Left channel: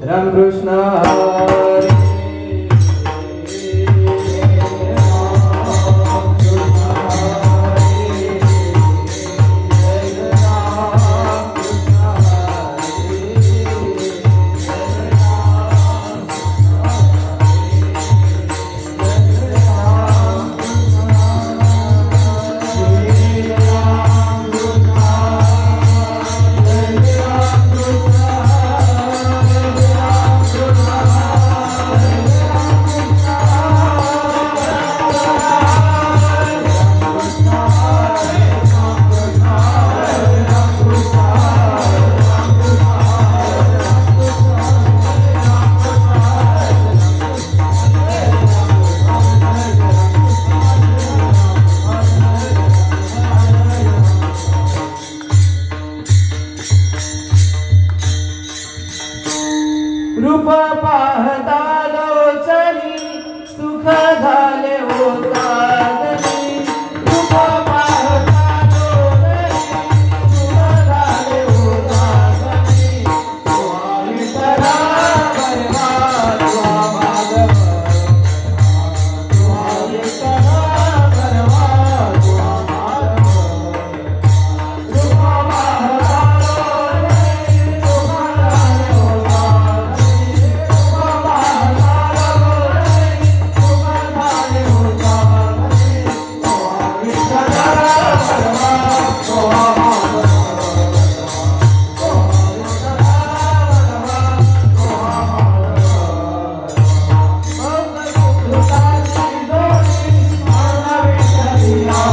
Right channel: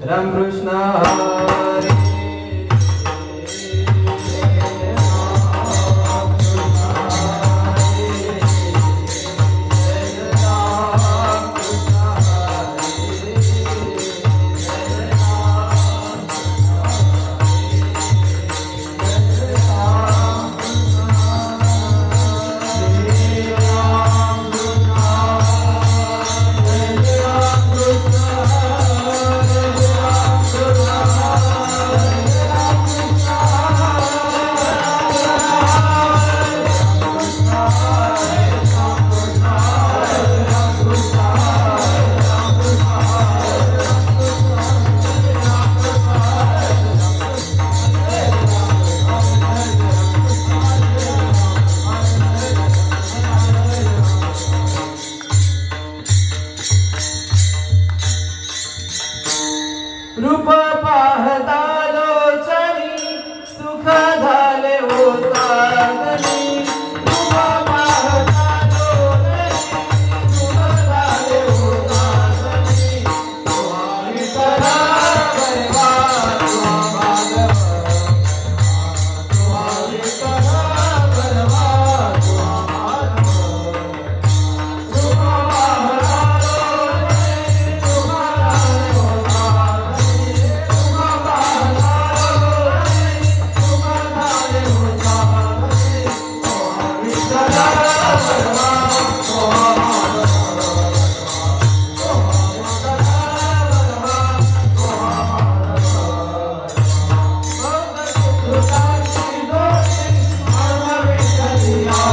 Ram Krishna Hare रूप पाहता लोचनी सुख झाले हो साधनी रूप पाहता लोचनी सुख झाले हो साधनी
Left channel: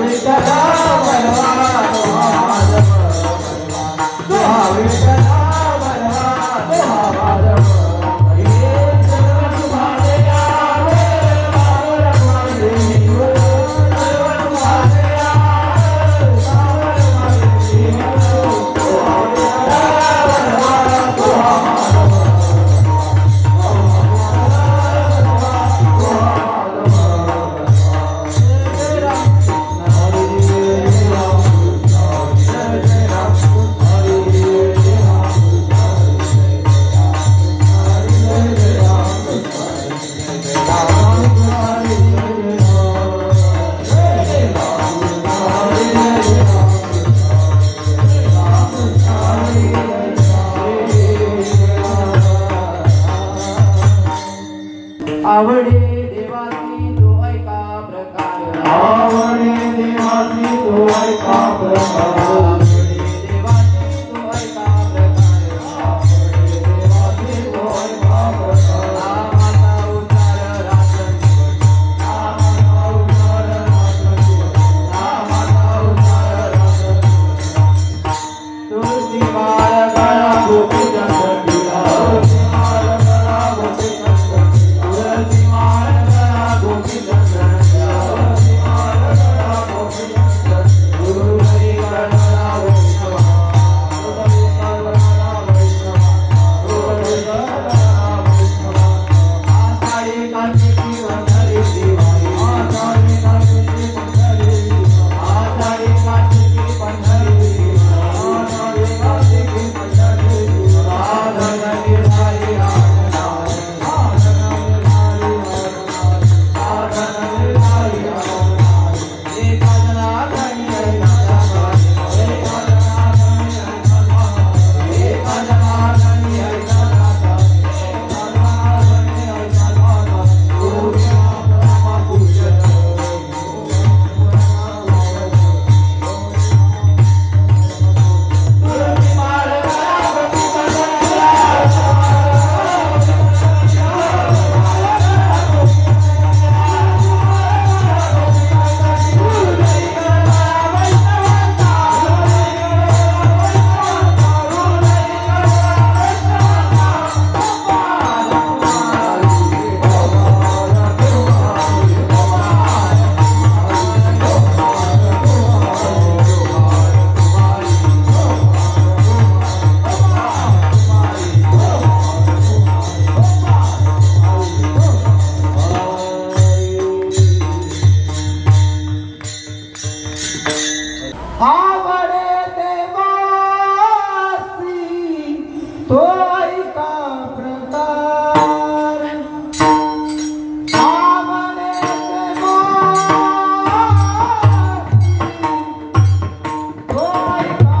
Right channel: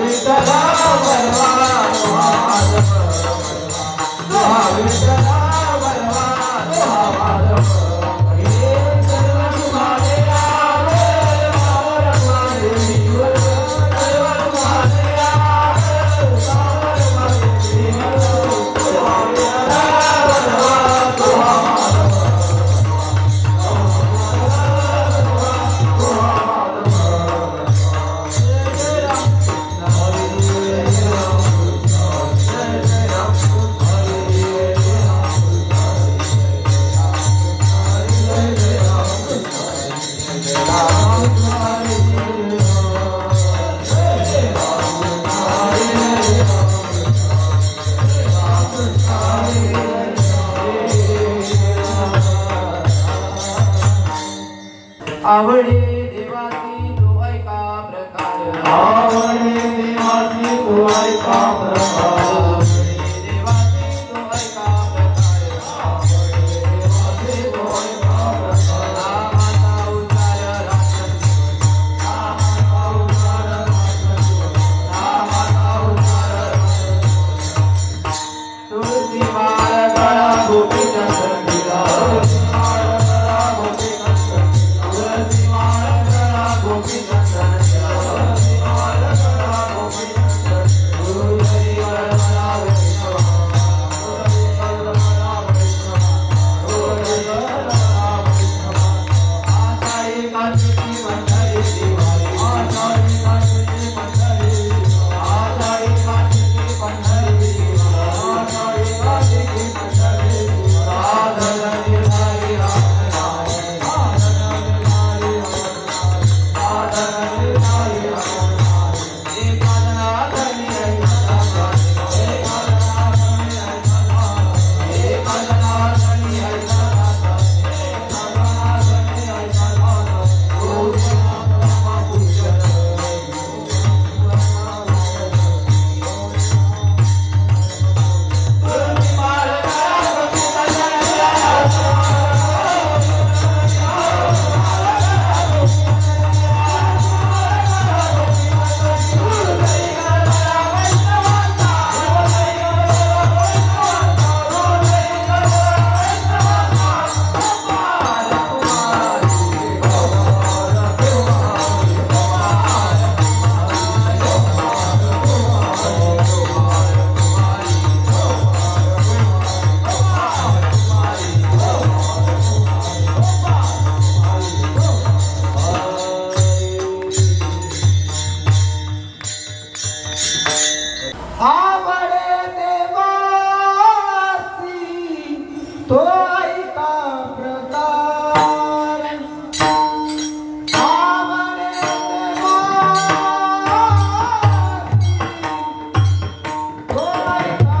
विठ्ठला परवा विठ्ठला आवडे देवाची तो ऐका प्रकार आवडे देवाची तो ऐका प्रकार आवडे देवाची तो ऐका प्रकार आवडे देवाची तो ऐका प्रकार नामाचा उच्चार नामाचा उच्चार तुळशी माळ गळा गोपीचंद गिरा आवडे देवासी तो ऐका प्रकार आवडे देवासी तो ऐका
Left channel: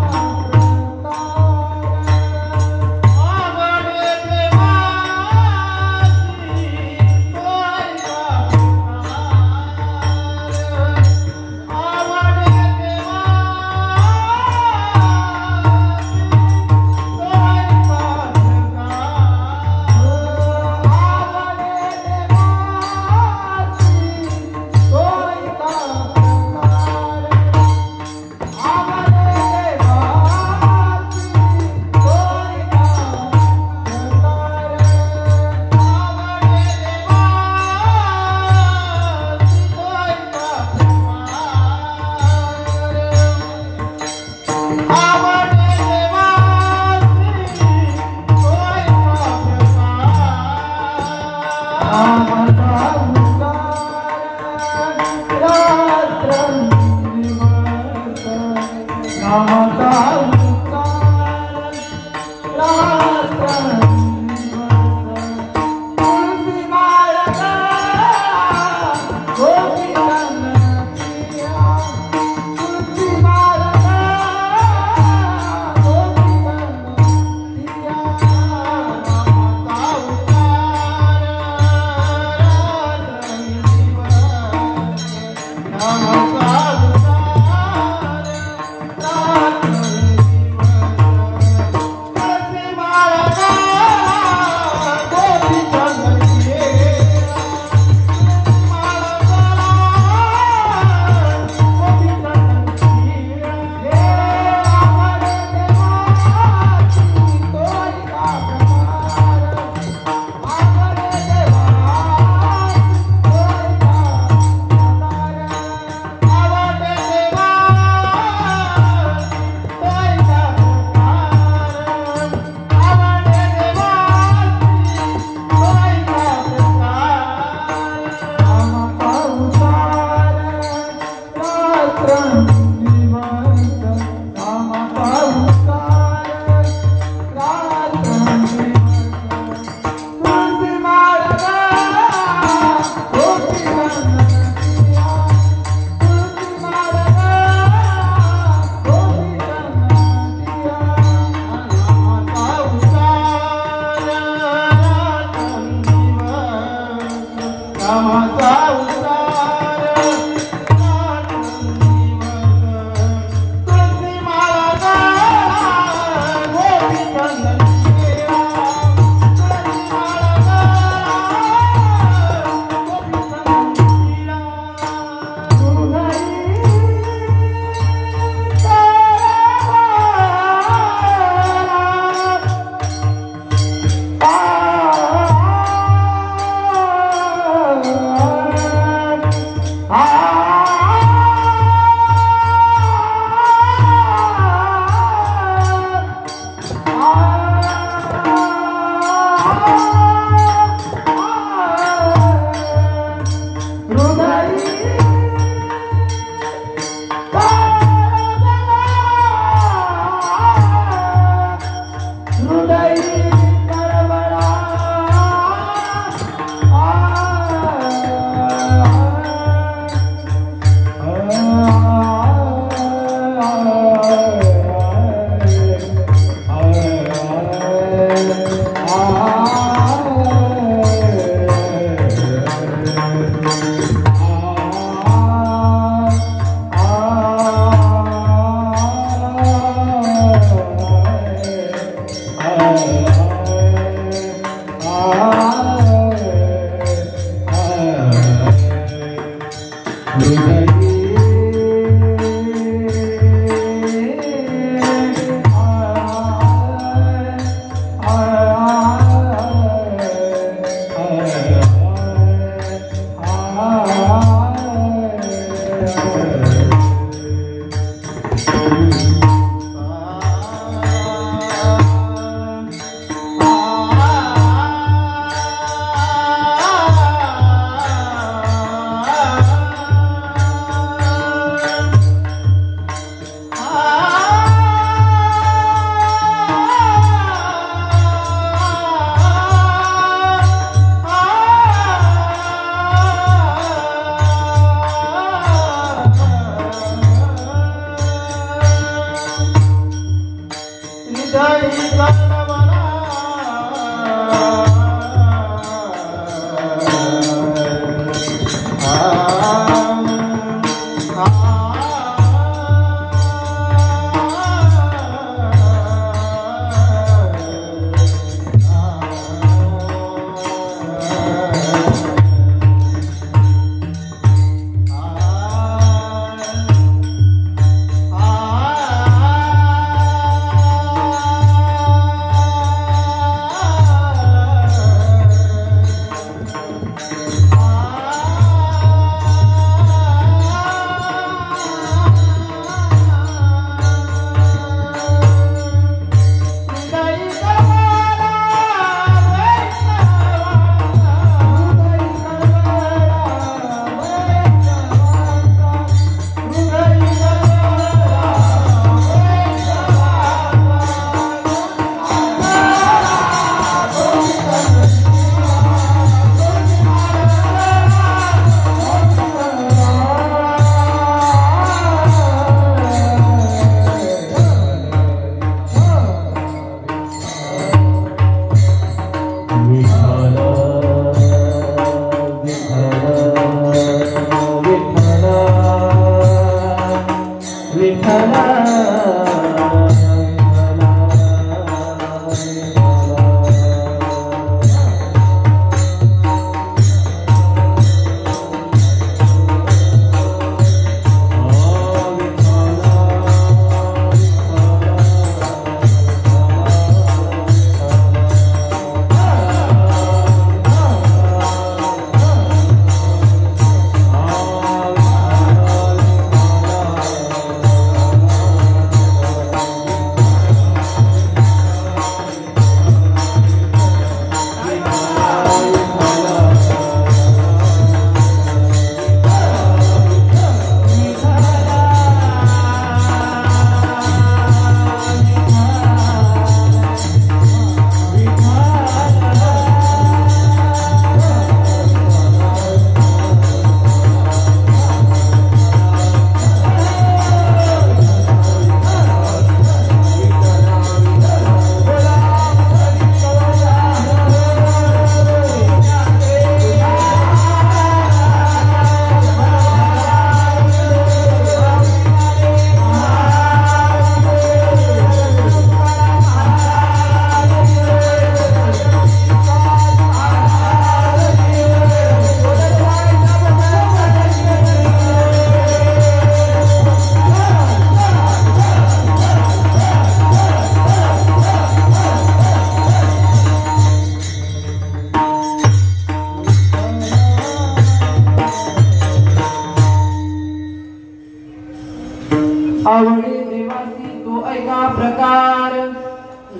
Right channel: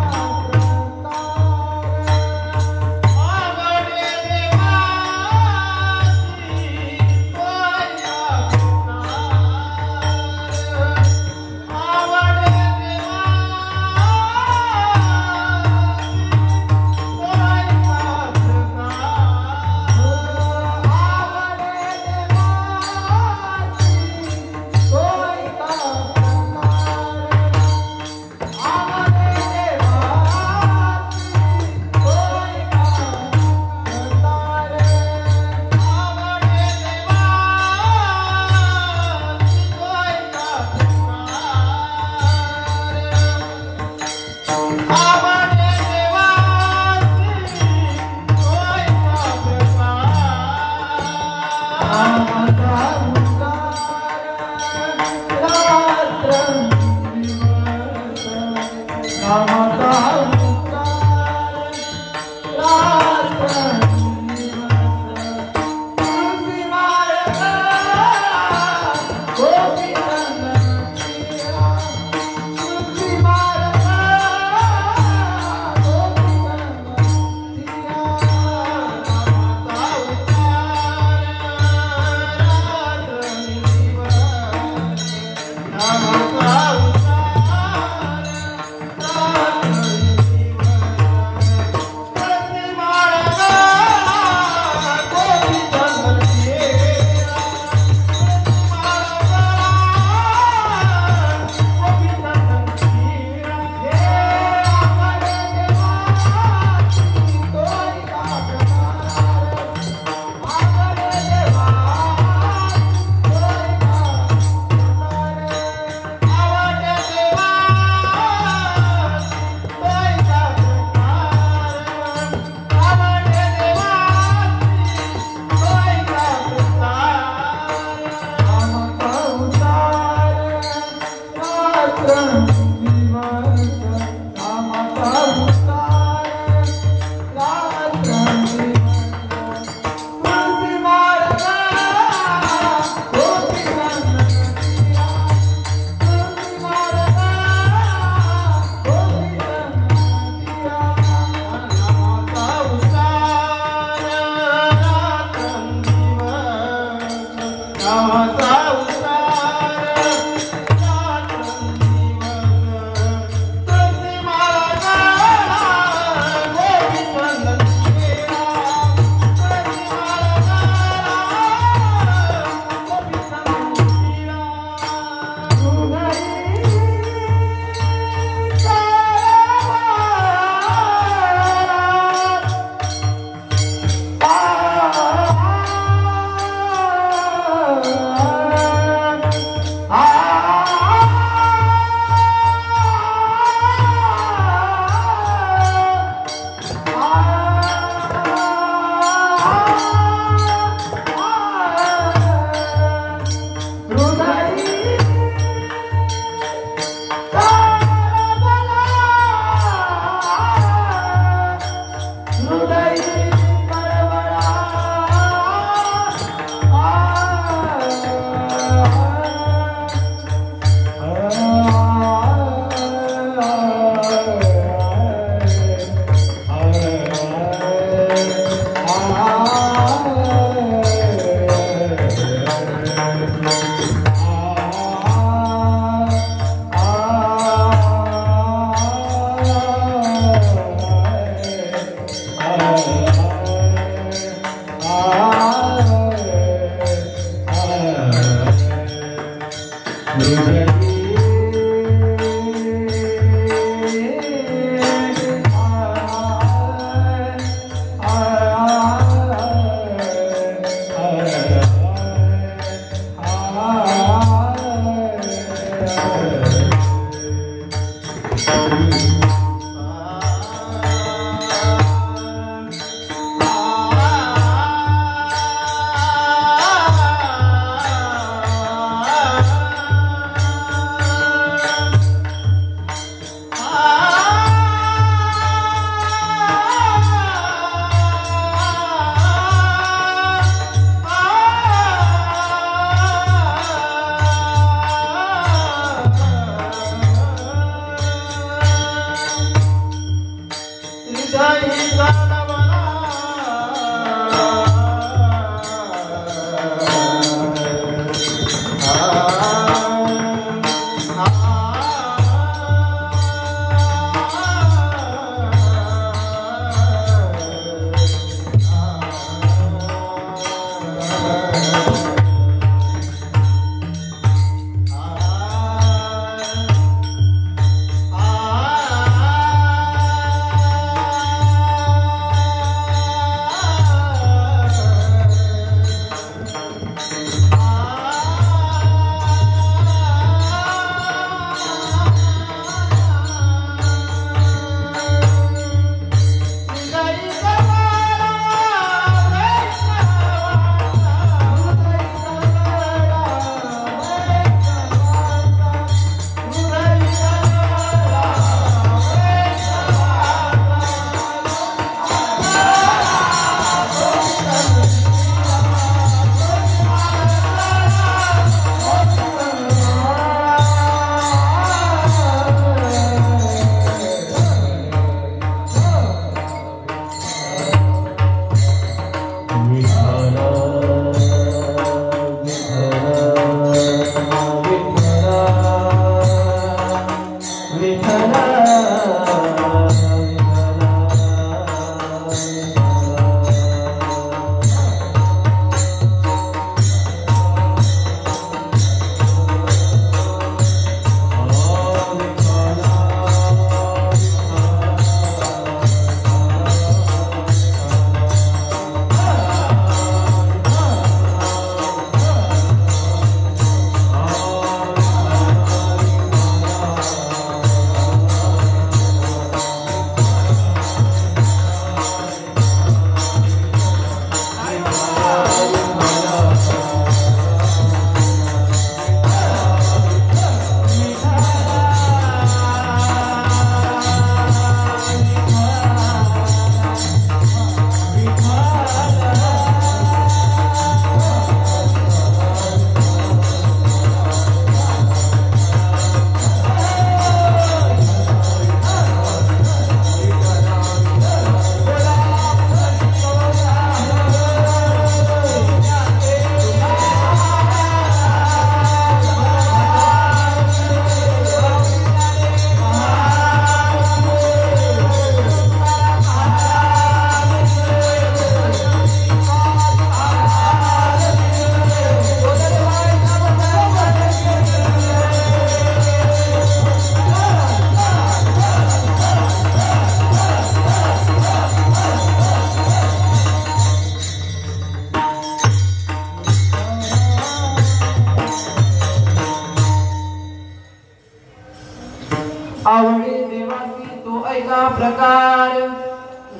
आवडे देवासी तो ऐका प्रकार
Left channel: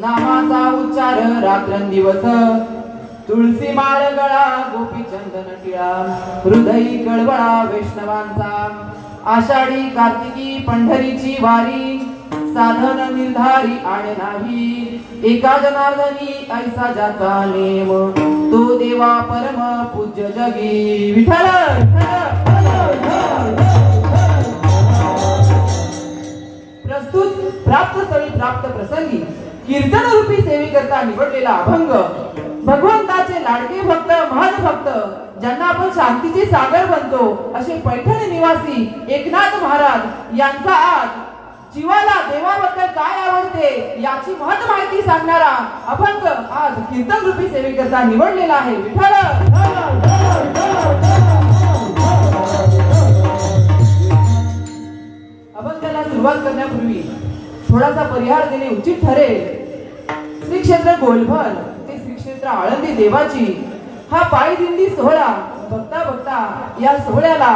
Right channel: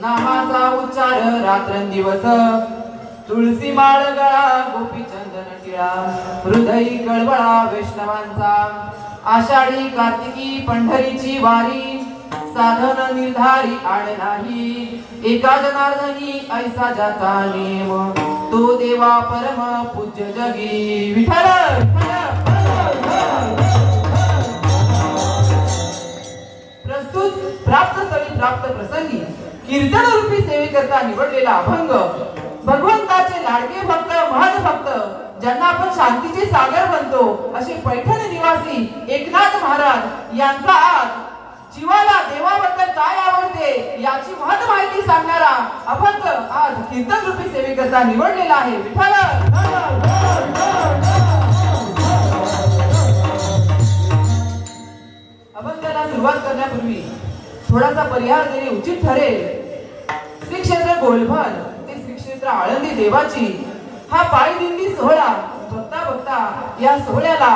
नामाचा उच्चार रात्रंदिवस तुळसी माळ गळा गोपी चंदन टिळा हृदयी कळवळा वैष्णवांचा आषाढी कार्तिकी पंढरीची वारी साधन निर्धारी आड नाही एका जनार्दनी ऐसा जाचा नेम तो देवा परम पूज्य जगी विठ्ठल प्रस्तुत प्राप्त स्थळी प्राप्त प्रसंगी कीर्तन रूपी सेवेकरता निवडलेला अभंग भगवंताचे लाडके भक्त महद भक्त ज्यांना आपण शांतीचे सागर बनतो असे पैठण निवासी एकनाथ महाराज यांचा आज जीवाला देवाबद्दल काय आवडते याची महत्व माहिती सांगणारा अभंग आज कीर्तन रूपी सेवेकरता निवडलेला आहे विठ्ठल अभंगाला सुरुवात करण्यापूर्वी थोडासा परिहार देणे उचित ठरेल. श्री क्षेत्र गोलभर ते श्री क्षेत्र आळंदी देवाची हा पायी दिंडी सोहळा बघता बघता या सोहळ्याला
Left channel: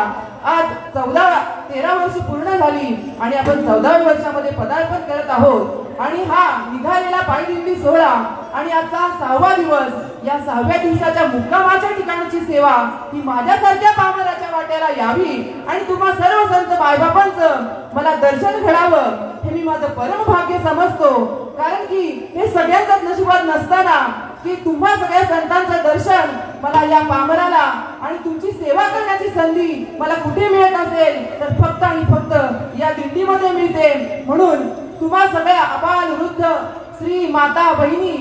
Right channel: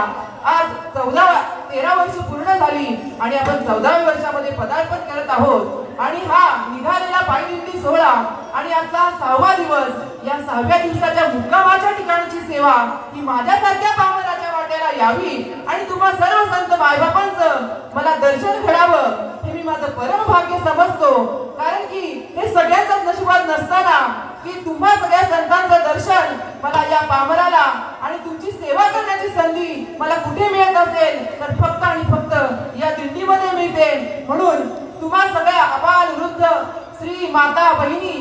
आज 13 वर्ष पूर्ण झाली आणि आपण 14व्या वर्षामध्ये पदार्पण करत आहोत आणि हा निघालेला पायी दिंडी सोहळा आणि आजचा 6वा दिवस या 6व्या दिवसाच्या मुक्कामाच्या ठिकाणची सेवा ही माझ्यासारख्या पामराच्या वाट्याला यावी आणि तुम्हा सर्व संत मायबापांचं मला दर्शन घडावं हे मी माझं परम भाग्य समजतो. कारण की हे सगळ्यांच्याच नशिबात नसताना की तुम्हा सगळ्या संतांचं दर्शन मला या पामराला आणि तुमची सेवा करण्याची संधी मला कुठे मिळत असेल तर फक्त आणि फक्त या दिंडीमध्ये मिळते. म्हणून तुम्हा सगळ्या अबाल वृद्ध स्त्री माता बहिणी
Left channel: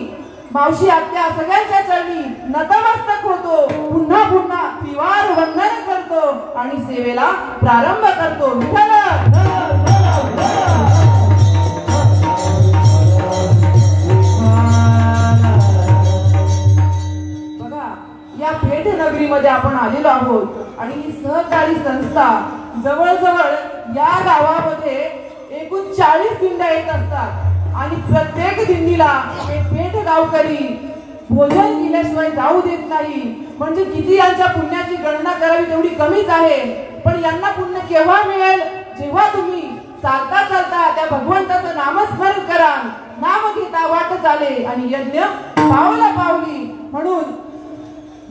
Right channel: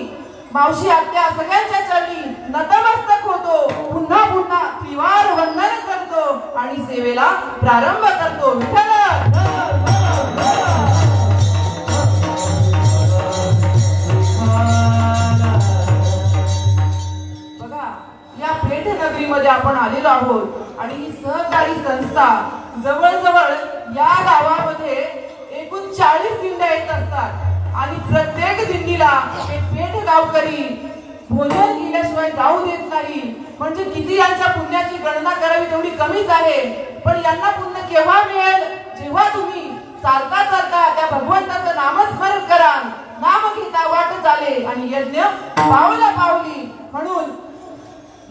मावशी आत्या सगळ्यांच्या चरणी नतमस्तक होतो. पुन्हा पुन्हा त्रिवार वंदन करतो आणि सेवेला प्रारंभ करतो. विठ्ठल या पेठ नगरीमध्ये आपण आलेलो आहोत आणि ही सहकारी संस्था जवळजवळ या गावामध्ये एकूण 40 दिंड्या येत असतात आणि प्रत्येक दिंडीला पेठ गावकरी भोजन केल्याशिवाय जाऊ देत नाही. म्हणजे किती यांच्या पुण्याची गणना करावी तेवढी कमीच आहे. पण यांना पुण्य केव्हा मिळेल जेव्हा तुम्ही चालता चालता त्या भगवंताचं नामस्मरण कराल, नाम घेता वाट चाले आणि यज्ञ पावला पावली. म्हणून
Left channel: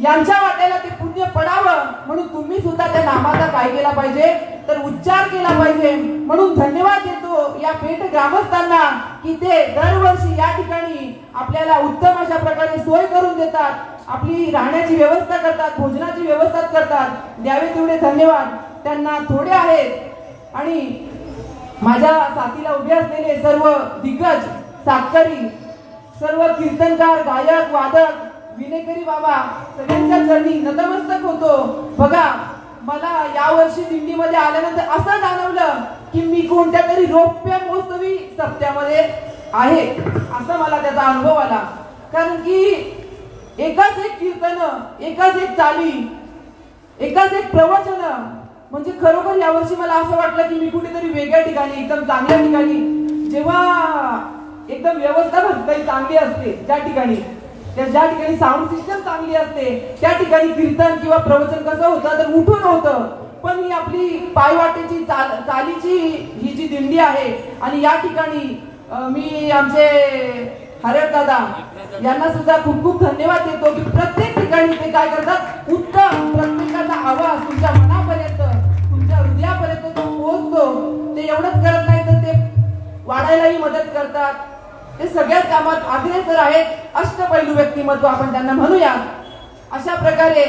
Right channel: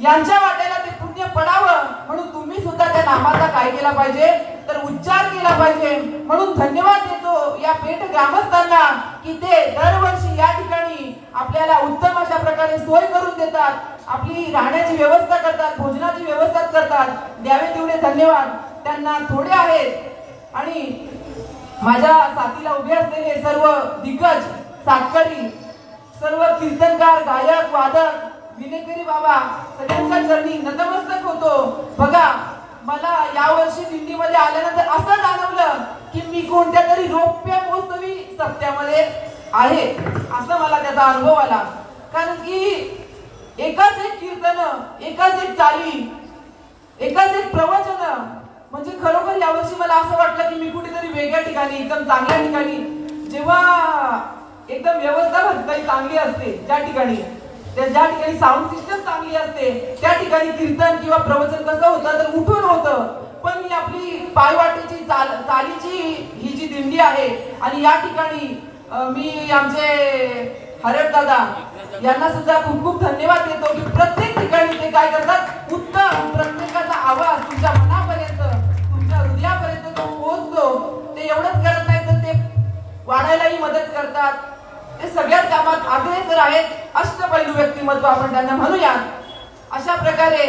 यांच्या वाट्याला ते पुण्य पडावं म्हणून तुम्ही सुद्धा त्या नामाचा काय केला पाहिजे तर उच्चार केला पाहिजे. म्हणून धन्यवाद देतो या पेठ ग्रामस्थांना की ते दरवर्षी या ठिकाणी आपल्याला उत्तम अशा प्रकारे सोय करून देतात, आपली राहण्याची व्यवस्था करतात, भोजनाची व्यवस्था करतात. द्यावे तेवढे धन्यवाद त्यांना थोडे आहेत. आणि माझ्या साथीला उभे असलेले सर्व दिग्गज सातकरी, सर्व कीर्तनकार, गायक, वादक, विनेकरी बाबा सगळ्यांच्या चरणी नतमस्तक होतो. बघा मला या वर्षी दिंडीमध्ये आल्यानंतर असं जाणवलं की मी कोणत्या तरी रौप्य महोत्सवी सप्त्यामध्ये आहे असा मला त्याचा अनुभव आला. कारण की एकाच एक कीर्तन, एकाच एक चाली, एकाच एक प्रवचन, म्हणजे खरोखर यावर्षी मला असं वाटलं की मी कुठेतरी वेगळ्या ठिकाणी, एकदम चांगल्या ठिकाणी, जेव्हा एकदम व्यवस्था काही चांगली असते, ज्या ठिकाणी साऊंड सिस्टम चांगली असते, त्या ठिकाणी कीर्तन किंवा प्रवचन कसं होतं तर उठून होतं. पण ही आपली पायवाटेची चालीची ही जी दिंडी आहे, आणि या ठिकाणी मी आमचे हरप दादा यांना सुद्धा खूप खूप धन्यवाद देतो की प्रत्येक ठिकाणी ते काय करतात, उत्तम प्रत्येकाचा आवाज तुमच्या मनापर्यंत, तुमच्या हृदयापर्यंत तो पोहोचतो. ते एवढंच करत नाही तर ते वाढायलाही मदत करतात. ते सगळ्याच कामात अग्रेसर आहेत. अष्टपैलू व्यक्तिमत्व आपण त्यांना म्हणूया. अशा प्रकारे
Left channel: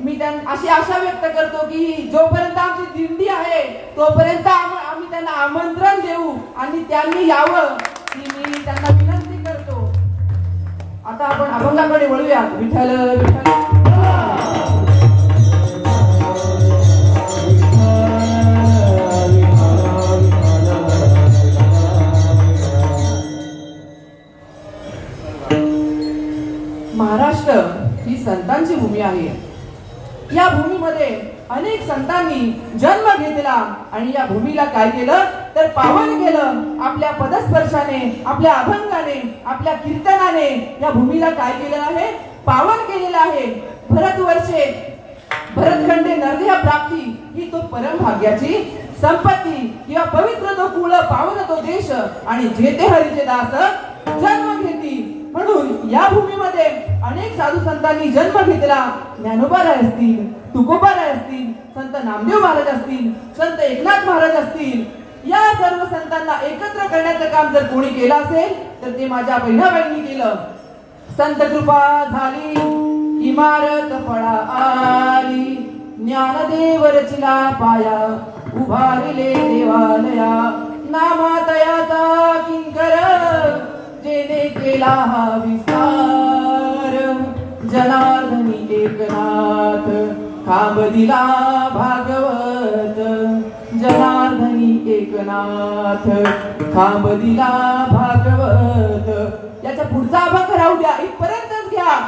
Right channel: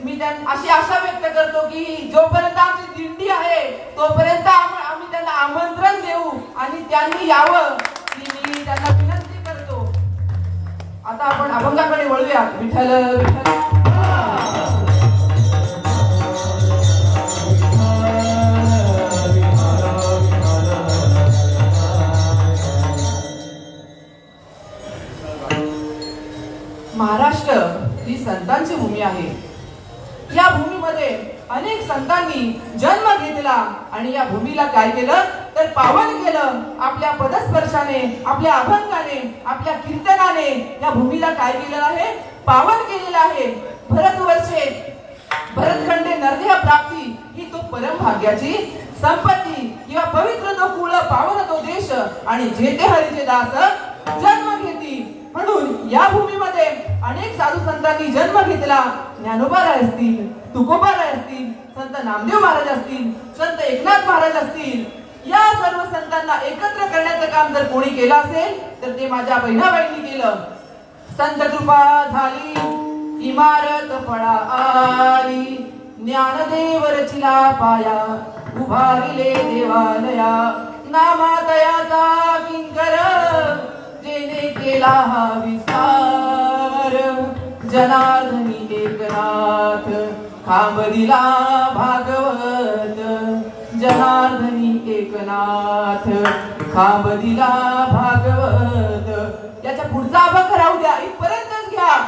मी अशी आशा व्यक्त करतो की जोपर्यंत आमची दिंडी आहे तोपर्यंत आम्ही त्यांना आमंत्रण देऊ आणि त्यांनी यावं ही मी त्यांना विनंती करतो. आता आपण अभंगाकडे वळूया. विठ्ठल विठ्ठल. महाराष्ट्र ही संतांची भूमी आहे. या भूमीमध्ये अनेक संतांनी जन्म घेतला आणि या भूमीला काय केलं तर पावन केलं. आपल्या पदस्पर्शाने, आपल्या अभंगाने, आपल्या कीर्तनाने या भूमीला काय केलेलं आहे, पावन केलेलं आहे. भरतवर्षे भरतखंडे नरदेह प्राप्ती ही तो परम भाग्याची संपत्ती किंवा पवित्र तो कुळ, पावन तो देश, आणि जेते हरीचे दास जन्म घेती. म्हणून या भूमीमध्ये अनेक साधू संतांनी जन्म घेतला. ज्ञानोबाराय असतील, तुकोबाराय असतील, संत नामदेव महाराज असतील, संत एकनाथ महाराज असतील, या सर्व संतांना एकत्र करण्याचं काम जर कोणी केलं असेल तर ते माझ्या बहिणाबाईंनी केलं. संत कृपा झाली, इमारत फळा आली, ज्ञानदेव रचिला पाया, उभारिले देवालया, नामातयाचा किंकर, जेने केला हा विस्तार, जनार्दनी एकनाथ, खांब दिला भागवत, जनार्दनी एकनाथ, खांब दिला भागवत. याच्या पुढचा अभंग राहू द्या, इथपर्यंतच घ्या.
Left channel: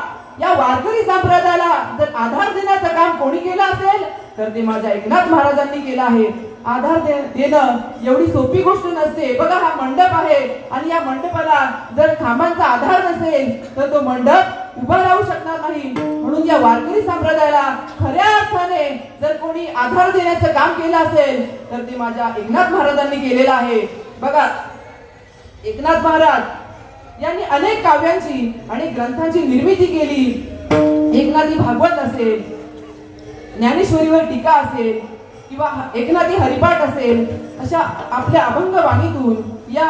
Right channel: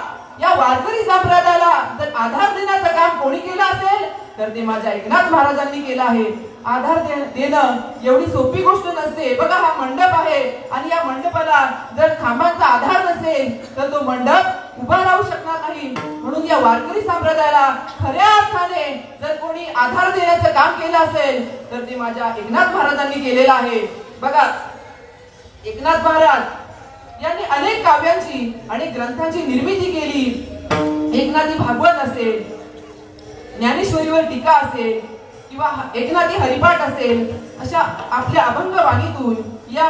या वारकरी संप्रदायाला जर आधार देण्याचं काम कोणी केलं असेल तर ते माझ्या एकनाथ महाराजांनी केलं आहे. आधार देणं एवढी सोपी गोष्ट नसते. बघा, हा मंडप आहे आणि या मंडपाला जर खांबांचा आधार नसेल तर तो मंडप उभा राहू शकणार नाही. म्हणून या वारकरी संप्रदायाला खऱ्या अर्थाने जर कोणी आधार देण्याचं काम केलं असेल तर ते माझ्या एकनाथ महाराजांनी केलेलं आहे. बघा, एकनाथ महाराज यांनी अनेक काव्यांची आणि ग्रंथांची निर्मिती केली. एकनाथी भागवत असेल, ज्ञानेश्वरीवर टीका असेल किंवा एकनाथी हरिपाठ असेल, अशा आपल्या अभंग वाणीतून या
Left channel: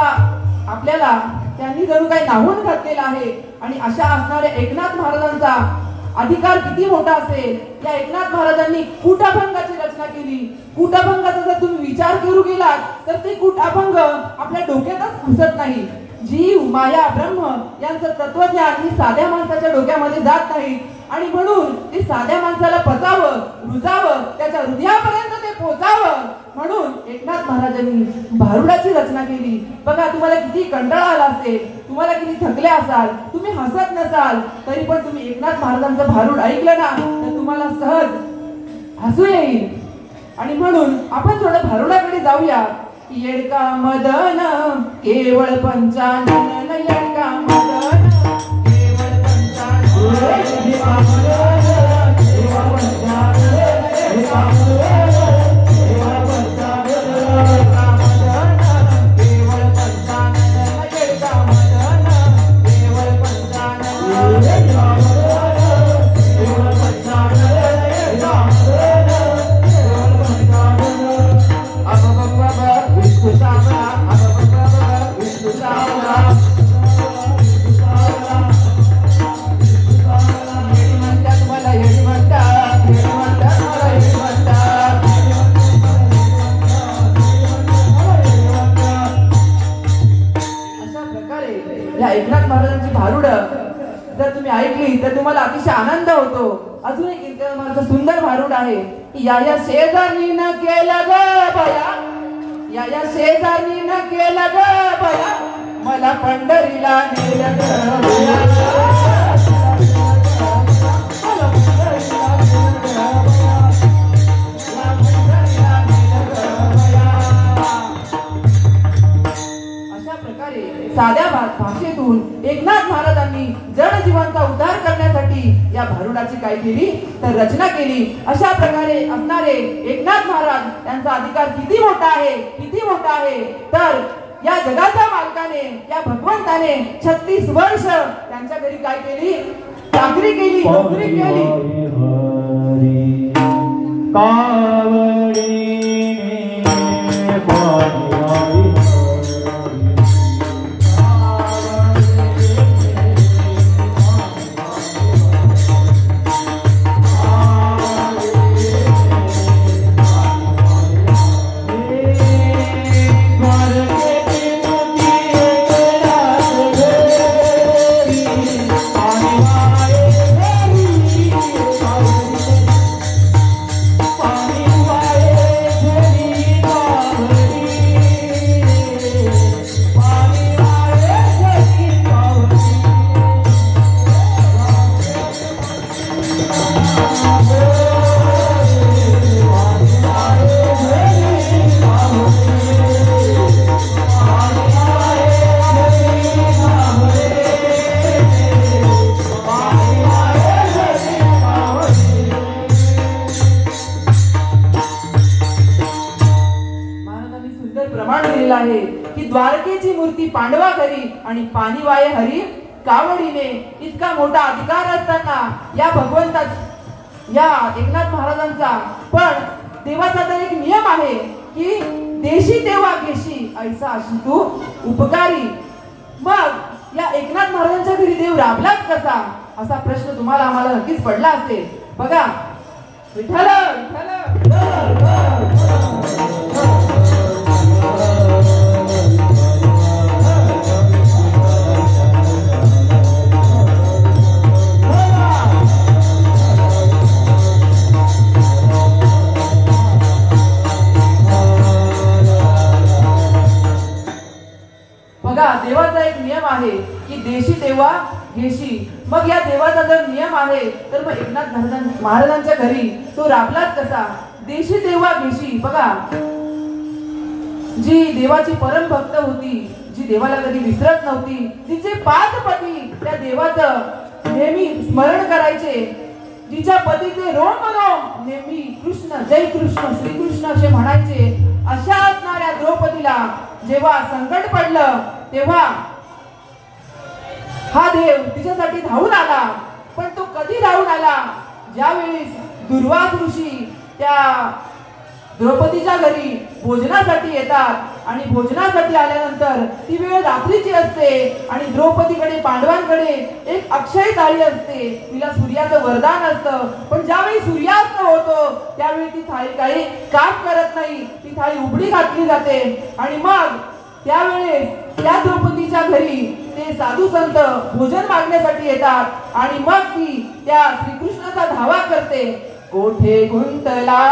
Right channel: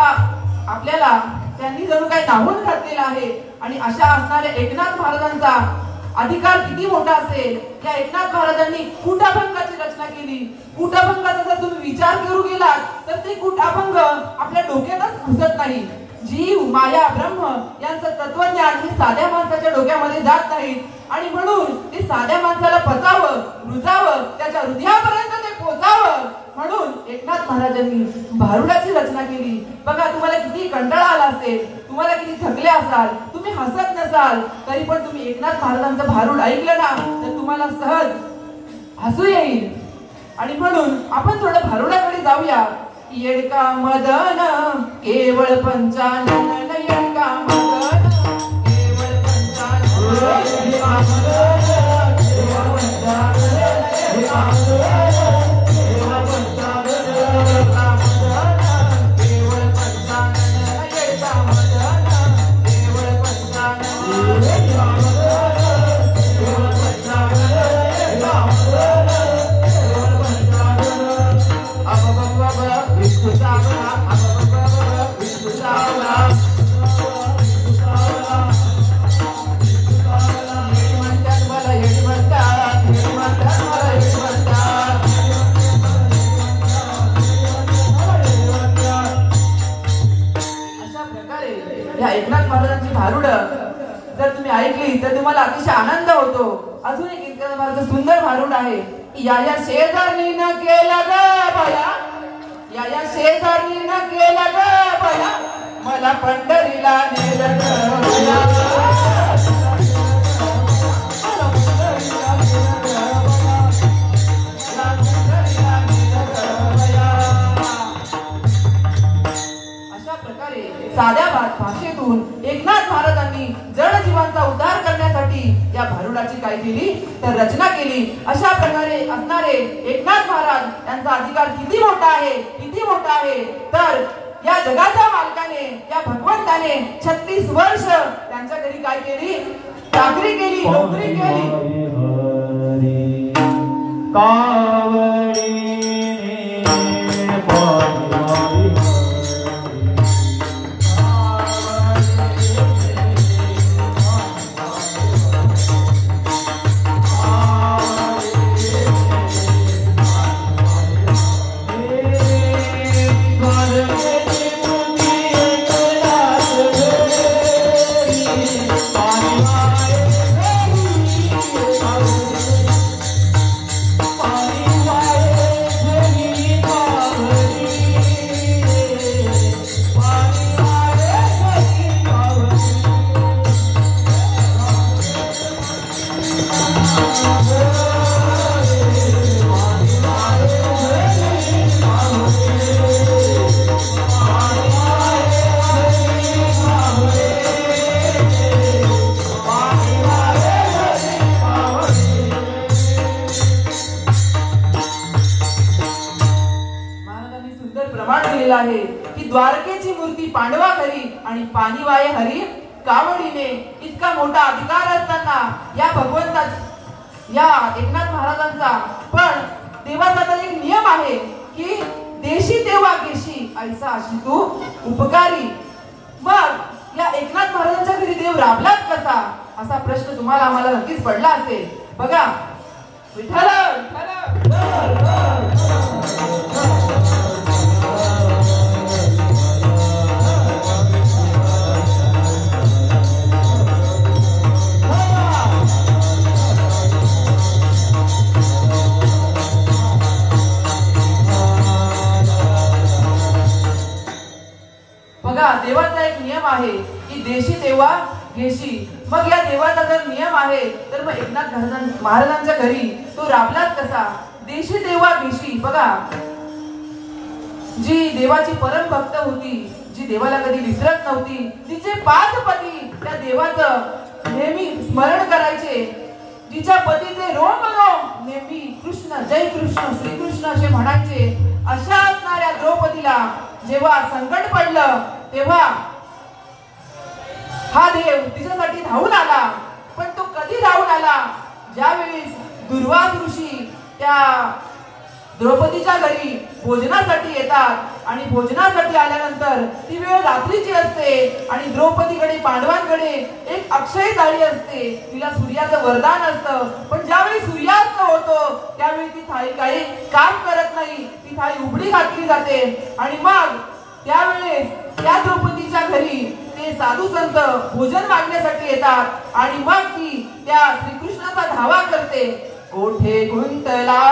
आपल्याला त्यांनी जणू काही नावून घातलेलं आहे. आणि अशा असणाऱ्या एकनाथ महाराजांचा अधिकार किती मोठा असेल. या एकनाथ महाराजांनी कूटाभंगाची रचना केली. कूटाभंगाचा जर तुम्ही विचार करू गेलात तर ते कूटाभंग आपल्या डोक्यातच घुसत नाही. जीव, माया, ब्रह्म यांचं तत्वज्ञान हे साध्या माणसाच्या डोक्यामध्ये जात नाही. आणि म्हणून ते साध्या माणसाला पचावं, रुजावं, त्याच्या हृदयापर्यंत ते पोचावं म्हणून एकनाथ महाराजांनी भारुडाची रचना केली. बघा, तुम्हाला किती कंटाळा आला असेल, तुम्हाला किती थकले असाल, तुम्ही हसत नसाल, तरी पण तुम्ही एकनाथ महाराजांचं भारुड ऐकलं ना तर तुम्हाला सहज हसू येईल. आणि म्हणून आपण थोडं भारुडाकडे जाऊया. येडका मदन केवळ पंचानन, येडका मदन केवळ पंचानन, एकनाथ महाराजांची भारुड जर तुम्ही ऐकली तर तुम्हाला अतिशय आनंद होतो. अजून एक एकनाथ महाराजांचं सुंदर भारुड आहे. या या शेजारीनं केलं ग बया, या या शेजारी मला पंढरीला नेलं साध्या भाषेतून एकनाथ महाराजांनी जड जीवांचा उद्धार करण्यासाठी या भारुडाची काय केली तर रचना केली. अशा प्रकारे असणारे एकनाथ महाराज यांचा अधिकार किती मोठा आहे तर या जगाच्या मालकाने या भगवंताने 36 वर्ष त्यांच्या घरी काय केली चाकरी केली नोकरी केली. द्वारकेची मूर्ती पांडवा घरी आणि पाणी वाये हरी कावडीने. इतका मोठा अधिकार असताना या भगवंता या एकनाथ महाराजांचा पण देवाचा तर एक नियम आहे की देशी देवा घेशी ऐसा अशी तू उपकारी. मग या एकनाथ महाराजांच्या घरी देव राबलाच कसा असा प्रश्न तुम्हाला आम्हाला नक्कीच पडला असेल. बघा विठ्ठल देवाचा एक नियम आहे की देशी देवा घेशी. मग या देवाचा जर नियम आहे तर मग एकनाथ महाराजांच्या घरी तो राबलाच कसा. देशी देवा घेशी. बघा जी देवाची परम भक्त होती जी देवाला कधी विसरत नव्हती तिचे 5 पती त्या देवाचं नेहमी स्मरण करायचे. जिच्या पतीचे रोम रोम नेहमी कृष्ण जय कृष्ण श्रीकृष्ण असे म्हणायचे. अशा असणाऱ्या द्रौपदीला जेव्हा संकट पडलं तेव्हा हा देव तिच्यासाठी धावून आला. पण तो कधी धावून आला ज्यावेळी दुर्वास ऋषी त्या द्रौपदीच्या घरी भोजनासाठी येतात आणि भोजनासाठी आल्यानंतर ती वेळ रात्रीची असते आणि द्रौपदीकडे पांडवांकडे एक अक्षय थाळी असते. तिला सूर्याचं वरदान असतं. पण ज्यावेळी सूर्यास्त होतो त्यावेळी ती थाळी काही काम करत नाही. ती थाळी उघडी घातली जाते आणि मग त्यावेळेस त्या द्रौपदीच्या घरी ते साधू संत भोजन मागण्यासाठी येतात आणि मग ती त्या श्रीकृष्णाचा धावा करते. कोठे गुंतला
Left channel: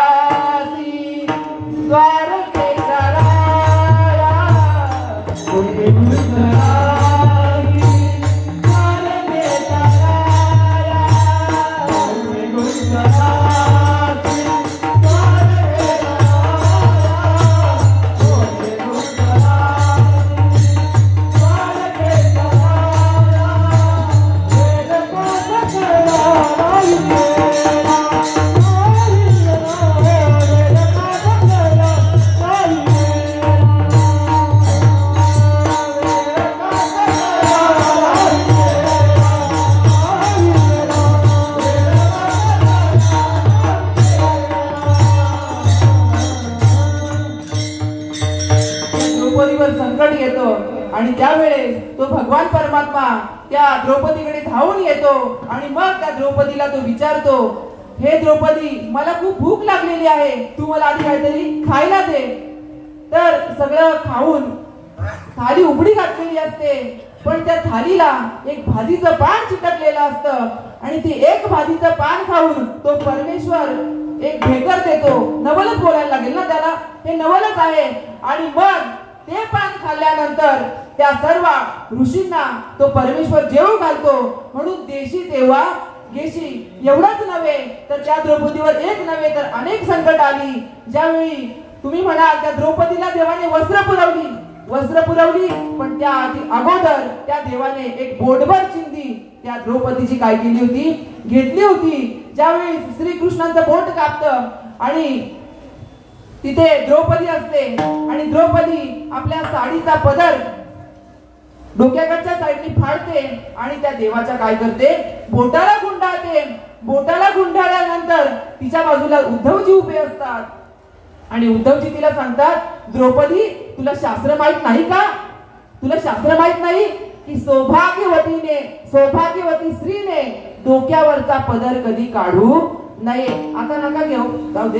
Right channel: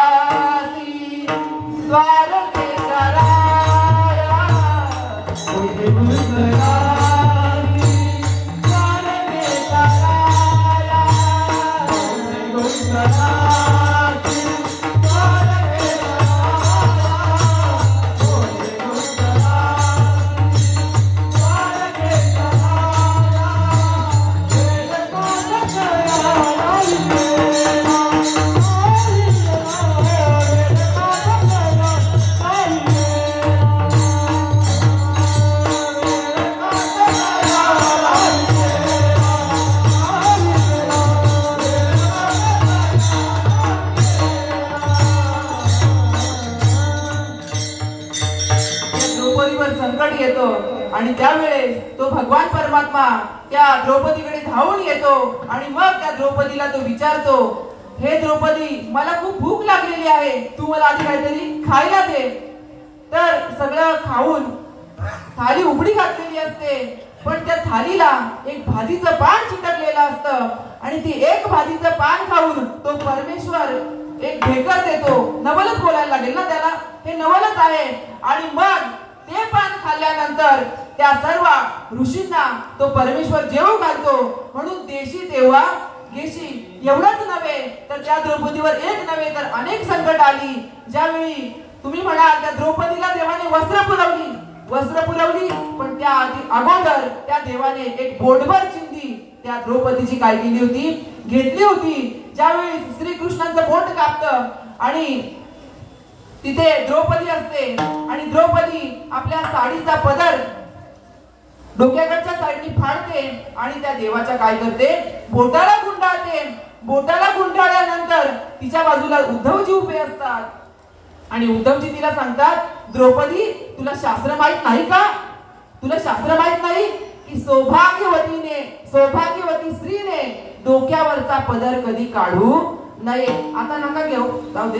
द्वारकेचा राया, कोठे गुंतला द्वारकेचा राया, कोठे गुंतला आणि त्यावेळेस तो भगवान परमात्मा त्या द्रौपदीकडे धावून येतो आणि मग त्या द्रौपदीला तो विचारतो, हे द्रौपदी मला खूप भूक लागलेली आहे, तू मला आधी काहीतरी खायला दे. तर सगळं खाऊन थाली उघडी घातलेली असते पण त्या थालीला एक भाजीचं पान चिटकलेलं असतं आणि ती एक भाजीचं पान खाऊन तो परमेश्वर एक ढेकर देतो. नवलच बोलायला लागेल ना त्याला, हे नवलच आहे. आणि मग ते पान खाल्ल्यानंतर त्या सर्व ऋषींना तो परमेश्वर जेवू घालतो. म्हणून देशी तेव्हा घेशी एवढंच नव्हे तर त्या द्रौपदीवर एक नव्हे तर अनेक संकट आली. ज्यावेळी तुम्ही म्हणाल त्या द्रौपदीला देवाने वस्त्र पुरवली पण त्या अगोदर त्या देवाने एक बोटभर चिंधी त्या द्रौपदीची काय केली होती, घेतली होती. ज्यावेळी श्रीकृष्णाचं बोट कापतं आणि तिथे द्रौपदी असते आणि द्रौपदी आपल्या साडीचा पदर डोक्याकडच्या साईडनी फाडते आणि त्या देवाच्या काय करते, बोटाला गुंडाळते. बोटाला गुंडाळल्यानंतर तिच्या बाजूला उद्धवजी उभे असतात आणि उद्धवजी तिला सांगतात, द्रौपदी तुला शास्त्र माहित नाही का? तुला शास्त्र माहित नाही की सौभाग्यवती स्त्रीने डोक्यावरचा पदर कधी काढू नये. आता नका घेऊ, जाऊ दे.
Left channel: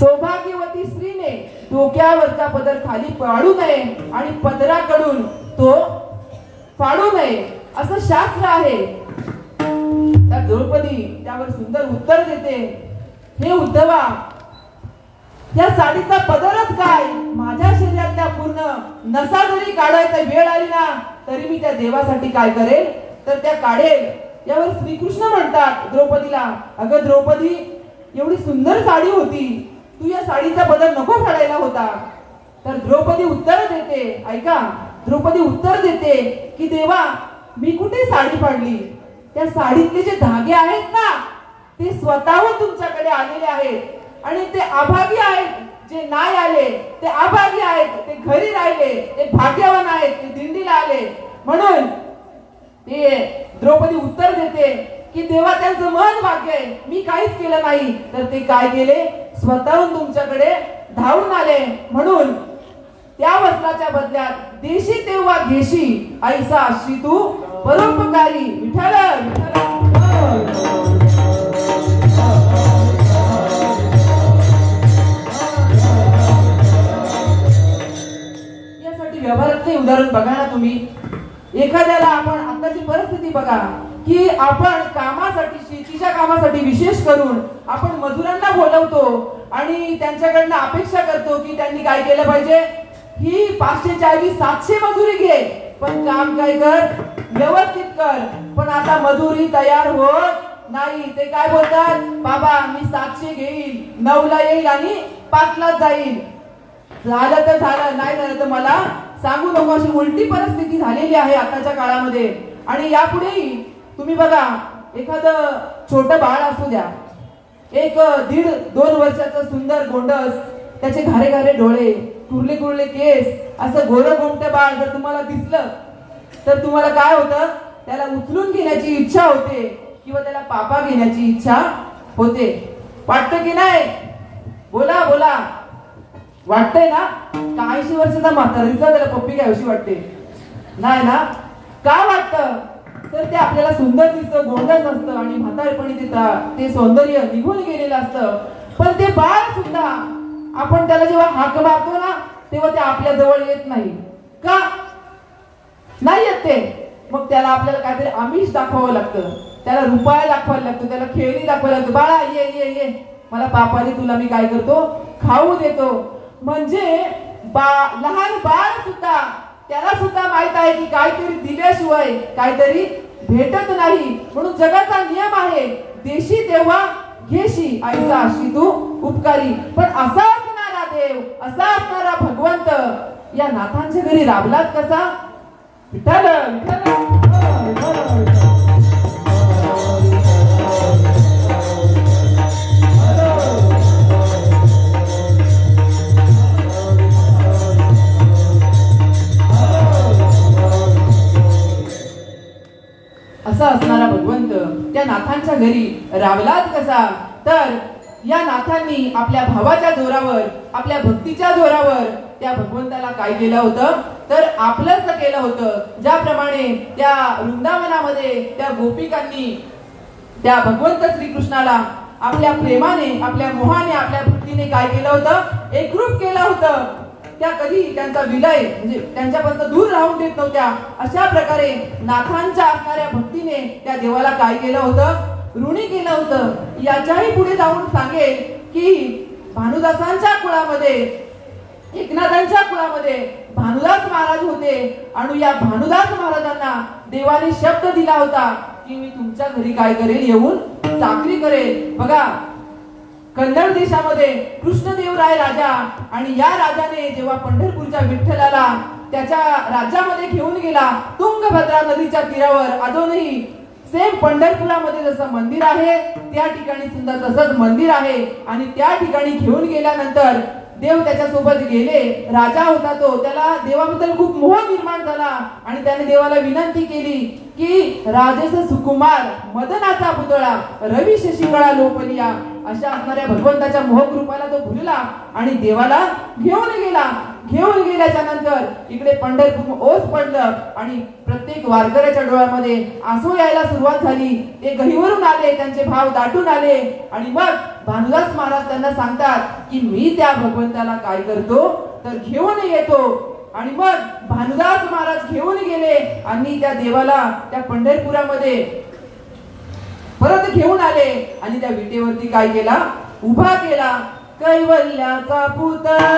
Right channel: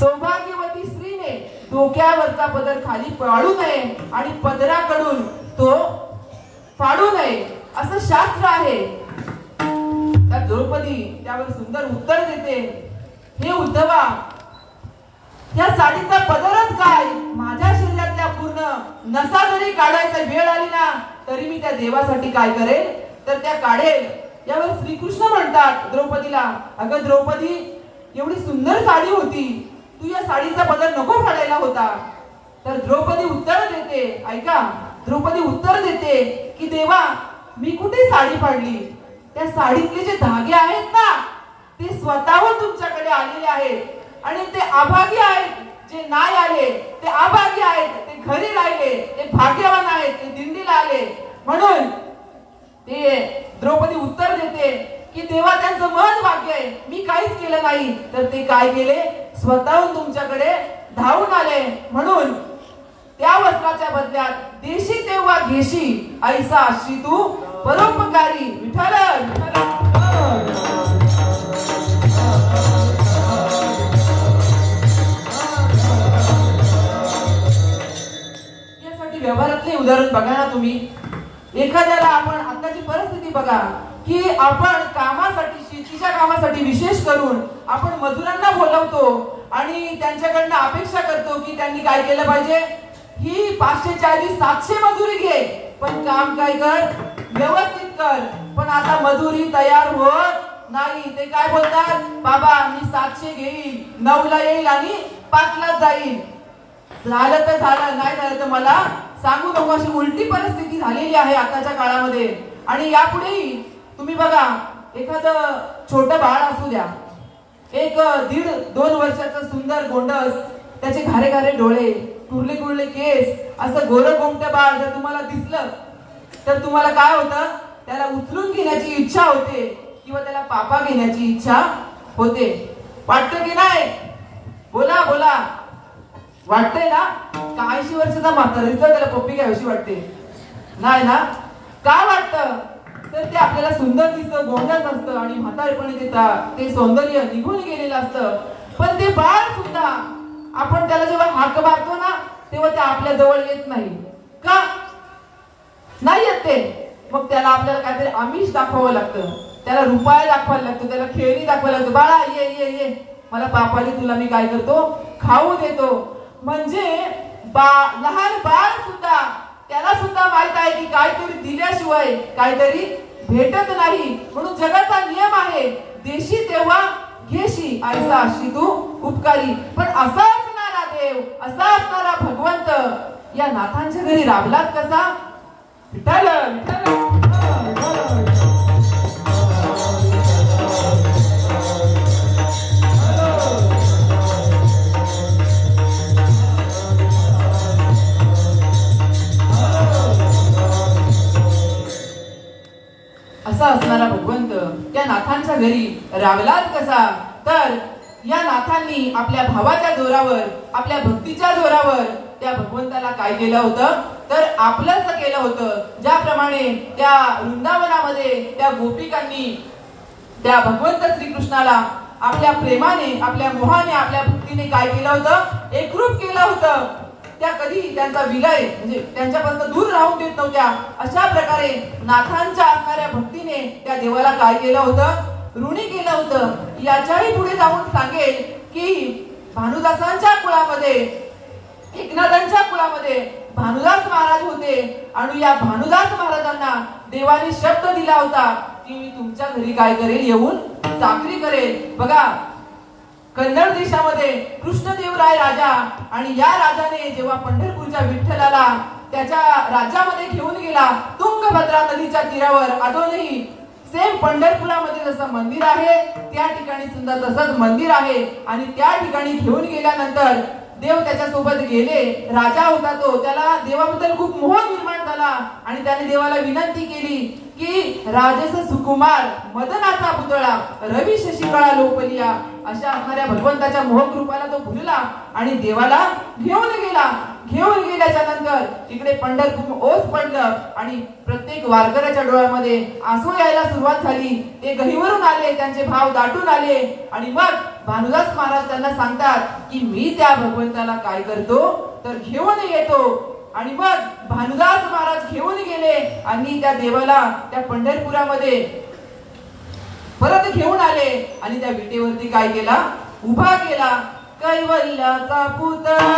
सौभाग्यवती स्त्रीने डोक्यावरचा पदर खाली पाडू नये आणि पदराकडून तो फाडू नये असं शास्त्र आहे. त्या द्रौपदी त्यावर सुंदर उत्तर देते, हे उद्धवा, या साडीचा पदरच काय, माझ्या शरीरातल्या पूर्ण नसा जरी काढायचा वेळ आली ना तरी मी त्या देवासाठी काय करेल तर त्या काढेल. यावर श्रीकृष्ण म्हणतात द्रौपदीला, अगं द्रौपदी, एवढी सुंदर साडी होती, तू या साडीचा पदर नको फाडायला होता. तर द्रौपदी उत्तर देते, ऐका, द्रौपदी उत्तर देते की देवा, मी कुठे साडी फाडली? त्या साडीतले जे धागे आहेत ना ते स्वतःहून तुमच्याकडे आलेले आहेत आणि ते अभागी आहेत जे नाही आले, ते अभागी आहेत ते घरी राहिले, ते भाग्यवान आहेत ते दिंडीला आले. म्हणून ते द्रौपदी उत्तर देते की देवा, त्यांचं मन भाग्य आहे, मी काहीच केलं नाही. तर ते काय केले, स्वतःहून तुमच्याकडे धावून आले. म्हणून त्या वस्त्राच्या बदल्यात देशी तेव्हा घेशी ऐसा अशी तू परोपकारी. विठ्ठल यासाठी व्यवहारातले उदाहरण बघा ना तुम्ही. एखाद्याला आपण आताची परिस्थिती बघा की आपण कामासाठी, शेतीच्या कामासाठी विशेष करून आपण मजुरांना बोलवतो आणि त्यांच्याकडनं अपेक्षा करतो की त्यांनी काय केलं पाहिजे, ही 540-700 मजुरी घे पण काम काय कर, व्यवस्थित कर. पण आता मजुरी तयार होत नाही. ते काय बोलतात, बाबा मी 700 घेईल, 9ला येईल आणि 5ला जाईल. झालं तर झालं, नाही झालं तर मला सांगू नको. अशी उलटी परिस्थिती झालेली आहे आताच्या काळामध्ये. आणि यापुढेही तुम्ही बघा, एखादं छोटं बाळ असू द्या, एक 1.5-2 वर्षाचं सुंदर गोंडस, त्याचे घारे घारे डोळे, कुरले कुरले केस, असं गोरं गोमटं बाळ जर तुम्हाला दिसलं तर तुम्हाला काय होतं, त्याला उचलून घेण्याची इच्छा होते किंवा त्याला पापा घेण्याची इच्छा होते. वाटतं की नाही? बोला बोला, वाटतंय ना? का 80 वर्षाचा म्हातारीचा त्याला पप्पी घ्यावीशी वाटते? नाही ना? का वाटतं तर ते आपल्याला सुंदर दिसतं, गोंडस असतं आणि म्हातारपणी ते सौंदर्य निघून गेलेलं असतं. पण ते बाळ सुद्धा आपण त्याला जेव्हा हाक मारतो ना तेव्हा ते आपल्या जवळ येत नाही. का नाही येत ते? मग त्याला आपल्याला काहीतरी आमिष दाखवावं लागतं, त्याला रुपया दाखवायला लागतो, त्याला खेळणी दाखवायला लागतो. बाळा ये ये ये, मला पापाने तुला मी काय करतो, खाऊ देतो. म्हणजे लहान बाळ सुद्धा, त्याला सुद्धा माहित आहे की काहीतरी दिल्याशिवाय काहीतरी भेटत नाही. म्हणून जगाचा नियम आहे, देशी तेव्हा घेशी ऐसा अशी तू उपकारी. पण असा असणारा देव, असा असणारा भगवंत या नाथांच्या घरी राबलात कसा? विठ्ठल असा असणारा भगवंत त्या नाथांच्या घरी राबलात कसा? तर या नाथांनी आपल्या भावाच्या जोरावर, आपल्या भक्तीच्या जोरावर त्या भगवंताला काय केलं होतं तर आपलंच केलं होतं. ज्याप्रमाणे त्या वृंदावनामध्ये त्या गोपिकांनी त्या भगवंत श्रीकृष्णाला आपल्या प्रेमाने, आपल्या मोहाने, आपल्या भक्तीने काय केलं होतं, एकरूप केलं होतं. त्या कधी त्यांचा विलय म्हणजे त्यांच्यापासून दूर राहून देत नव्हत्या. अशा प्रकारे नाथांच्या असणाऱ्या भक्तीने त्या देवाला काय केलं होतं, ऋणी केलं होतं. याच्याही पुढे जाऊन सांगेल की भानुदासांच्या कुळामध्ये, एकनाथांच्या कुळामध्ये पंढरपुरामध्ये भानुदास महाराज होते आणि या भानुदास महाराजांना देवाने शब्द दिला होता की मी तुमच्या घरी काय करेल, येऊन चाकरी करेल. बघा, कन्नड देशामध्ये कृष्णदेवराय राजा आणि या राजाने जेव्हा पंढरपूरच्या विठ्ठलाला त्याच्या राज्यामध्ये घेऊन गेला, तुंगभद्रा नदीच्या तीरावर अजूनही सेम पंढरपुरामध्ये जसं मंदिर आहे त्या ठिकाणी सुद्धा तसंच मंदिर आहे. आणि त्या ठिकाणी घेऊन गेल्यानंतर देव त्याच्यासोबत गेले. राजा होता तो, त्याला देवाबद्दल खूप मोह निर्माण झाला आणि त्याने देवाला विनंती केली की राजेश सुकुमार मदनाचा पुतळा रवी शशिवळा लोपलिया अशा असणाऱ्या भगवंताच्या मोहकृपाला तो भुलला आणि देवाला घेऊन गेला. घेऊन गेल्याच्या नंतर इकडे पंढरपूर ओस पडलं आणि प्रत्येक वारकऱ्याच्या डोळ्यामध्ये आसू यायला सुरुवात झाली. ते गहिवरून आले, त्यांचे भाव दाटून आले आणि मग भानुदास महाराज त्यांना सांगतात की मी त्या भगवंताला काय करतो तर घेऊन येतो. आणि मग भानुदास महाराज घेऊन गेले आणि त्या देवाला त्या पंढरपुरामध्ये परत घेऊन आले आणि त्या विटेवरती काय केला, उभा केला. कैवल्याचा पुतळा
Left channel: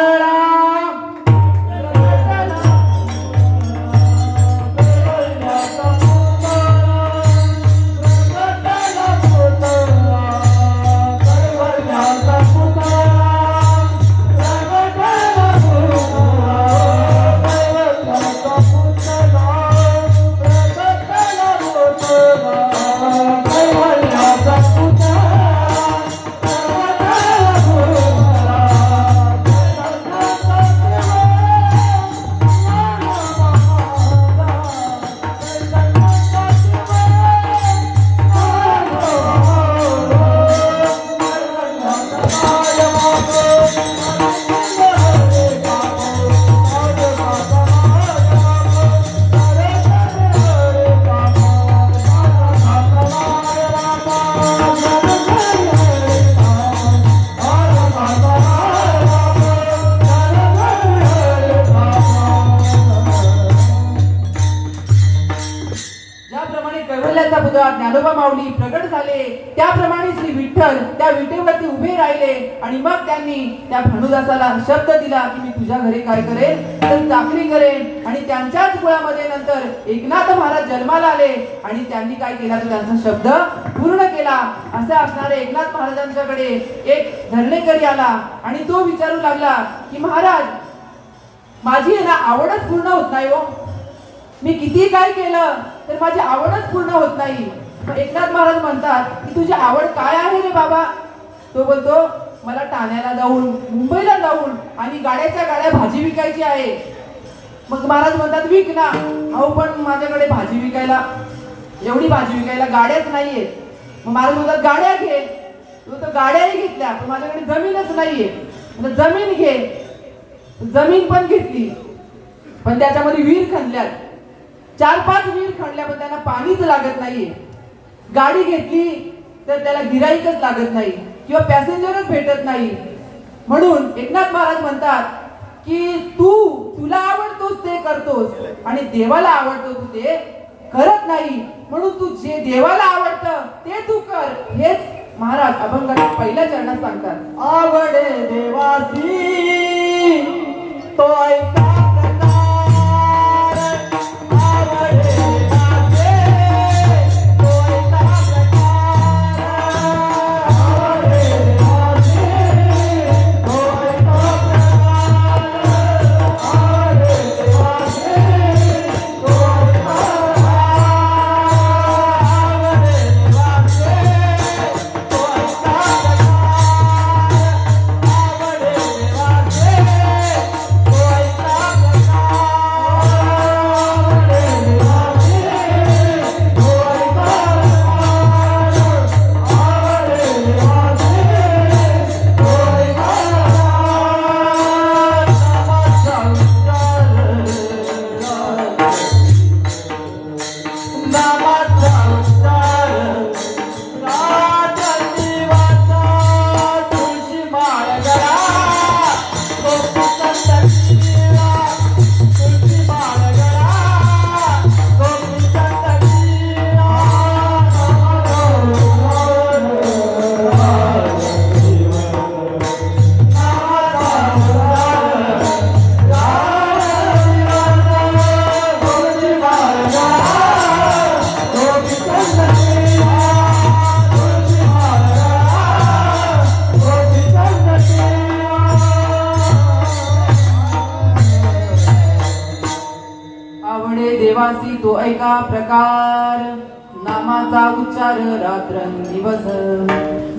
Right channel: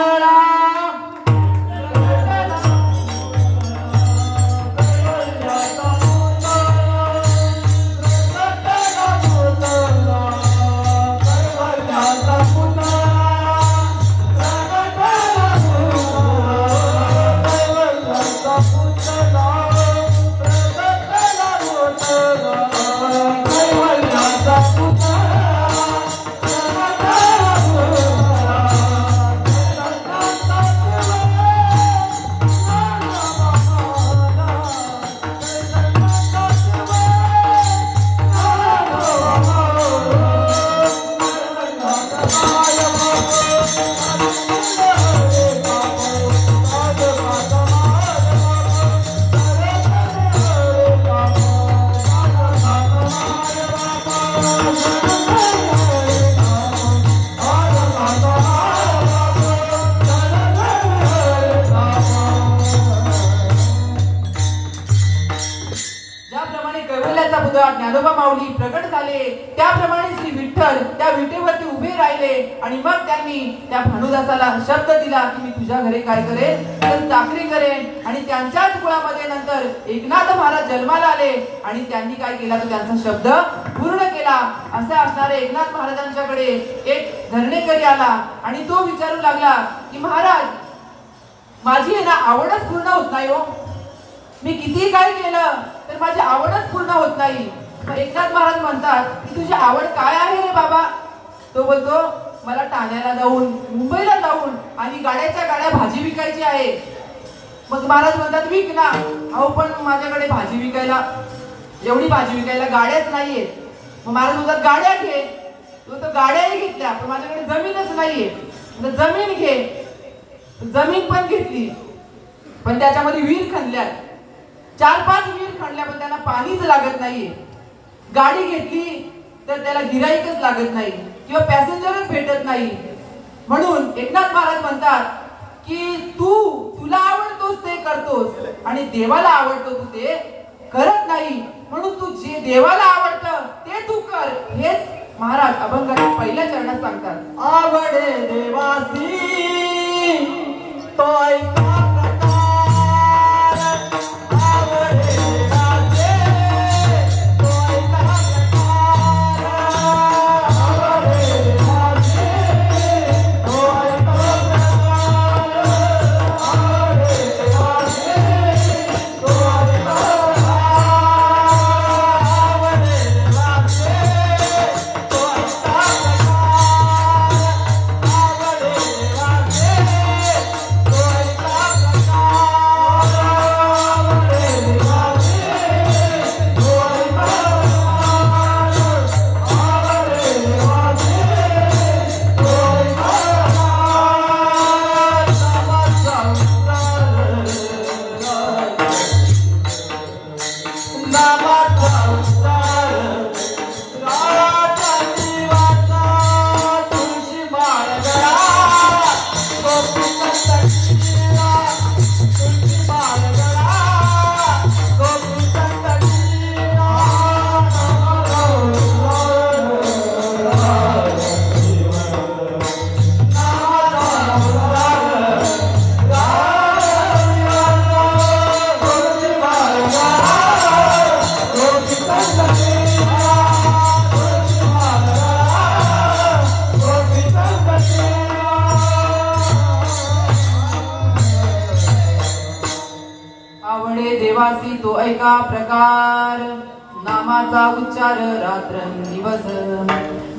ज्ञानोबा माऊली प्रगट झाले, त्याप्रमाणे श्री विठ्ठल त्या विटेवरती उभे राहिले आणि मग त्यांनी त्या भानुदासाला शब्द दिला की मी तुझ्या घरी काय करेन तर चाकरी करेन. आणि त्यांच्याच कुळामध्ये नंतर एकनाथ महाराज जन्माला आले आणि त्यांनी काय केला तर त्यांचा शब्द पूर्ण केला. असे असणारे एकनाथ महाराजांच्याकडे एक धरणेकरी आला आणि तो विचारू लागला की महाराज, माझी आहे ना आवडच पूर्ण होत नाही हो, मी किती काय केलं तर माझी आवडच पूर्ण होत नाही. एकनाथ महाराज म्हणतात की तुझी आवड काय आहे रे बाबा? तो बोलतो मला ठाण्याला जाऊन, मुंबईला जाऊन आणि गाड्याच्या गाड्या भाजी विकायची आहे. मग महाराज म्हणतात विक ना. अहो पण माझ्याकडे भाजी विकायला, एवढी भाजी विकायला गाड्याच नाहीये. मग महाराज म्हणतात गाड्या घे. तो गाड्याही घेतल्या पण माझ्याकडे जमीनच नाहीये. जमीन घे. जमीन पण घेतली पण त्याच्यामध्ये विहीर खणल्या, 4-5 विहीर खणल्या पण त्यांना पाणीच लागत नाहीये. गाडी घेतली तर त्याला गिराईकच लागत नाही किंवा पॅसेंजरच भेटत नाही. म्हणून एकनाथ महाराज म्हणतात की तुला आवडतोस ते करतोस आणि देवाला आवडतो तू ते करत नाही. म्हणून तू जे देवाला आवडतं ते तू कर. हेच महाराज अभंगाच्या पहिल्या चरणात सांगतात. आवडे देवासी तो ऐका देवासी तो ऐका प्रकार, नामाचा उच्चार रात्रंदिवस.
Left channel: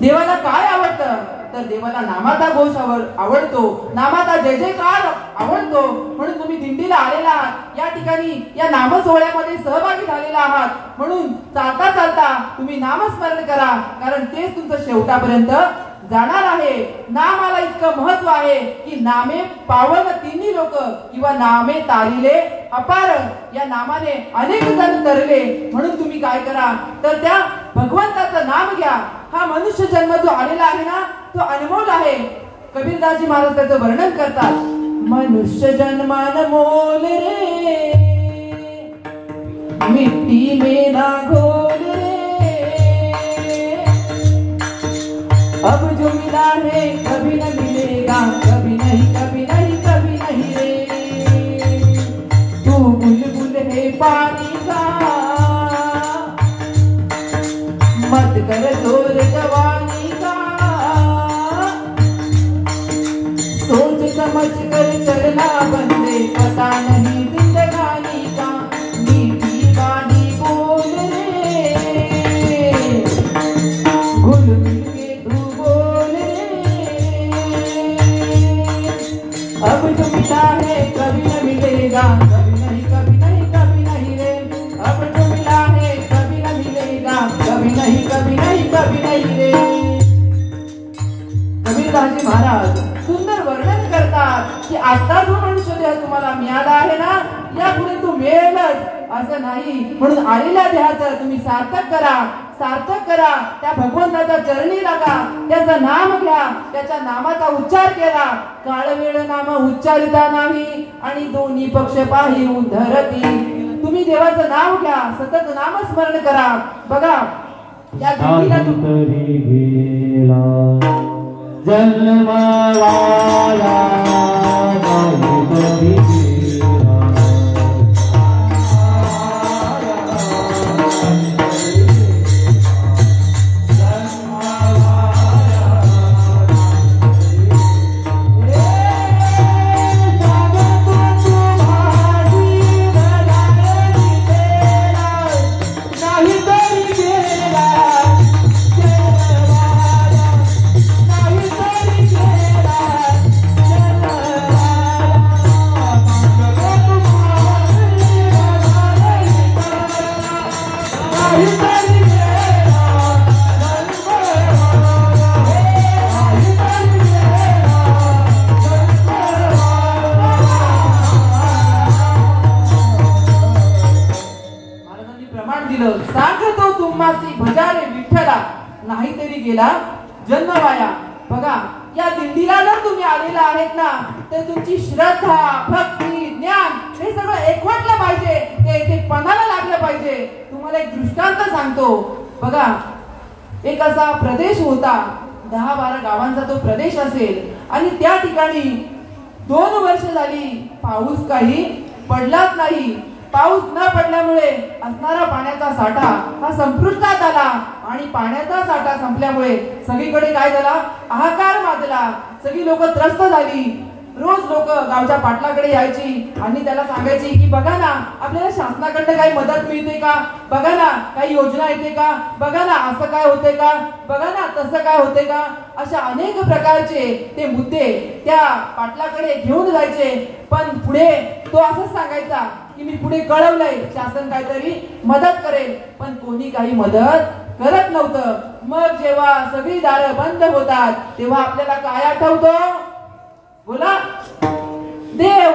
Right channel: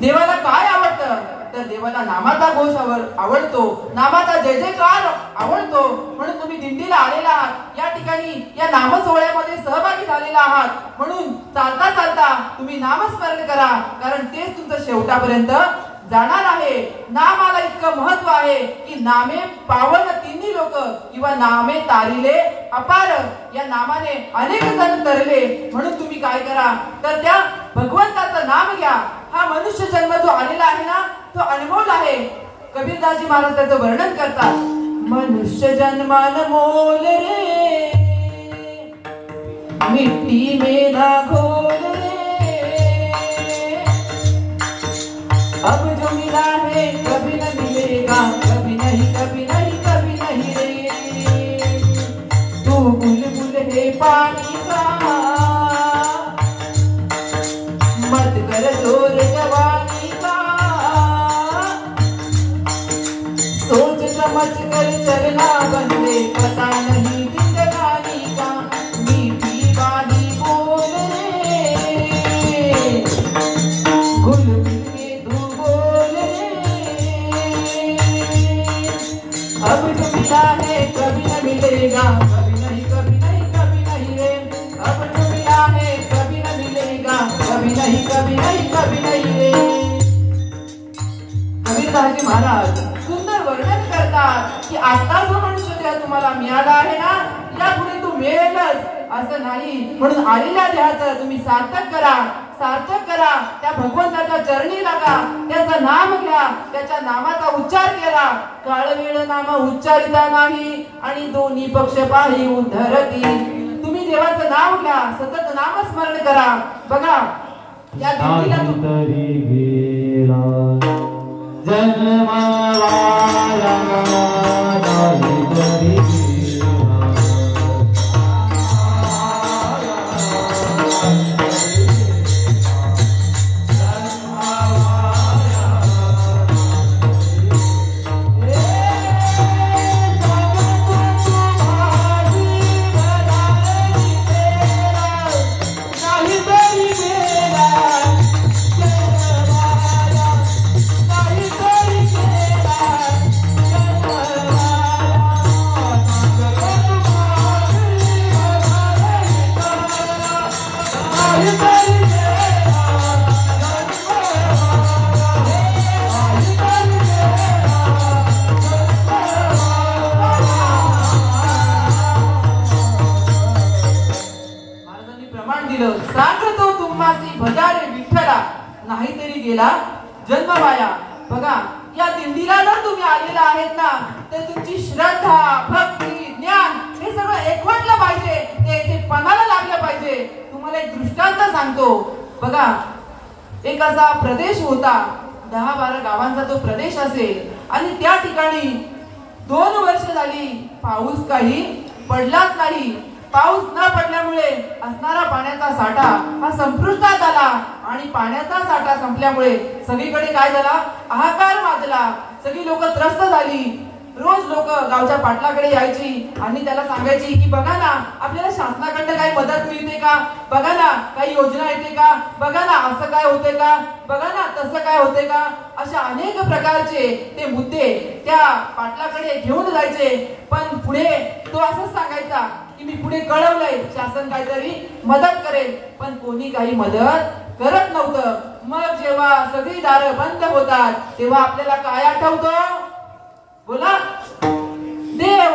देवाला काय आवडतं तर देवाला नामाचा घोष आवडतो, नामाचा जय जयकार आवडतो. म्हणून तुम्ही दिंडीला आलेला आहात, या ठिकाणी या नाम सोहळ्यामध्ये सहभागी झालेला आहात. म्हणून चालता चालता तुम्ही नामस्मरण करा, कारण तेच तुमचं शेवटापर्यंत जाणार आहे. नामाला इतकं महत्व आहे की नामे पावन तिन्ही लोक किंवा नामे तारिले अपार. या नामाने अनेक जण तरले. म्हणून तुम्ही काय करा तर त्या भगवंताचं नाम घ्या. हा मनुष्य जन्म जो आलेला आहे ना तो अनमोल आहे. कबीरदासजी महाराज त्याचं वर्णन करतात. मनुष्य जन्म अनमोल रे, मिट्टी में ना घोल रे, अब जो मिला है कभी न मिलेगा, कभी नहीं कभी नहीं कभी नहीं रे. तू बुलबुल है पानी का, मत कर जोर जवानी का, सोच समझ कर चलना बंदे, पता नहीं जिंदगानी का. मीठी बानी बोल रे, गुल गुल के तू बोल रे. अब जो मिला है कभी न मिलेगा, कभी नहीं कभी नहीं कभी नहीं रे. अब जो मिला है कभी न मिलेगा, कभी नहीं कभी नहीं कभी नहीं रे. कबीरदासजी महाराज सुंदर वर्णन करतात की आता जो मनुष्य देह तुम्हाला मिळाला आहे ना, यापुढे तो मिळेलच असं नाही. म्हणून आलेल्या देहाचं तुम्ही सार्थक करा, सार्थक करा. त्या भगवंताच्या चरणी लागा, त्याचं नाम घ्या, त्याच्या नामाचा उच्चार केला. काळ वेळ नाम उच्चारिता नाही आणि दोन्ही पक्ष पाही उद्धरती. तुम्ही देवाचं नाव घ्या, सतत नामस्मरण करा. बघा या दिंडीला तरी गेला जन्मवाया, तरी सांगतो तुम्हासी भजारे विठ्ठला, नाहीतरी गेला जन्म वाया. बघा या दिंडीला जर तुम्ही आलेला आहेत ना तर तुमची श्रद्धा, भक्ती, ज्ञान हे सगळं एकवटलं पाहिजे, ते इथे पणाला लागलं पाहिजे. तुम्हाला एक दृष्टांत सांगतो. बघा एक असा प्रदेश होता, 10-12 गावांचा तो प्रदेश असेल आणि त्या ठिकाणी 2 वर्ष झाली पाऊस काही पडलाच नाही. पाऊस न पडल्यामुळे असणारा पाण्याचा साठा हा संपुष्टात आला आणि पाण्याचा साठा संपल्यामुळे सगळीकडे काय झाला, हाहाकार माजला. सगळी लोक त्रस्त झाली. रोज लोक गावच्या पाटलाकडे यायची आणि त्याला सांगायची की बघा ना आपल्याला शासनाकडे काही मदत मिळते का, बघा ना काही योजना येते का, बघा ना असं काय होते का, बघा ना तसं काय होते का. अशा अनेक प्रकारचे ते मुद्दे त्या पाटलाकडे घेऊन जायचे. पण पुढे तो असंच सांगायचा की मी पुढे कळवलंय, शासन काहीतरी मदत करेल, पण कोणी काही मदत करत नव्हतं. मग जेव्हा सगळी दारं बंद होतात तेव्हा आपल्याला काय आठवतं, बोला, देव.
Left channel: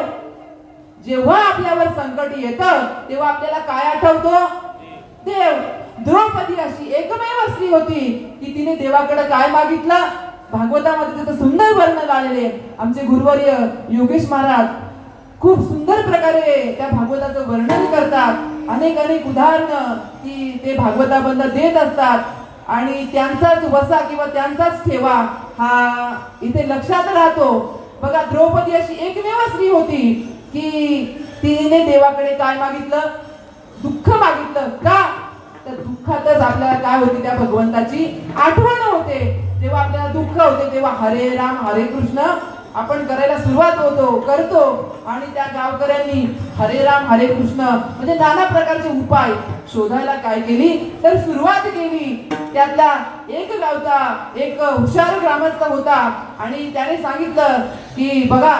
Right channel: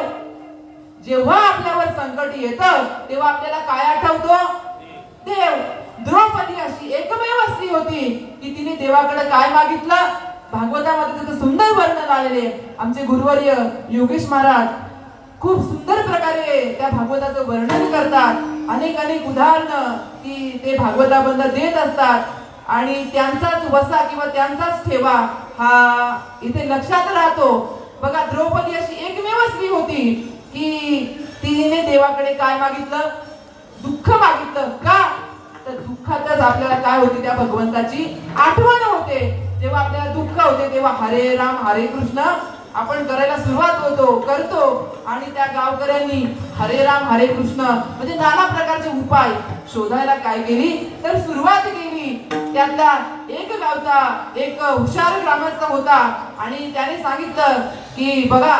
जेव्हा आपल्यावर संकट येतं तेव्हा आपल्याला काय आठवतं, देव. द्रौपदी अशी एकमेव स्त्री होती की तिने देवाकडे काय मागितलं. भागवतामध्ये त्याचं सुंदर वर्णन आलेले आमचे गुरुवर्य योगेश महाराज खूप सुंदर प्रकारे त्या भागवताचं वर्णन करतात. अनेक अनेक उदाहरणं की ते भागवताबद्दल देत असतात आणि त्यांचाच वसा किंवा त्यांचाच ठेवा हा इथे लक्षात राहतो. बघा द्रौपदी अशी एकमेव स्त्री होती की तिने देवाकडे काय मागितलं, दुःख मागितलं. का तर दुःखातच आपल्याला काय होती, त्या भगवंताची आठवण होते. जेव्हा आपल्याला दुःख होते तेव्हा हरे राम हरे कृष्ण आपण करायला सुरुवात करतो आणि त्या गावकऱ्यांनी हरे राम हरे कृष्ण म्हणजे नाना प्रकारचे उपाय शोधायला काय केली तर सुरुवात केली. त्यातला एक गावचा एक हुशार ग्रामस्थ होता आणि त्याने सांगितलं की बघा,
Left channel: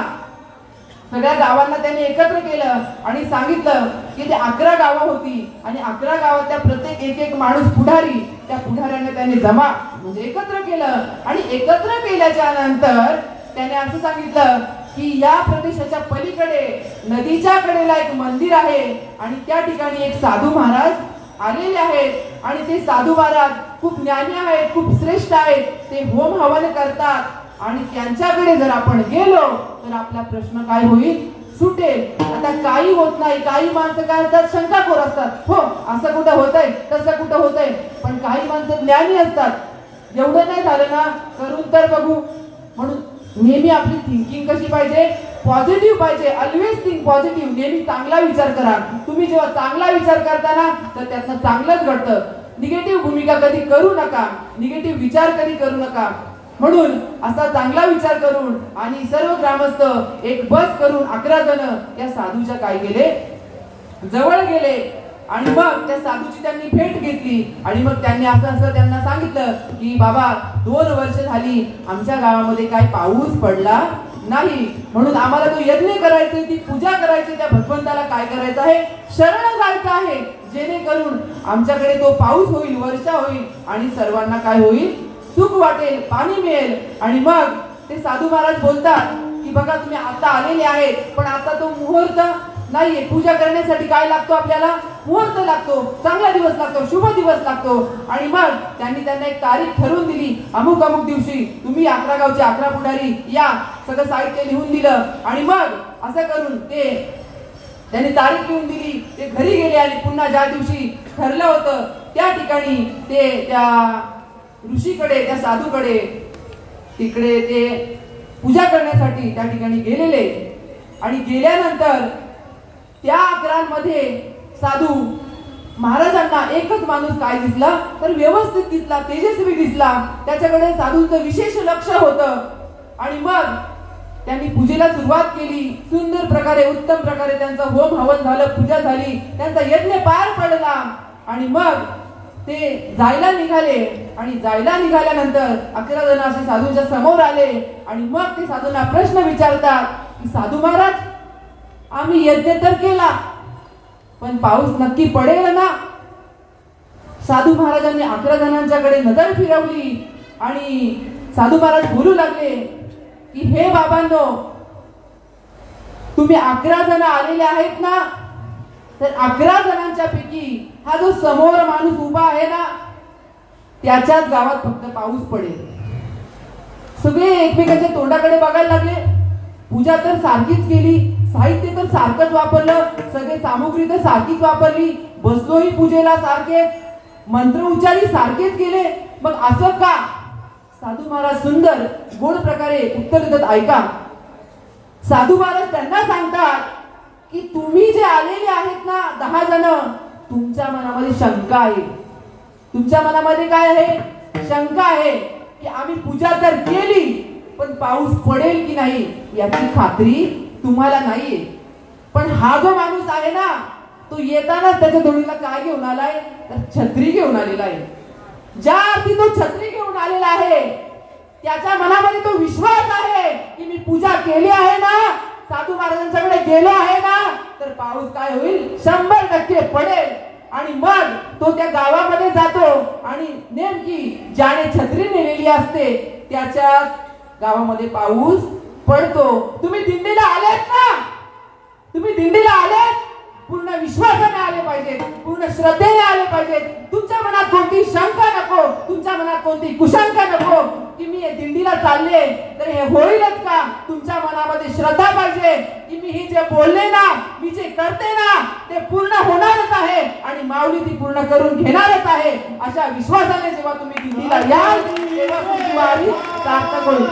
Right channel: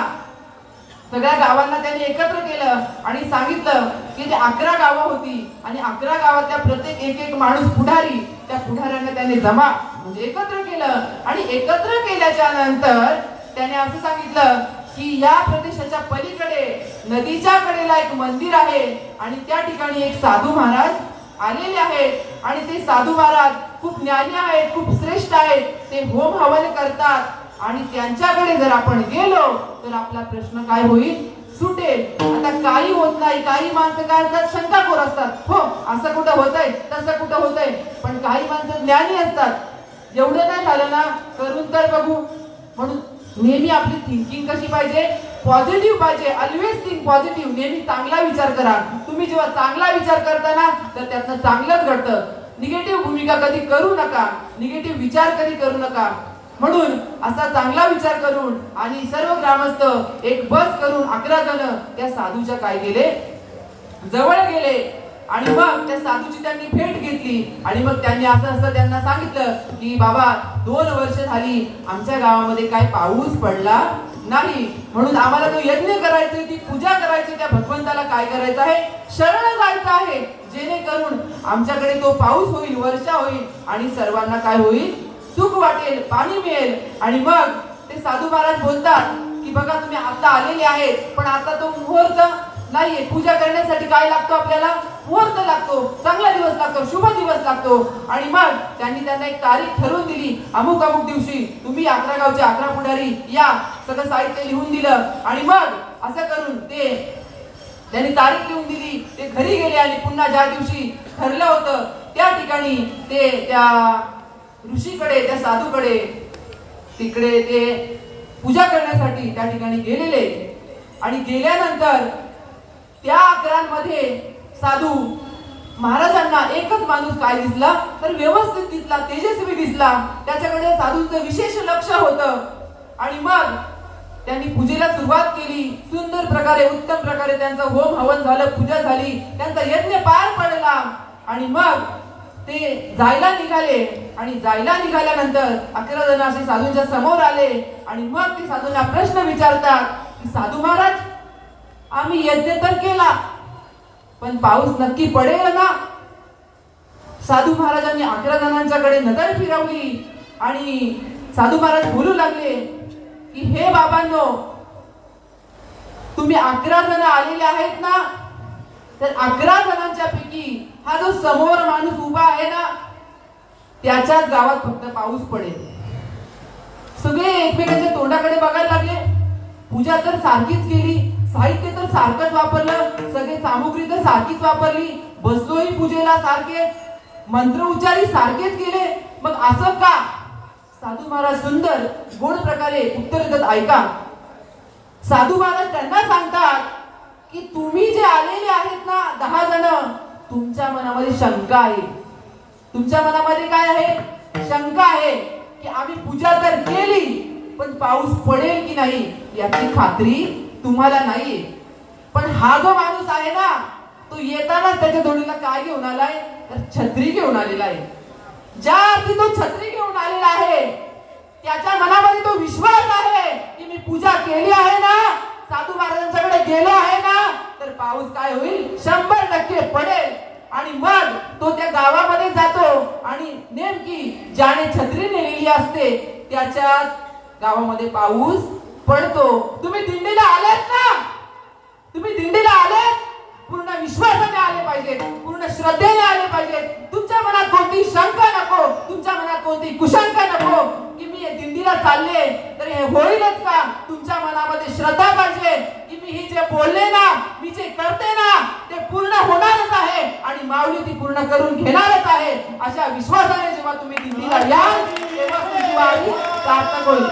सगळ्या गावांना त्यांनी एकत्र केलं आणि सांगितलं की ते 11 गावं होती आणि 11 गावातल्या प्रत्येक एक माणूस पुढारी, त्या पुढाऱ्यांना त्याने जमा म्हणजे एकत्र केलं आणि एकत्र केल्याच्या नंतर त्याने असं सांगितलं की या प्रदेशाच्या पलीकडे नदीच्या कडेला एक मंदिर आहे आणि त्या ठिकाणी एक साधू महाराज आलेले आहेत आणि ते साधू महाराज खूप ज्ञानी आहेत, खूप श्रेष्ठ आहेत. ते होम हवन करतात आणि त्यांच्याकडे जर आपण गेलो तर आपला प्रश्न काय होईल सुटेल. आता काही होत नाही. काही माणसं काय असतात शंकाखोर असतात. हो असं कुठं होतंय तसं कुठं होतंय, पण काही माणसं ज्ञानी असतात. एवढं नाही झालं ना करून तर बघू. म्हणून नेहमी आपली थिंकिंग कशी पाहिजे पॉझिटिव्ह पाहिजे. Always think positive. नेहमी चांगला विचार करा. तुम्ही जेव्हा चांगला विचार करता ना तर त्यातनं चांगलंच घडतं. निगेटिव्ह भूमिका कधी करू नका, निगेटिव्ह विचार कधी करू नका. म्हणून असा चांगला विचार करून आणि सर्व ग्रामस्थ एक बस करून 11 जण त्या साधूच्या काय गेले जवळ गेले आणि मग त्या साधूची त्यांनी भेट घेतली आणि मग त्यांनी असं त्यांना सांगितलं की बाबा 2 वर्ष झाली आमच्या गावामध्ये काय पाऊस पडला नाही, म्हणून आम्हाला तो यज्ञ करायचा, ती पूजा करायची, त्या भगवंताला काय करायचं आहे शरण जायचं आहे, जेणेकरून आमच्याकडे तो पाऊस होईल, वर्षा होईल आणि सर्वांना काय होईल सुख वाटेल, पाणी मिळेल. आणि मग ते साधू महाराज बोलतात की बघा तुम्ही आता आलेले आहेत पण आता तो मुहूर्त नाहीये. पूजा करण्यासाठी काय लागतो आपल्याला मुहूर्त लागतो, चांगला दिवस लागतो, शुभ दिवस लागतो. आणि मग त्यांनी त्यांना एक तारीख ठरवून दिली. अमुक अमुक दिवशी तुम्ही 11 गावचे 11 पुढारी या, सगळं साहित्य लिहून दिलं आणि मग असं करून त्यांनी तारीख लिहून दिली. ते घरी गेले आणि पुन्हा ज्या दिवशी ठरलं होतं त्या ठिकाणी ते त्या ऋषीकडे, त्या साधूकडे तिकडे ते पूजा करण्यासाठी त्या ठिकाणी गेलेले. आणि गेल्यानंतर त्या 11 साधू महाराजांना एकच माणूस काय दिसला तर व्यवस्थित दिसला, तेजस्वी दिसला. त्याच्याकडे साधूंचं विशेष लक्ष होतं. आणि मग त्यांनी पूजेला सुरुवात केली. सुंदर प्रकारे, उत्तम प्रकारे त्यांचं होम हवन झालं, पूजा झाली, त्यांचा यज्ञ पार पडला. आणि मग ते जायला निघाले आणि जायला निघाल्यानंतर 11 जण असे साधूंच्या समोर आले आणि मग ते साधूंना प्रश्न विचारतात की साधू महाराज आम्ही यज्ञ तर केला पण पाऊस नक्की पडेल ना. साधू महाराजांनी 11 जणांच्याकडे नजर फिरवली आणि साधू महाराज बोलू लागले की हे बाबांनो, तुम्ही 11 जण आलेले आहेत ना, तर 11 जणांच्या पैकी हा जो समोर माणूस उभा आहे ना त्याच्याच गावात फक्त पाऊस पडेल. सगळे एकमेकांच्या तोंडाकडे बघायला लागले. पूजा तर सारखीच केली, साहित्य तर सारखंच वापरलं, सगळे सामुग्री तर सारखीच वापरली, बसलोही पूजेला सारखे, मंत्र उच्चारी सारखेच केले, मग असं का. साधू महाराज सुंदर गोड प्रकारे उत्तर देतात. ऐका, साधू महाराज त्यांना सांगतात की तुम्ही जे आलेले आहेत ना 10 जण, तुमच्या मनामध्ये शंका आहे. तुमच्या मनामध्ये काय आहे शंका आहे की आम्ही पूजा तर केली पण पाऊस पडेल की नाही याची खात्री तुम्हाला नाहीये. पण हा जो माणूस आहे ना तो येताना त्याच्या जोडीला काय घेऊन आलाय तर छत्री घेऊन आलेला आहे. ज्या अर्थी तो छत्री घेऊन आलेला आहे त्याच्या मनामध्ये तो विश्वास आहे की मी पूजा केली आहे ना, साधू महाराजांच्याकडे गेलो आहे ना, तर पाऊस काय होईल 100% पडेल. आणि मग तो त्या गावामध्ये जातो आणि नेमकी ज्याने छत्री नेलेली असते त्याच्या गावामध्ये पाऊस पडतो. तुम्ही दिंडीला आलेत ना, तुम्ही दिंडीला आलेत पूर्ण विश्वासाने आले पाहिजेत, पूर्ण श्रद्धेने आले पाहिजेत. तुमच्या मनात कोणती शंका नको, तुमच्या मनात कोणती कुशंका नको की मी या दिंडीला चालले तर हे होईलच का. तुमच्या मनामध्ये श्रद्धा पाहिजे की मी हे जे बोलले ना, मी जे करते ना ते पूर्ण होणारच आहे आणि माऊली ती पूर्ण करून घेणारच आहे. अशा विश्वासाने जेव्हा तुम्ही दिंडीला याल तेव्हा तुमची वारी सार्थक होईल.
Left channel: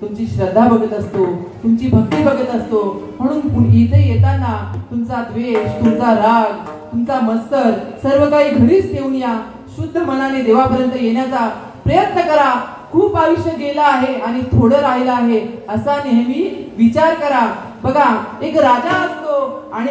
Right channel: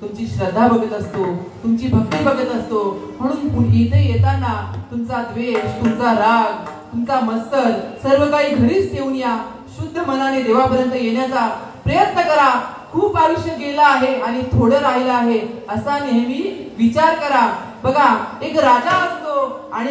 तुमची श्रद्धा बघत असतो, तुमची भक्ती बघत असतो. म्हणून इथे येताना तुमचा द्वेष, तुमचा राग, तुमचा मत्सर सर्व काही घरीच ठेवून या. शुद्ध मनाने देवापर्यंत येण्याचा प्रयत्न करा. खूप आयुष्य गेलं आहे आणि थोडं राहिलं आहे असा नेहमी विचार करा. बघा, एक राजा असतो आणि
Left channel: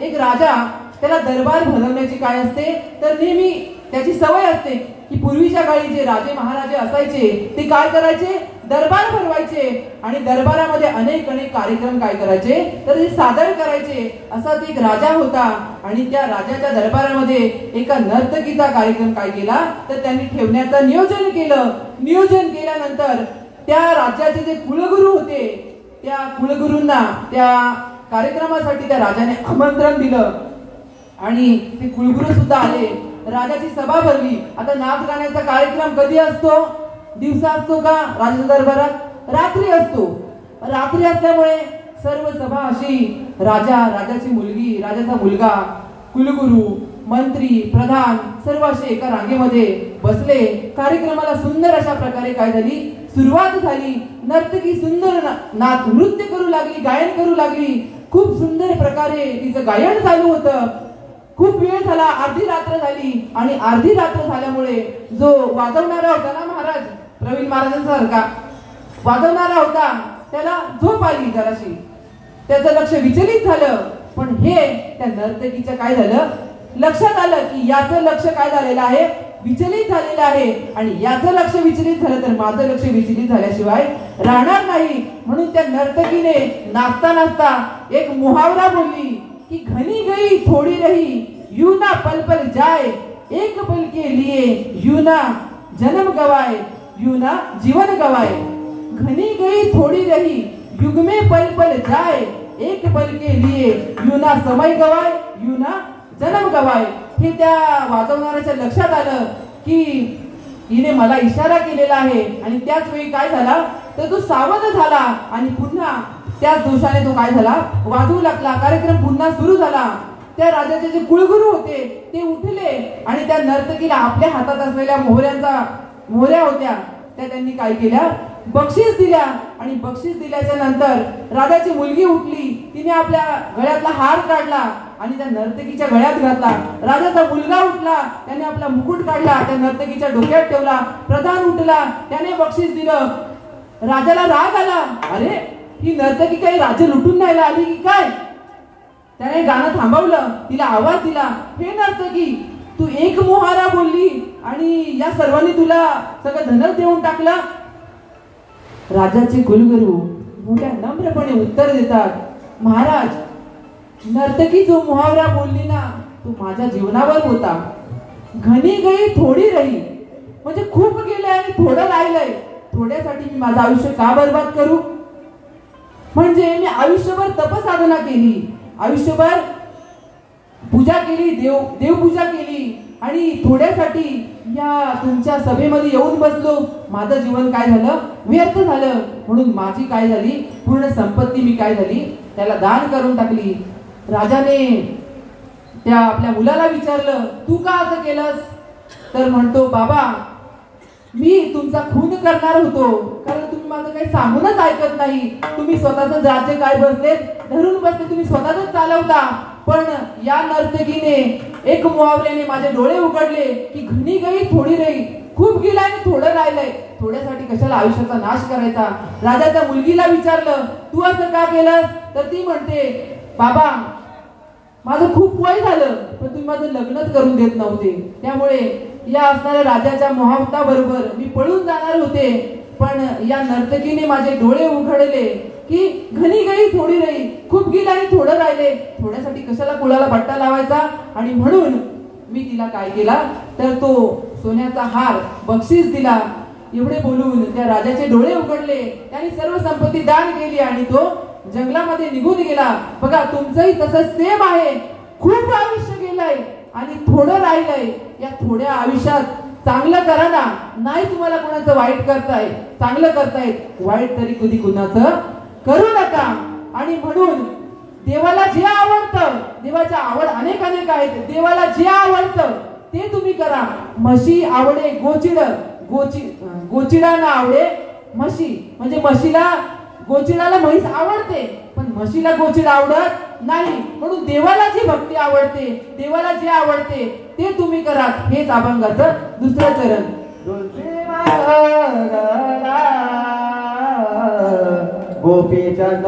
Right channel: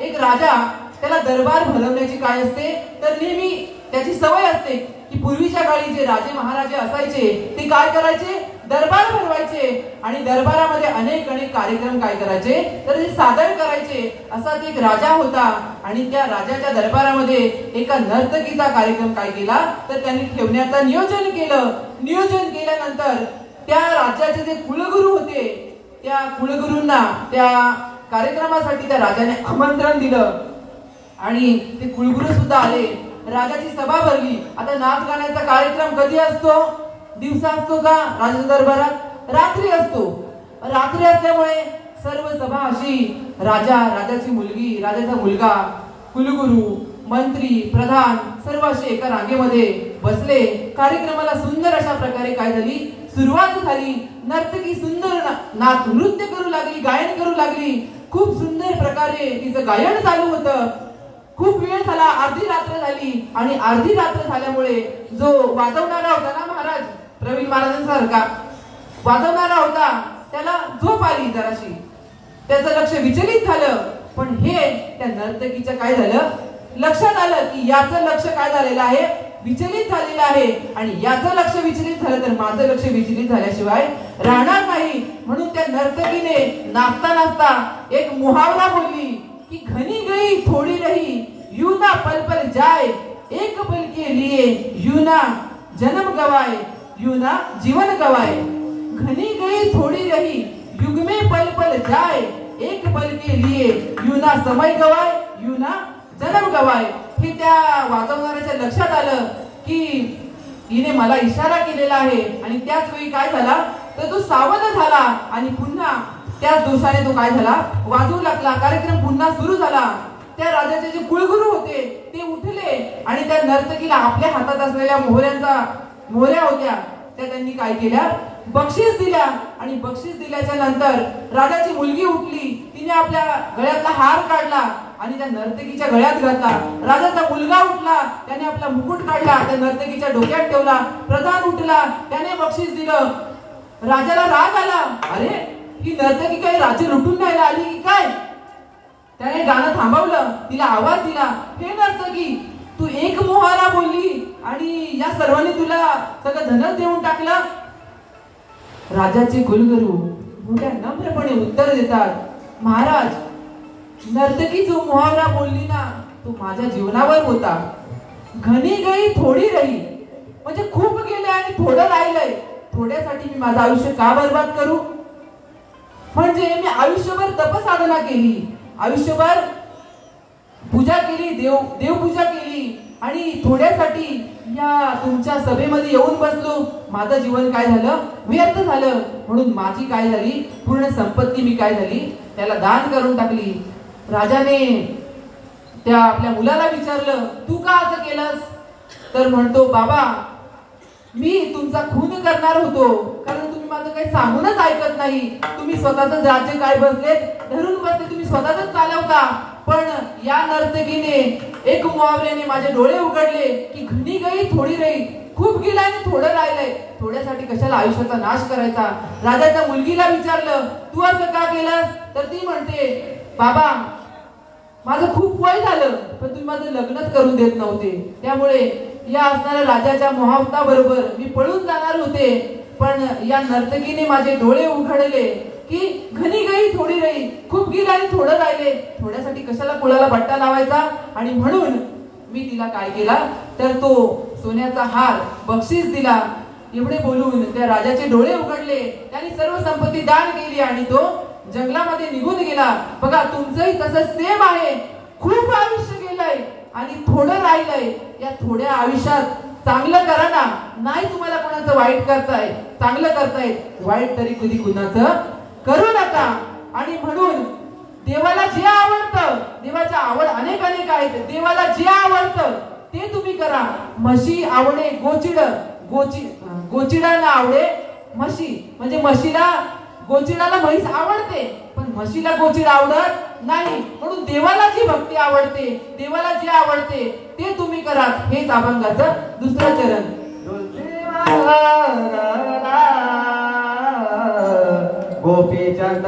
एक राजा त्याला दरबार भरवण्याची काय असते तर नेहमी त्याची सवय असते की पूर्वीच्या काळी जे राजे महाराजे असायचे ते काय करायचे, दरबार भरवायचे आणि दरबारामध्ये अनेक कार्यक्रम काय करायचे तर ते सादर करायचे. असाच एक राजा होता आणि त्या राजाच्या दरबारामध्ये एका नर्तकीचा कार्यक्रम काय केला तर त्यांनी ठेवण्याचं नियोजन केलं. नियोजन केल्यानंतर त्या राज्याचे जे कुलगुरू होते त्या कुलगुरूंना त्या कार्यक्रमासाठी त्या राजाने आमंत्रण दिलं आणि ते कुलगुरू सुद्धा आले. राजाची सभा भरली. आता नाच गाण्याचा कार्यक्रम कधी असतो, दिवसा असतो का राजाच्या दरबारात? रात्री असतो. रात्री असल्यामुळे सर्व सभा अशी राजाची मुलगी, राजाचा मुलगा, कुलगुरू, मंत्री, प्रधान सर्व असे एका रांगेमध्ये बसले. कार्यक्रमाला सुंदर अशा प्रकारे काय झाली, सुरुवात झाली. नर्तकी सुंदर नृत्य करू लागली, गायन करू लागली. खूप सुंदर प्रकारे तिचं गायन चालू होतं. खूप वेळ झाला, अर्धी रात्र झाली आणि अर्धी रात्र झाल्यामुळे जो वाजवणारा होता ना महाराज, प्रवीण महाराजांसारखा वाजवणारा होता, त्याला झोप आली जराशी. त्याचं लक्ष विचलित झालं. पण हे त्या नर्तकीच्या काय झालं, लक्षात आलं की याचं लक्ष काय झालेलं आहे, विचलित झालेलं आहे आणि याचं लक्ष विचलित झालं तर माझं लक्ष विचलित झाल्याशिवाय राहणार नाही. म्हणून त्या नर्तकीने नाचता नाचता एक मुहावरा बोलली कि घनी गई थोड़ी रही, यूं ना पल पल जाए, एक पल के लिए यूं ना जन्म गवाए, यूं ना जीवन गवाए. घनी गई थोड़ी रही, युग में पल पल जाए, एक पल के लिए यूं ना समय गवाए, यूं ना जन्म गवाए. हे त्या वाचवणाऱ्याच्या लक्षात आलं की हिने मला इशारा केलेला आहे आणि त्याच वेळी काय झाला तर तो सावध झाला आणि पुन्हा त्याच दोषाने तो काय झाला, वाजवू लागला. कार्यक्रम पुन्हा सुरू झाला. त्या राजाचे जे कुलगुरू होते ते उठले आणि त्या नर्तकीला आपल्या हातात असलेल्या मोहऱ्या होत्या त्या त्यांनी काय केल्या, बक्षीस दिल्या. आणि बक्षीस दिल्याच्या नंतर राजाची मुलगी उठली. तिने आपल्या गळ्यातला हार काढला आणि त्या नर्तकीच्या गळ्यात घातला. राजाचा मुलगा उठला, त्याने आपला मुकुट काढला, त्या नर्तकीच्या डोक्यात ठेवला. प्रधान उठला, त्याने बक्षीस दिलं. राजाला राग आला, अरे ही नर्तकी काही राजे लुटून न्यायला आली की काय? त्याने गाणं थांबवलं, तिला आवाज दिला, हे नर्तकी तू एक मुहारा बोलली आणि या सर्वांनी तुला सगळं धनच देऊन टाकलं. राजाचे कुलगुरू मोठ्या नम्रपणे उत्तर देतात, महाराज नर्तकी जो मुहावरा बोलली ना तो माझ्या जीवनावर होता. घनी गई थोडी रही, म्हणजे खूप गेले आणि थोडं राहिलंय. थोड्यासाठी मी माझं आयुष्य का बर्बाद करू? म्हणजे मी आयुष्यभर तपसाधना केली, आयुष्यभर पूजा केली, देवपूजा केली आणि थोड्यासाठी या तुमच्या सभेमध्ये येऊन बसलो, माझं जीवन काय झालं, व्यर्थ झालं. म्हणून माझी काय झाली, पूर्ण संपत्ती मी काय झाली त्याला दान करून टाकली. राजाने त्या आपल्या मुलाला विचारलं, तू का असं केलंस? तर म्हणतो, बाबा मी तुमचा खून करणार होतो, कारण तुम्ही माझं काही सांगूनच ऐकत नाही. तुम्ही स्वतःच राज्य काय बसले धरून बसले, तुम्ही स्वतःच चालवता. पण या नर्तकीने एक मुहावऱ्याने माझे डोळे उघडले की घनी गई थोडी रही, खूप गेलं आणि थोडं राहिलंय. थोड्यासाठी कशाला आयुष्याचा नाश करायचा? राजाच्या मुलगीला विचारलं, तू असं का केलंस? तर ती म्हणते, बाबा माझं खूप वय झालं पण तुम्ही माझं लग्नच करून देत नव्हते, त्यामुळे या असणाऱ्या राजाच्या मोहावता बरोबर मी पळून जाणार होते. पण या नर्तकीने माझे डोळे उघडले की घनी गई थोडी रही, खूप गेलं आणि थोडं राहिले. थोड्यासाठी कशाला कुणाला बट्टा लावायचा? आणि म्हणून मी तिला काय केला तर तो सोन्याचा हार बक्षीस दिला. एवढे बोलून त्या राजाचे डोळे उघडले, त्यांनी सर्व संपत्ती दान केली आणि तो जंगलामध्ये निघून गेला. बघा तुमचंही तसंच सेम आहे. खूप आयुष्य गेलंय आणि थोडं राहिलंय. या थोड्या आयुष्यात चांगलं करा ना, नाही तुम्हाला कोणाचं वाईट करताय, चांगलं करताय, वाईट तरी कधी कुणाचं करू नका. आणि म्हणून देवाला जे आवडतं, देवाच्या आवड अनेक आहेत, देवाला जे आवडतं ते तुम्ही करा. म्हशी आवडे गोचिड, गोचिडांना आवडे म्हशी. म्हणजे म्हशीला गोचिडाला म्हैस आवडते पण म्हशीला गोचिड आवडत नाही. म्हणून देवाला जी भक्ती आवडते, देवाला जे आवडते ते तुम्ही करा. हेच अभंगाचं दुसरं चरण. गोपीचंद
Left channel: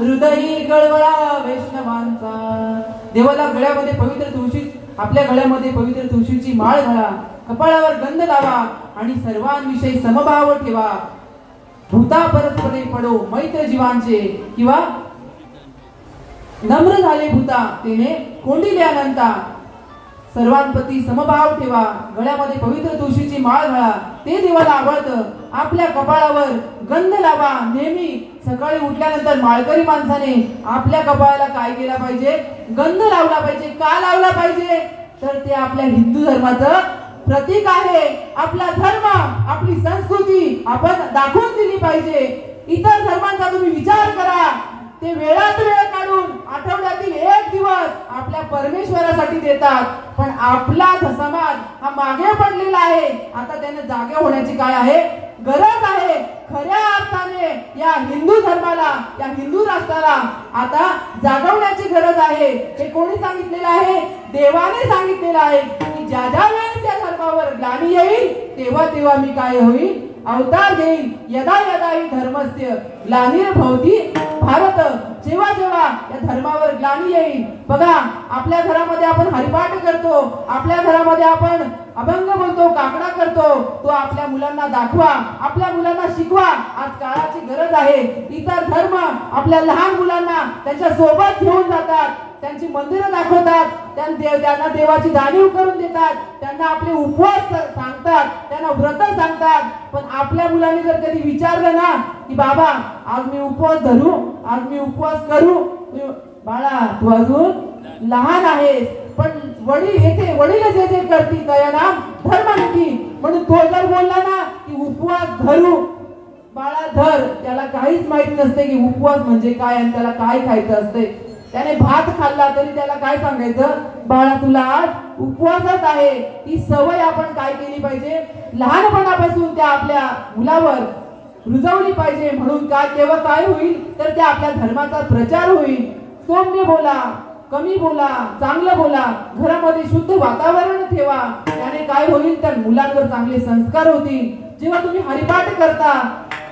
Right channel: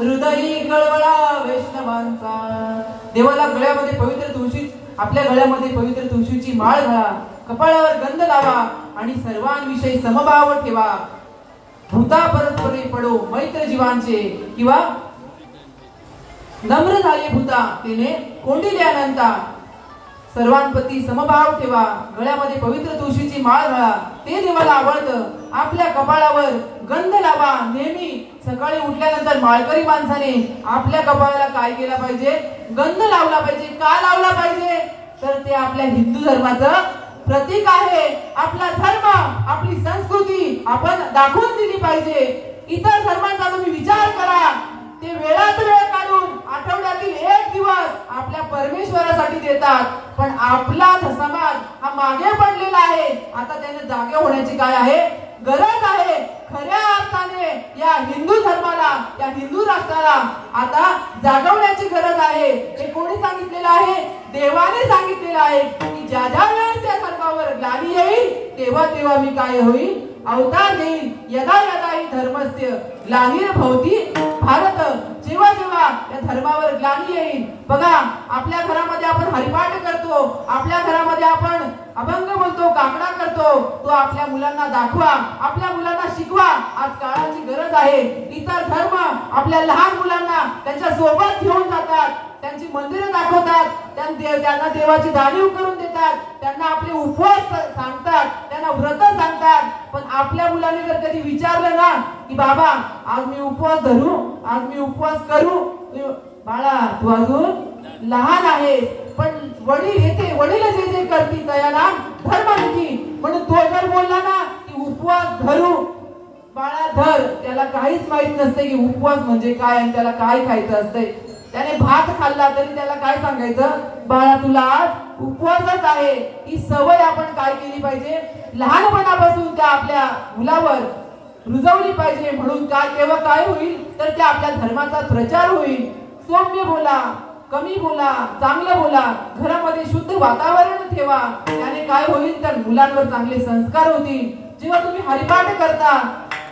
हृदयी गळवळा वैष्णवांचा. देवाला गळ्यामध्ये पवित्र तुळशी, आपल्या गळ्यामध्ये पवित्र तुळशीची माळ घाला, कपाळावर गंध लावा आणि सर्वांविषयी समभाव ठेवा. भूता परस्परे पडो मैत्र जीवांचे, किंवा नम्र झाले भूता तेने कोंडिले अनंता. सर्वांप्रती समभाव ठेवा, गळ्यामध्ये पवित्र तुळशीची माळ घाला, ते देवाला आवडतं. आपल्या कपाळावर गंध लावा. नेहमी सकाळी उठल्यानंतर माळकरी माणसाने आपल्या कपाळाला काय केला पाहिजे? गंध लावला पाहिजे. का लावला पाहिजे? तर ते आपल्या हिंदू धर्माचं प्रतीक आहे. आपला धर्म, आपली संस्कृती आपण दाखवून दिली पाहिजे. इतर धर्मांचा तुम्ही विचार करा, ते वेळात वेळ काढून आठवड्यातील एक दिवस आपल्या परमेश्वरासाठी देतात, पण आपला समाज हा मागे पडलेला आहे. आता त्याने जागे होण्याची काय आहे? गरज आहे. खऱ्या अर्थाने या हिंदू धर्माला, या हिंदू राष्ट्राला आता जागवण्याची गरज आहे. हे कोणी सांगितलेलं आहे? देवाने सांगितलेलं आहे की ज्या ज्या वेळेस या धर्मावर ग्लानी येईल तेव्हा तेव्हा मी काय होईल? अवतार घेईल. यदा यदा ही धर्मस्य ग्लानिर्भवति भारत. जेव्हा जेव्हा या धर्मावर ग्लानी येईल. बघा, आपल्या घरामध्ये आपण हरिपाठ करतो, आपल्या घरामध्ये आपण अभंग बोलतो, काकडा करतो, तो आपल्या मुलांना दाखवा, आपल्या मुलांना शिकवा. आज काळाची गरज आहे. इतर धर्म आपल्या लहान मुलांना त्यांच्या सोबत घेऊन जातात, त्यांची मंदिरं दाखवतात, त्यांना देवाची जाणीव करून देतात, त्यांना आपले उपवास सांगतात, त्यांना व्रत सांगतात. पण आपल्या मुलांनी जर कधी विचारलं ना की बाबा आज मी उपवास धरू, आज मी उपवास करू, बाळा तू अजून लहान आहेस. पण वडील येते, वडील जे जे करतील त्या नाम धर्मनीती. म्हणून तो जर बोलला ना की उपवास धरू, बाळा धर. त्याला काहीच माहित नसते की उपवास म्हणजे काय आणि त्याला काय खायचं असते. त्याने भात खाल्ला तरी त्याला काय सांगायचं? बाळा तुला आज उपवासच आहे. ही सवय आपण काय केली पाहिजे? लहानपणापासून त्या आपल्या मुलावर रुजवली पाहिजे. म्हणून का तेव्हा काय होईल? तर त्या आपल्या धर्माचा प्रचार होईल. सौम्य बोला, कमी बोला, चांगलं बोला, घरामध्ये शुद्ध वातावरण ठेवा. त्याने काय होईल? तर मुलांवर चांगले संस्कार होतील. जेव्हा तुम्ही हरिपाठ करता,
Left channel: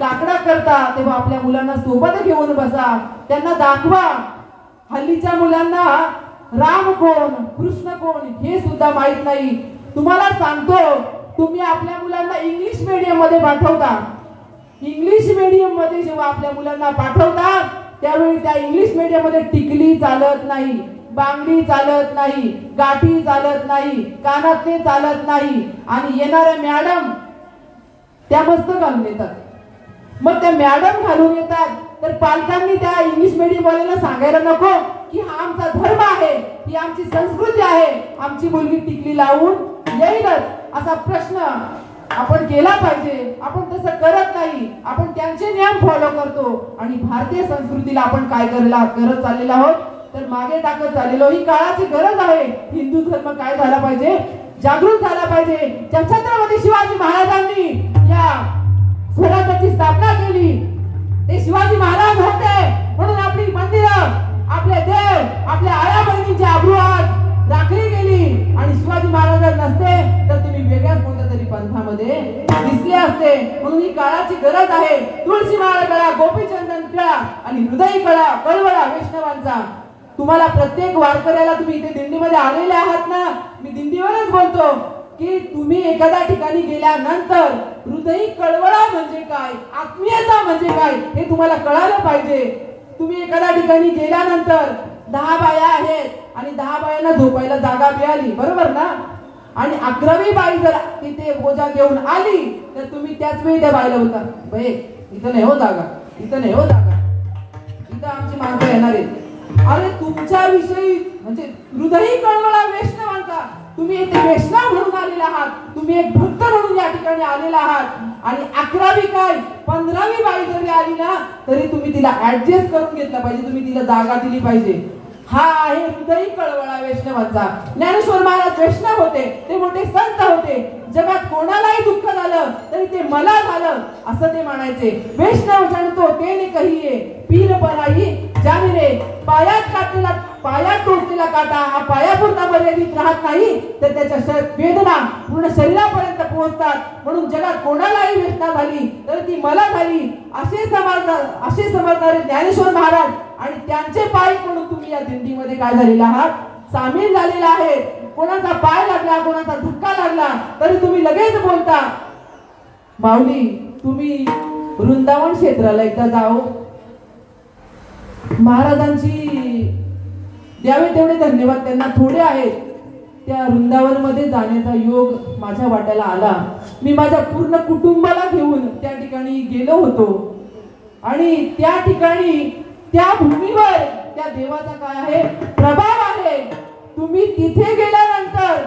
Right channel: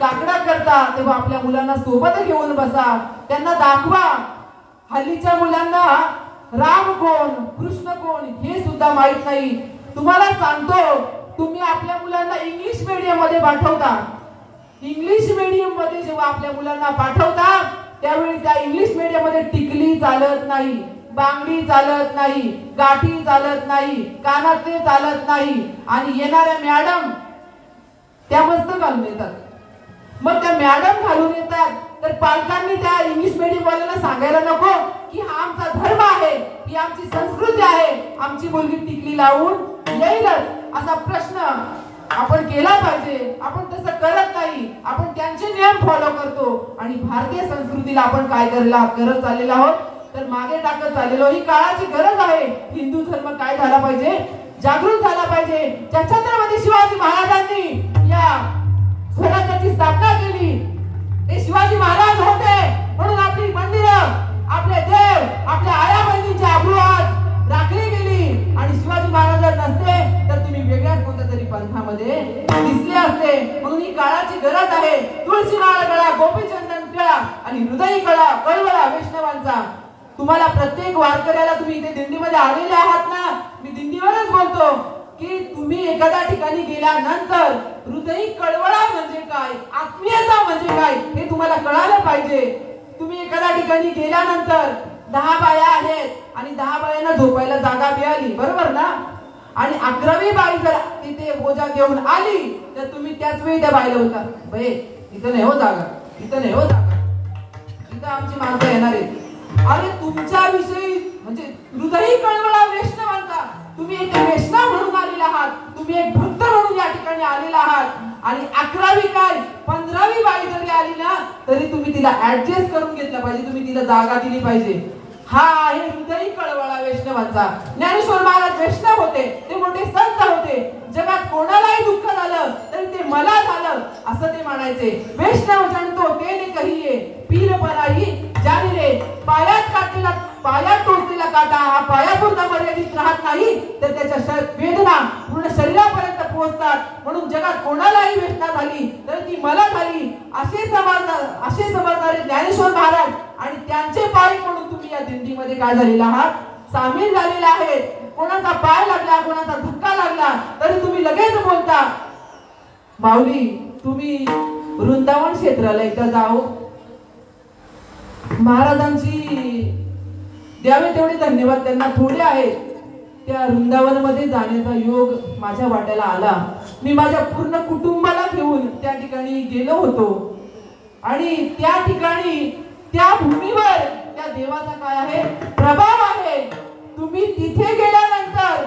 काकडा करता, तेव्हा आपल्या मुलांना सोबत घेऊन बसा, त्यांना दाखवा. हल्लीच्या मुलांना राम कोण, कृष्ण कोण हे सुद्धा माहित नाही. तुम्हाला सांगतो, तुम्ही आपल्या मुलांना इंग्लिश मीडियम मध्ये पाठवता. इंग्लिश मीडियम मध्ये जेव्हा आपल्या मुलांना पाठवता त्यावेळी त्या इंग्लिश मीडियम मध्ये टिकली चालत नाही, बांगडी चालत नाही, गाठी चालत नाही, कानातले चालत नाही आणि येणाऱ्या मॅडम त्या मस्त घालून येतात. मग त्या मॅडम घालून येतात तर पालकांनी त्या इंग्लिश मीडियम वाल्याला सांगायला नको की हा आमचा धर्म आहे, ही आमची संस्कृती आहे, आमची मुलगी टिकली लावून येईलच असा प्रश्न आपण केला पाहिजे. आपण तसं करत नाही, आपण त्यांचे नियम फॉलो करतो आणि भारतीय संस्कृतीला आपण काय करत चाललेलो आहोत तर मागे टाकत चाललेलो. ही काळाची गरज आहे. हिंदू धर्म काय झाला पाहिजे, जागृत झाला पाहिजे. छत्रपती शिवाजी महाराजांनी या स्वराज्याची स्थापना केली. ते शिवाजी महाराज होते म्हणून आपली मंदिरं, आपले देव, आपल्या आया बहिणींची आबरूआत राखली गेली. आणि शिवाजी महाराज नसते तर तुम्ही वेगळ्याच कोणत्या तरी पंथामध्ये दिसले असते. म्हणून ही काळाची गरज आहे. तुळशी माळ कळा, गोपीचंदन टिळा आणि हृदय कळा कळवळा वैष्णवांचा. तुम्हाला प्रत्येक वारकऱ्याला, तुम्ही इथे दिंडीमध्ये आलेले आहात ना, मी दिंडीवरच बोलतो की तुम्ही एखाद्या ठिकाणी गेल्यानंतर हृदय कळवळा म्हणजे काय, आत्मीयता म्हणजे काय हे तुम्हाला कळायला पाहिजे. तुम्ही एखाद्या ठिकाणी गेल्यानंतर 10 बाया आहेत आणि 10 बायांना झोपायला जागा मिळाली, बरोबर ना, आणि 11वी बाई जर तिथे बोजा घेऊन आली तर तुम्ही त्याच वेळी त्या बाईला होता, बाई इथं नाही हो जागा, इथं नाही हो जागा, इथं आमची माणसं येणार आहेत. अरे तुमच्या विषयी म्हणजे हृदय कळवळा वैष्णवांचा. तुम्ही एक वैष्णव म्हणून आलेला आहात, तुम्ही एक भक्त म्हणून या ठिकाणी आलेला आहात आणि 11वी काय 15वी बाई जरी आली ना तरी तुम्ही तिला ऍडजस्ट करून घेतलं पाहिजे, तुम्ही तिला जागा दिली पाहिजे. हा आहे हृदय कळवळा वैष्णवांचा. ज्ञानेश्वर महाराज वैष्णव होते, ते मोठे संत होते. जगात कोणालाही दुःख झालं तरी ते मला झालं असं ते म्हणायचे. वैष्णव जणतो तेने कहिये, पीर बनाई जाणले. पायात टोचलेला काटा हा पायापुरता मर्यादित राहत नाही तर त्याच्या वेदना पूर्ण शरीरापर्यंत पोहोचतात. म्हणून जगात कोणालाही वेदना झाली तर ती मला झाली असे समजणारे ज्ञानेश्वर महाराज आणि त्यांचे पाय म्हणून तुम्ही या दिंडीमध्ये काय झालेला आहात, सामील झालेले आहेत. कोणाचा पाय लागला, कोणाचा धक्का लागला तरी तुम्ही लगेच बोलता, माऊली तुम्ही वृंदावन क्षेत्राला एकदा जाओ. महाराजांची द्यावे तेवढे धन्यवाद त्यांना थोडे आहेत. त्या वृंदावन मध्ये जाण्याचा योग माझ्या वाट्याला आला. मी माझ्या पूर्ण कुटुंबाला घेऊन त्या ठिकाणी गेलो होतो आणि त्या ठिकाणी त्या भूमीवर त्या देवाचा काय आहे, प्रभाव आहे. तुम्ही तिथे गेल्यानंतर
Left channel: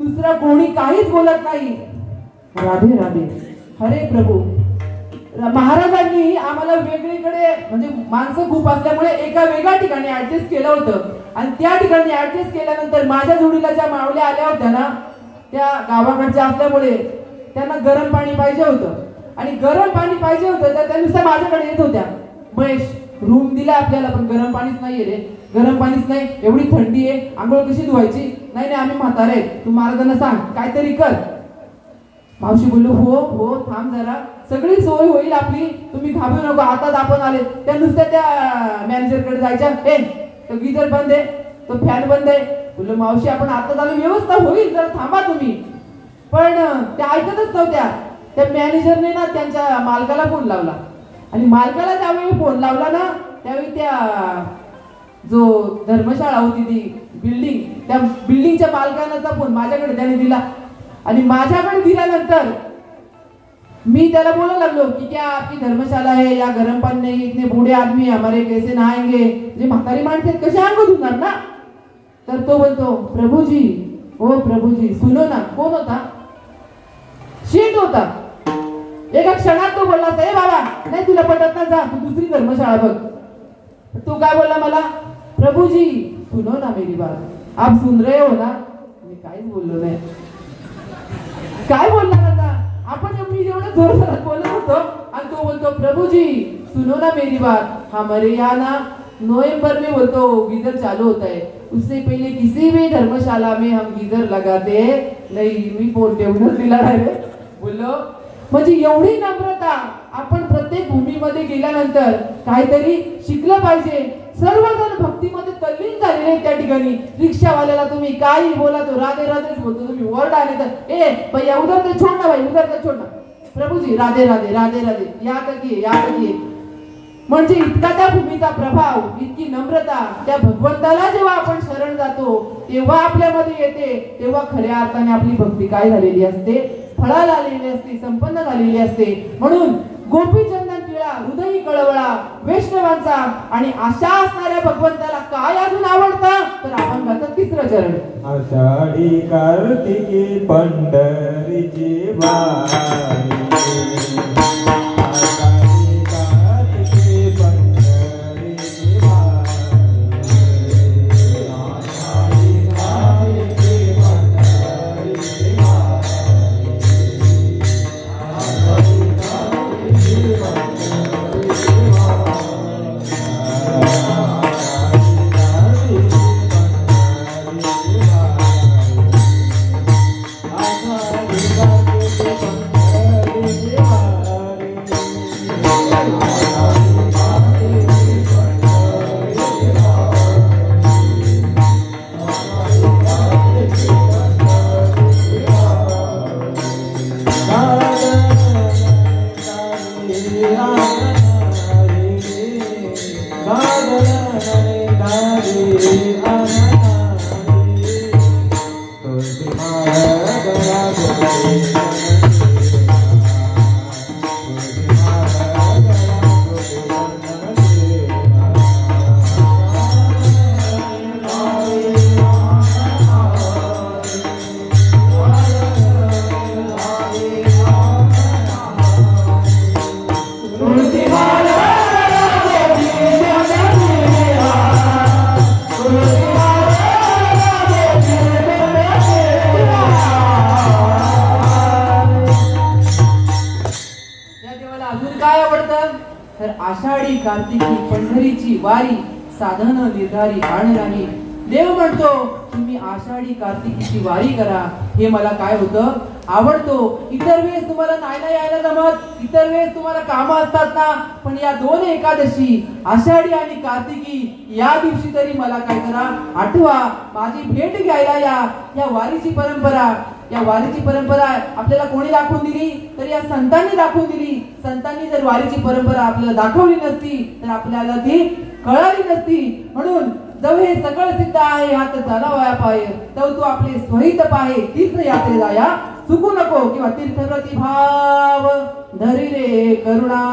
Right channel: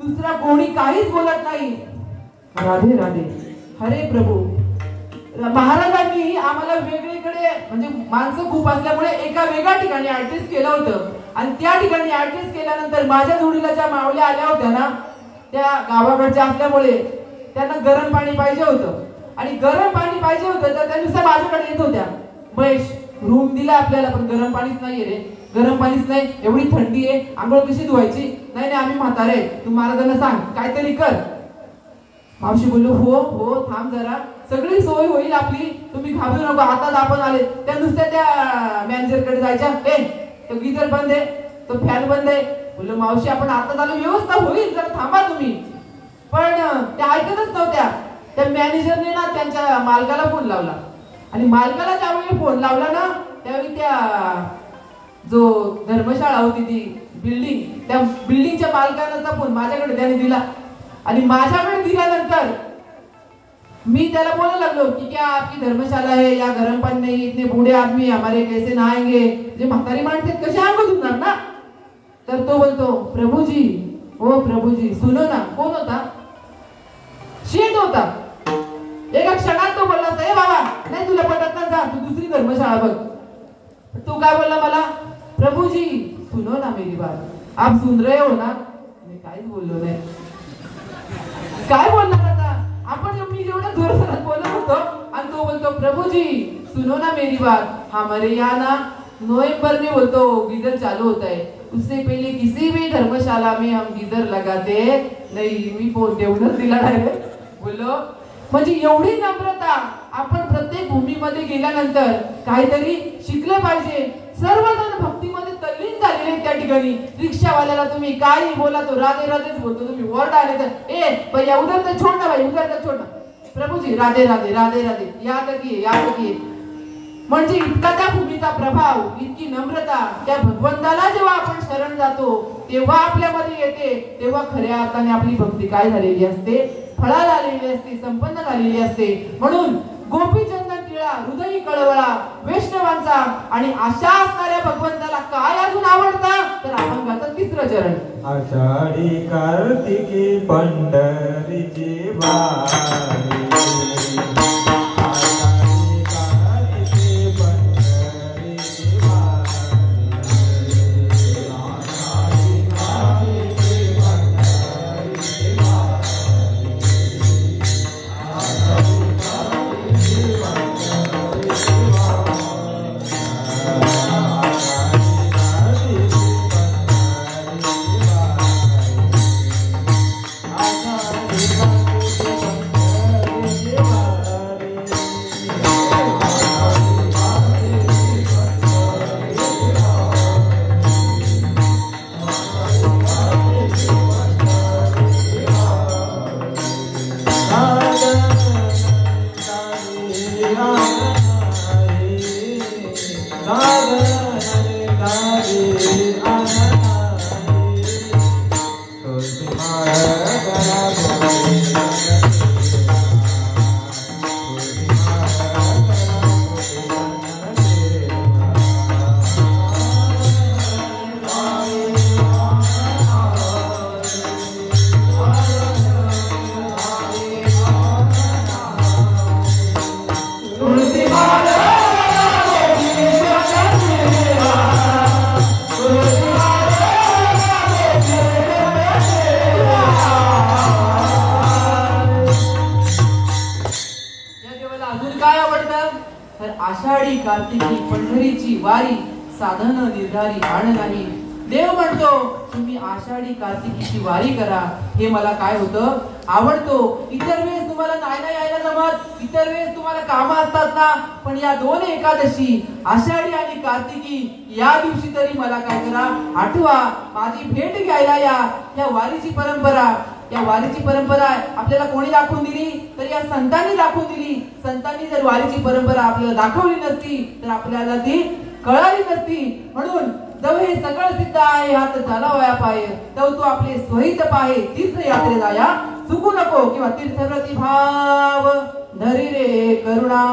दुसरा कोणी काहीच बोलत नाही. राधे राधे, हरे प्रभू. महाराजांनी आम्हाला वेगळीकडे म्हणजे माणसं खूप असल्यामुळे एका वेगळ्या ठिकाणी ऍडजस्ट केलं होतं आणि त्या ठिकाणी ऍडजस्ट केल्यानंतर माझ्या जोडीला ज्या मावल्या आल्या होत्या ना त्या गावाकडच्या असल्यामुळे त्यांना गरम पाणी पाहिजे होतं आणि गरम पाणी पाहिजे होतं तर त्या नुसत्या माझ्याकडे येत होत्या. महेश रूम दिला आपल्याला पण गरम पाणीच नाहीये रे, गरम पाणीच नाही, एवढी थंडी आहे, आंघोळ कशी धुवायची, नाही नाही आम्ही म्हातारे, तू महाराजांना सांग काहीतरी कर. मावशी बोललो हो हो थांब जरा, सगळी सोय होईल आपली, तुम्ही घाबरू नका, आताच आपण आले. त्या नुसत्या त्या मॅनेजरकडे जायच्या, ए तो गिझर बंद आहे, तो फॅन बंद आहे. बोललो मावशी आपण आता झालो, व्यवस्था होईल, जरा थांबा तुम्ही. पण त्या ऐकतच नव्हत्या. त्या मॅनेजरने ना त्यांच्या मालकाला फोन लावला आणि मालकाला ज्यावेळी फोन लावला ना त्यावेळी त्या जो धर्मशाळा होती ती बिल्डिंग, त्या बिल्डिंगच्या मालकाचा फोन माझ्याकडे त्याने दिला आणि माझ्याकडे दिल्यानंतर मी त्याला बोलायला लागलो की क्या आपकी धर्मशाला है, या गरम पानी नहीं, इतने बूढ़े आदमी हमारे कैसे नहाएंगे, जे म्हातारी माणसे कसे अंग धुणार ना. तर तो बोलतो प्रभूजी, ओ प्रभूजी सुनो ना. कोण होता, शेठ होता. एका क्षणात तो बोलला ए बाबा नाही तुला पटत ना, जा तू दुसरी धर्मशाळा बघ. तो काय बोलला मला, प्रभूजी सुनो ना मेरी बात, आप सुन रहे हो ना. मी काहीच बोललो नाही. काय बोलणार आता आपण, मी जेवढं जोरदार बोलत होतो आणि तो बोलतो प्रभूजी सुनो ना मेरी बात, हमारे यहाँ ना नवंबर में बोलतो गीजर चालू होता है, उससे पहले किसी भी धर्मशाला में हम गीजर लगाते नहीं. मी फोन देऊनच दिला डायरेक्ट. बोललो म्हणजे एवढी नम्रता. आपण प्रत्येक भूमीमध्ये गेल्यानंतर काहीतरी शिकलं पाहिजे. सर्वजण भक्तीमध्ये तल्लीन झालेले त्या ठिकाणी. रिक्षावाल्याला तुम्ही काही बोला तो राधे राधेच बोलतो, तुम्ही ओरडा आले तर ए भैया उधर से छोड़ ना, भाई उधर से छोड़ ना. प्रभू जी राधे राधे राधे राधे, याद रखिए याद रखिए. म्हणजे इतका त्या भूमीचा प्रभाव, इतकी नम्रता, त्या भगवंताला जेव्हा आपण शरण जातो तेव्हा आपल्यामध्ये येते, तेव्हा खऱ्या अर्थाने आपली भक्ती काय झालेली असते, फळाला आलेली असते, संपन्न झालेली असते. म्हणून गोपीचंदन टिळा, हृदयी कळवळा, वैष्णवांचा आणि आशा असणाऱ्या भगवंताला काय अजून आवडतं तर अभंगाचं तिसरं चरण. आषाढी कार्तिकी पंढरीची वारी, आषाढी कार्तिकी पंढरीची वारी साधन निर्धारी आण नाही. देव म्हणतो तुम्ही आषाढी कार्तिकीची वारी करा. हे मला काय होतं आवडतो. इतर वेळेस तुम्हाला नाही यायला जमत, इतर वेळेस तुम्हाला कामं असतात ना, पण या दोन एकादशी आषाढी आणि कार्तिकी या दिवशी तरी मला काय करा, आठवा, माझी भेट घ्यायला या वारीची परंपरा. या वारीची परंपरा आपल्याला कोणी दाखवून दिली तर या संतांनी दाखवून दिली. संतांनी जर वारीची परंपरा आपल्याला दाखवली नसती तर आपल्याला ती कळाली नसती. म्हणून जव हे सगळं सिद्ध आहे हात झाला वया पाय, तव तू आपले स्वहित पाहे तीर्थयात्रे जाया चुकू नको. किंवा तीर्थप्रती भाव धरी रे करुणा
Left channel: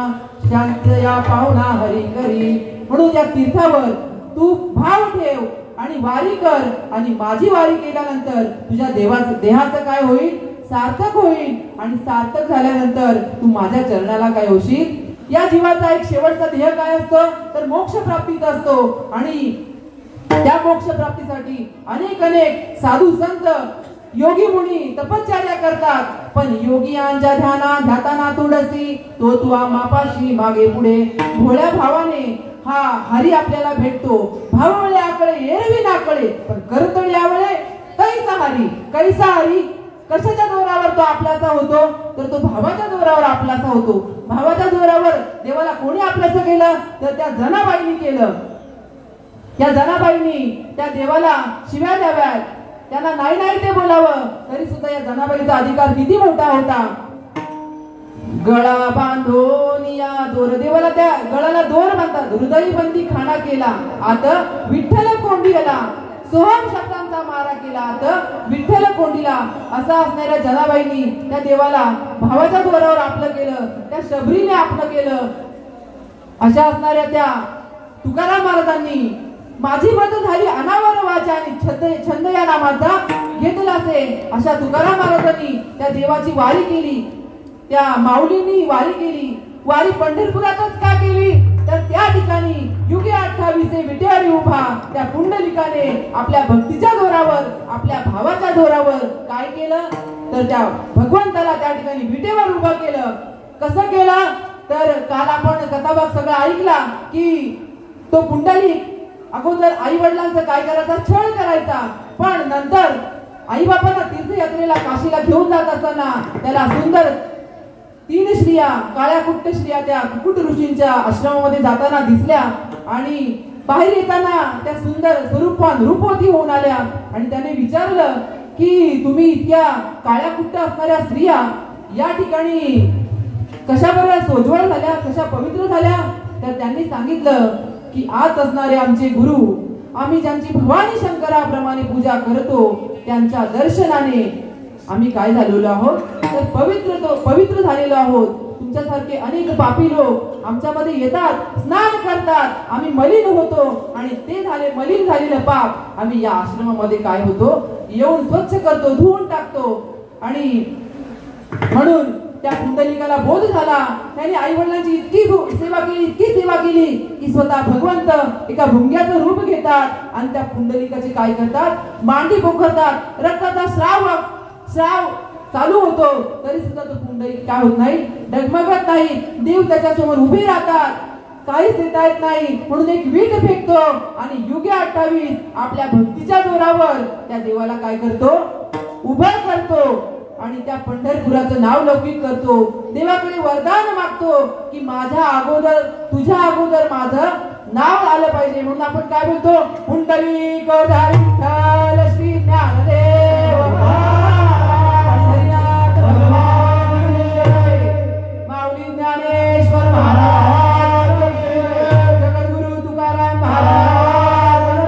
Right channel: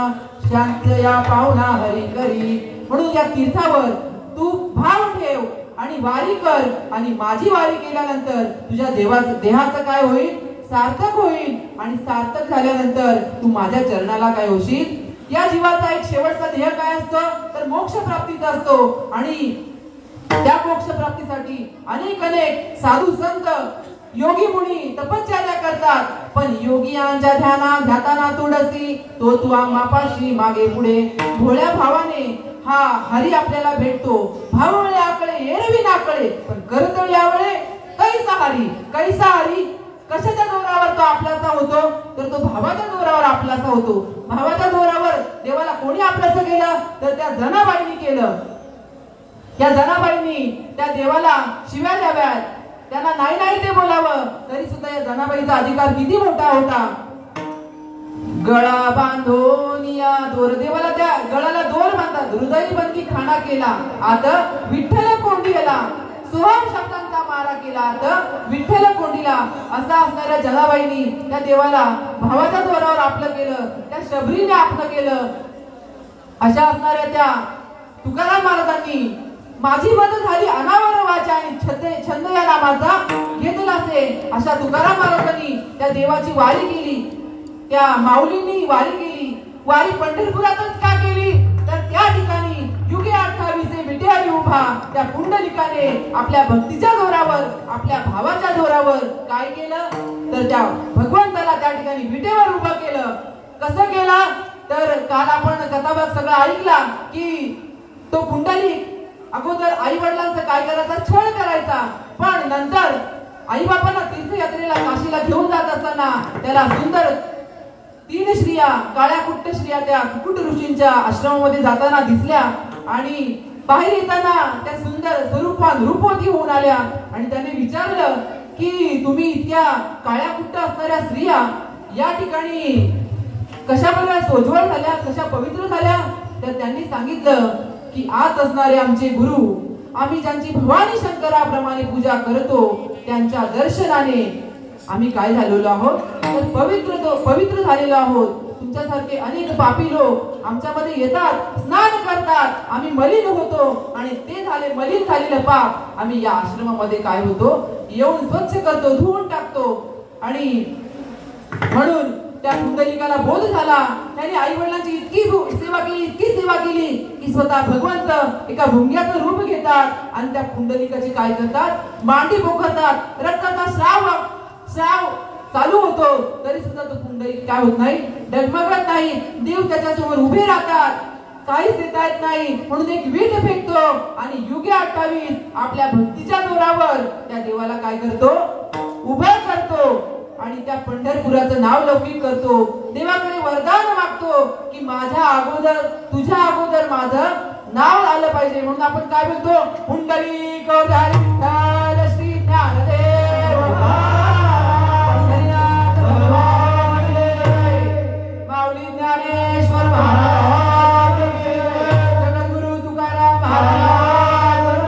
शांत या पाहुणा हरी करी. म्हणून या तीर्थावर तू भाव ठेव आणि वारी कर. आणि माझी वारी केल्यानंतर तुझ्या देहाचं काय होईल, सार्थक होईल. आणि सार्थक झाल्यानंतर तू माझ्या चरणाला काय होशील. या जीवाचा एक शेवटचा ध्येय काय असतो तर मोक्ष प्राप्तीचा असतो. आणि त्या मोक्ष प्राप्तीसाठी अनेक साधू संत योगी मुनी तपश्चर्या करतात. पण योगियांच्या ध्याताना तुडसी तो तू मापाशी मागे पुढे. भोळ्या भावाने हा हरी आपल्याला भेटतो. भावळे आकळे एरवी नाकळे, पण करतळी आवळे कैसा हरी. कशाच्या जोरावर तो आपलासा होतो तर तो भावाच्या जोरावर आपलासा होतो. भावाच्या जोरावर देवाला कोणी आपलासा केलं तर त्या जनाबाईंनी केलं. त्या जनाबाईंनी त्या देवाला शिव्या द्याव्यात, त्यांना नाही ते बोलावं, तरी सुद्धा या जनाबाईचा अधिकार किती मोठा होता. गळा बांधून या दोर, देवाला त्या गळाला दोर बांधतात. हृदय बंदी खाना केला आता विठ्ठल कोंडीला. सोहम शब्दांचा मारा केला आता विठ्ठल कोंडीला. असा असणाऱ्या जनाबाईंनी त्या देवाला भावाच्या जोरावर आपलं केलं, त्या शबरीने आपलं केलं. अशा असणाऱ्या त्या तुकाराम महाराजांनी माझी बदल झाली अनावर वाचा आणि छंद या नामाचा घेतला असे. अशा तुकाराम महाराजांनी त्या देवाची वारी केली, त्या माऊलींनी वारी केली. वारी पंढरपुरातच का केली तर त्या ठिकाणी युगे 28 विटेवारी उभा त्या पुंडलिकाने आपल्या भक्तीच्या जोरावर, आपल्या भावाच्या जोरावर काय केलं तर त्या भगवंताला त्या ठिकाणी विटेवर उभं केलं. कसं केलं तर काल आपण कथाभाग सगळा ऐकला की तो पुंडलिक अगोदर आई वडिलांचं काय करायचा, छळ करायचा. पण नंतर आई बापांना तीर्थयात्रेला काशीला घेऊन जात असताना त्याला सुंदर 3 स्त्रिया, काळ्या कुट्ट स्त्रिया त्या कुकुट ऋषींच्या आश्रमामध्ये जाताना दिसल्या. आणि बाहेर येताना त्या सुंदर स्वरूपान रूपवती होऊन आल्या. आणि त्याने विचारलं की तुम्ही इतक्या काळ्या कुट्ट असणाऱ्या स्त्रिया या ठिकाणी कशा बऱ्या सोज्वळ झाल्या, कशा पवित्र झाल्या. तर त्यांनी सांगितलं की आत असणारे आमचे गुरु, आम्ही ज्यांची भवानी शंकराप्रमाणे पूजा करतो, त्यांच्या दर्शनाने आम्ही काय झालेलो आहोत, तर पवित्र झालेलो आहोत. तुमच्यासारखे अनेक पापी लोक आमच्यामध्ये येतात, स्नान करतात, आम्ही मलिन होतो आणि ते मलिन झालेलं पाप आम्ही या आश्रमामध्ये काय होतो, येऊन स्वच्छ करतो, धुवून टाकतो. आणि म्हणून त्या पुंडलिकाला बोध झाला. त्याने आई वडिलांची इतकी सेवा केली की स्वतः भगवंत एका भुंग्याचं रूप घेतात आणि त्या पुंडलिकाची काय करतात, मांडी पोखरतात. रक्ताचा श्राव चालू होतो तरी सुद्धा तो पुंडलिक काय होत नाही, डगमगत नाही. देव त्याच्या समोर उभे राहतात, काहीच देता येत नाही. म्हणून एक वीट फेकतो आणि युगे 28 आपल्या भक्तीच्या जोरावर त्या देवाला काय करतो, उभं करतो आणि त्या पंढरपुराचं नाव लौकिक करतो. देवाकडे वरदान मागतो की माझ्या अगोदर, तुझ्या अगोदर माझं नाव आलं पाहिजे. म्हणून आपण काय बोलतो, पुंडलिक विठ्ठल श्री ज्ञानदेव पंढरीनाथ भगवान माऊली ज्ञानेश्वर महाराज, जगद्गुरु तुकाराम महाराज.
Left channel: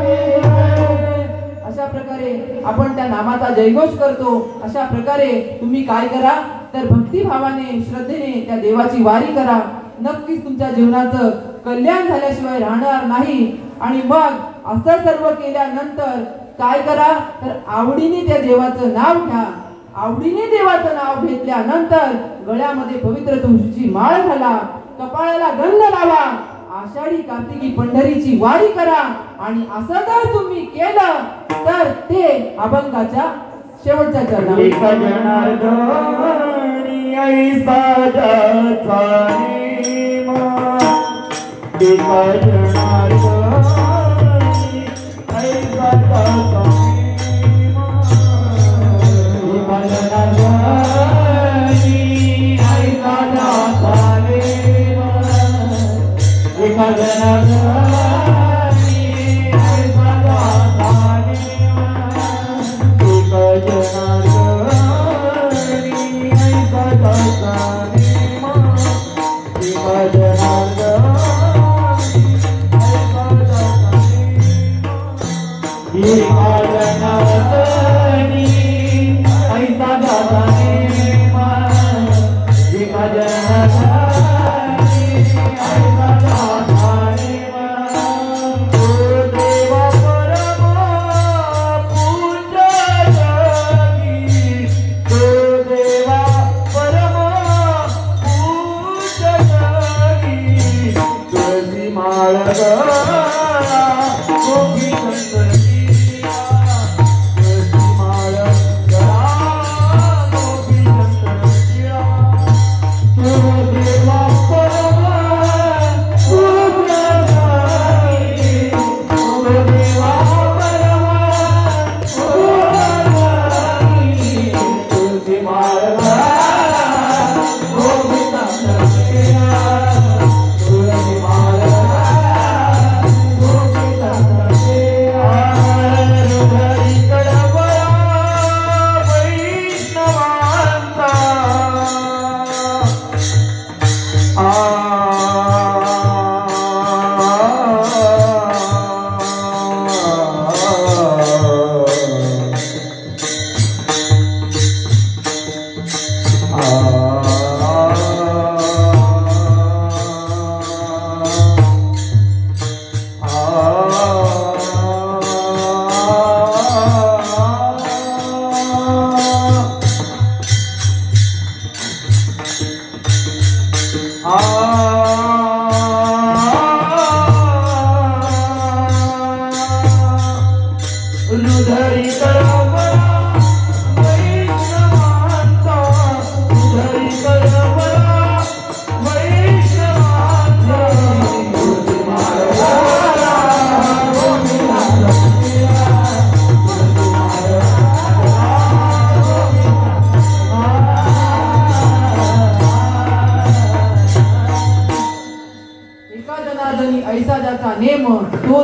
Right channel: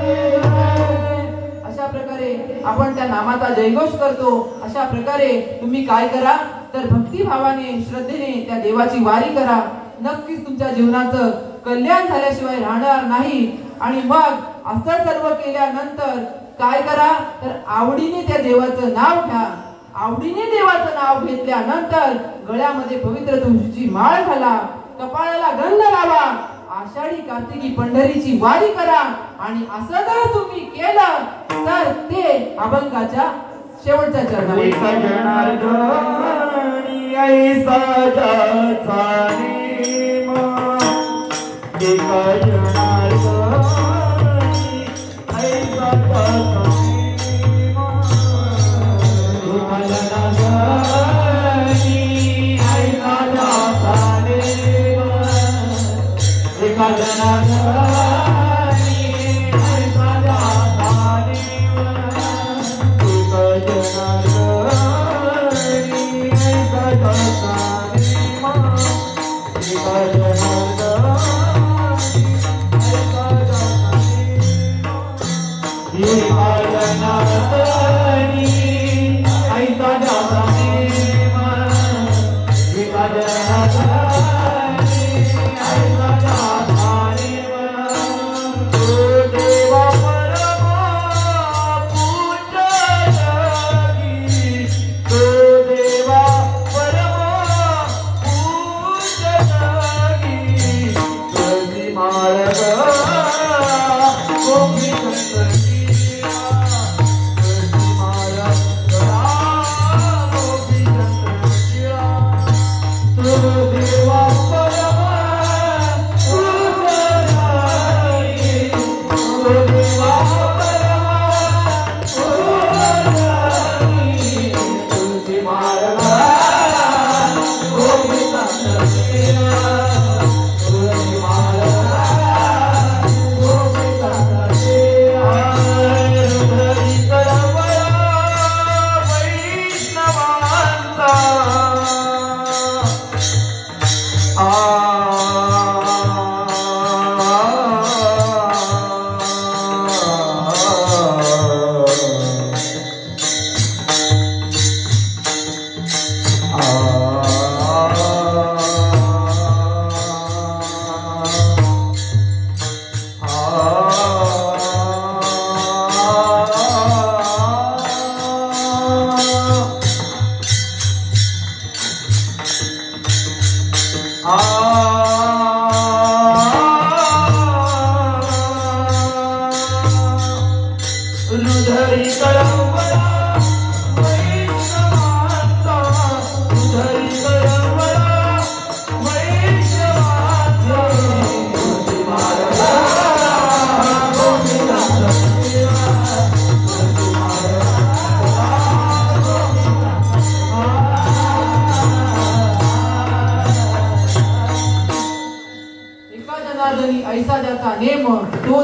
अशा प्रकारे आपण त्या नामाचा जयघोष करतो. अशा प्रकारे तुम्ही काय करा, तर भक्तिभावाने श्रद्धेने त्या देवाची वारी करा. नक्कीच तुमच्या जीवनाचं कल्याण झाल्याशिवाय राहणार नाही. आणि मग असं सर्व केल्यानंतर काय करा, तर आवडीने त्या देवाचं नाव घ्या. आवडीने देवाचं नाव घेतल्यानंतर गळ्यामध्ये पवित्र तुळशीची माळ घाला, कपाळाला गंध लावा, आषाढी कार्तिकी पंढरीची वारी करा. आणि असं जर तुम्ही केलं तर ते अभंगाच्या शेवटच्या चरणावर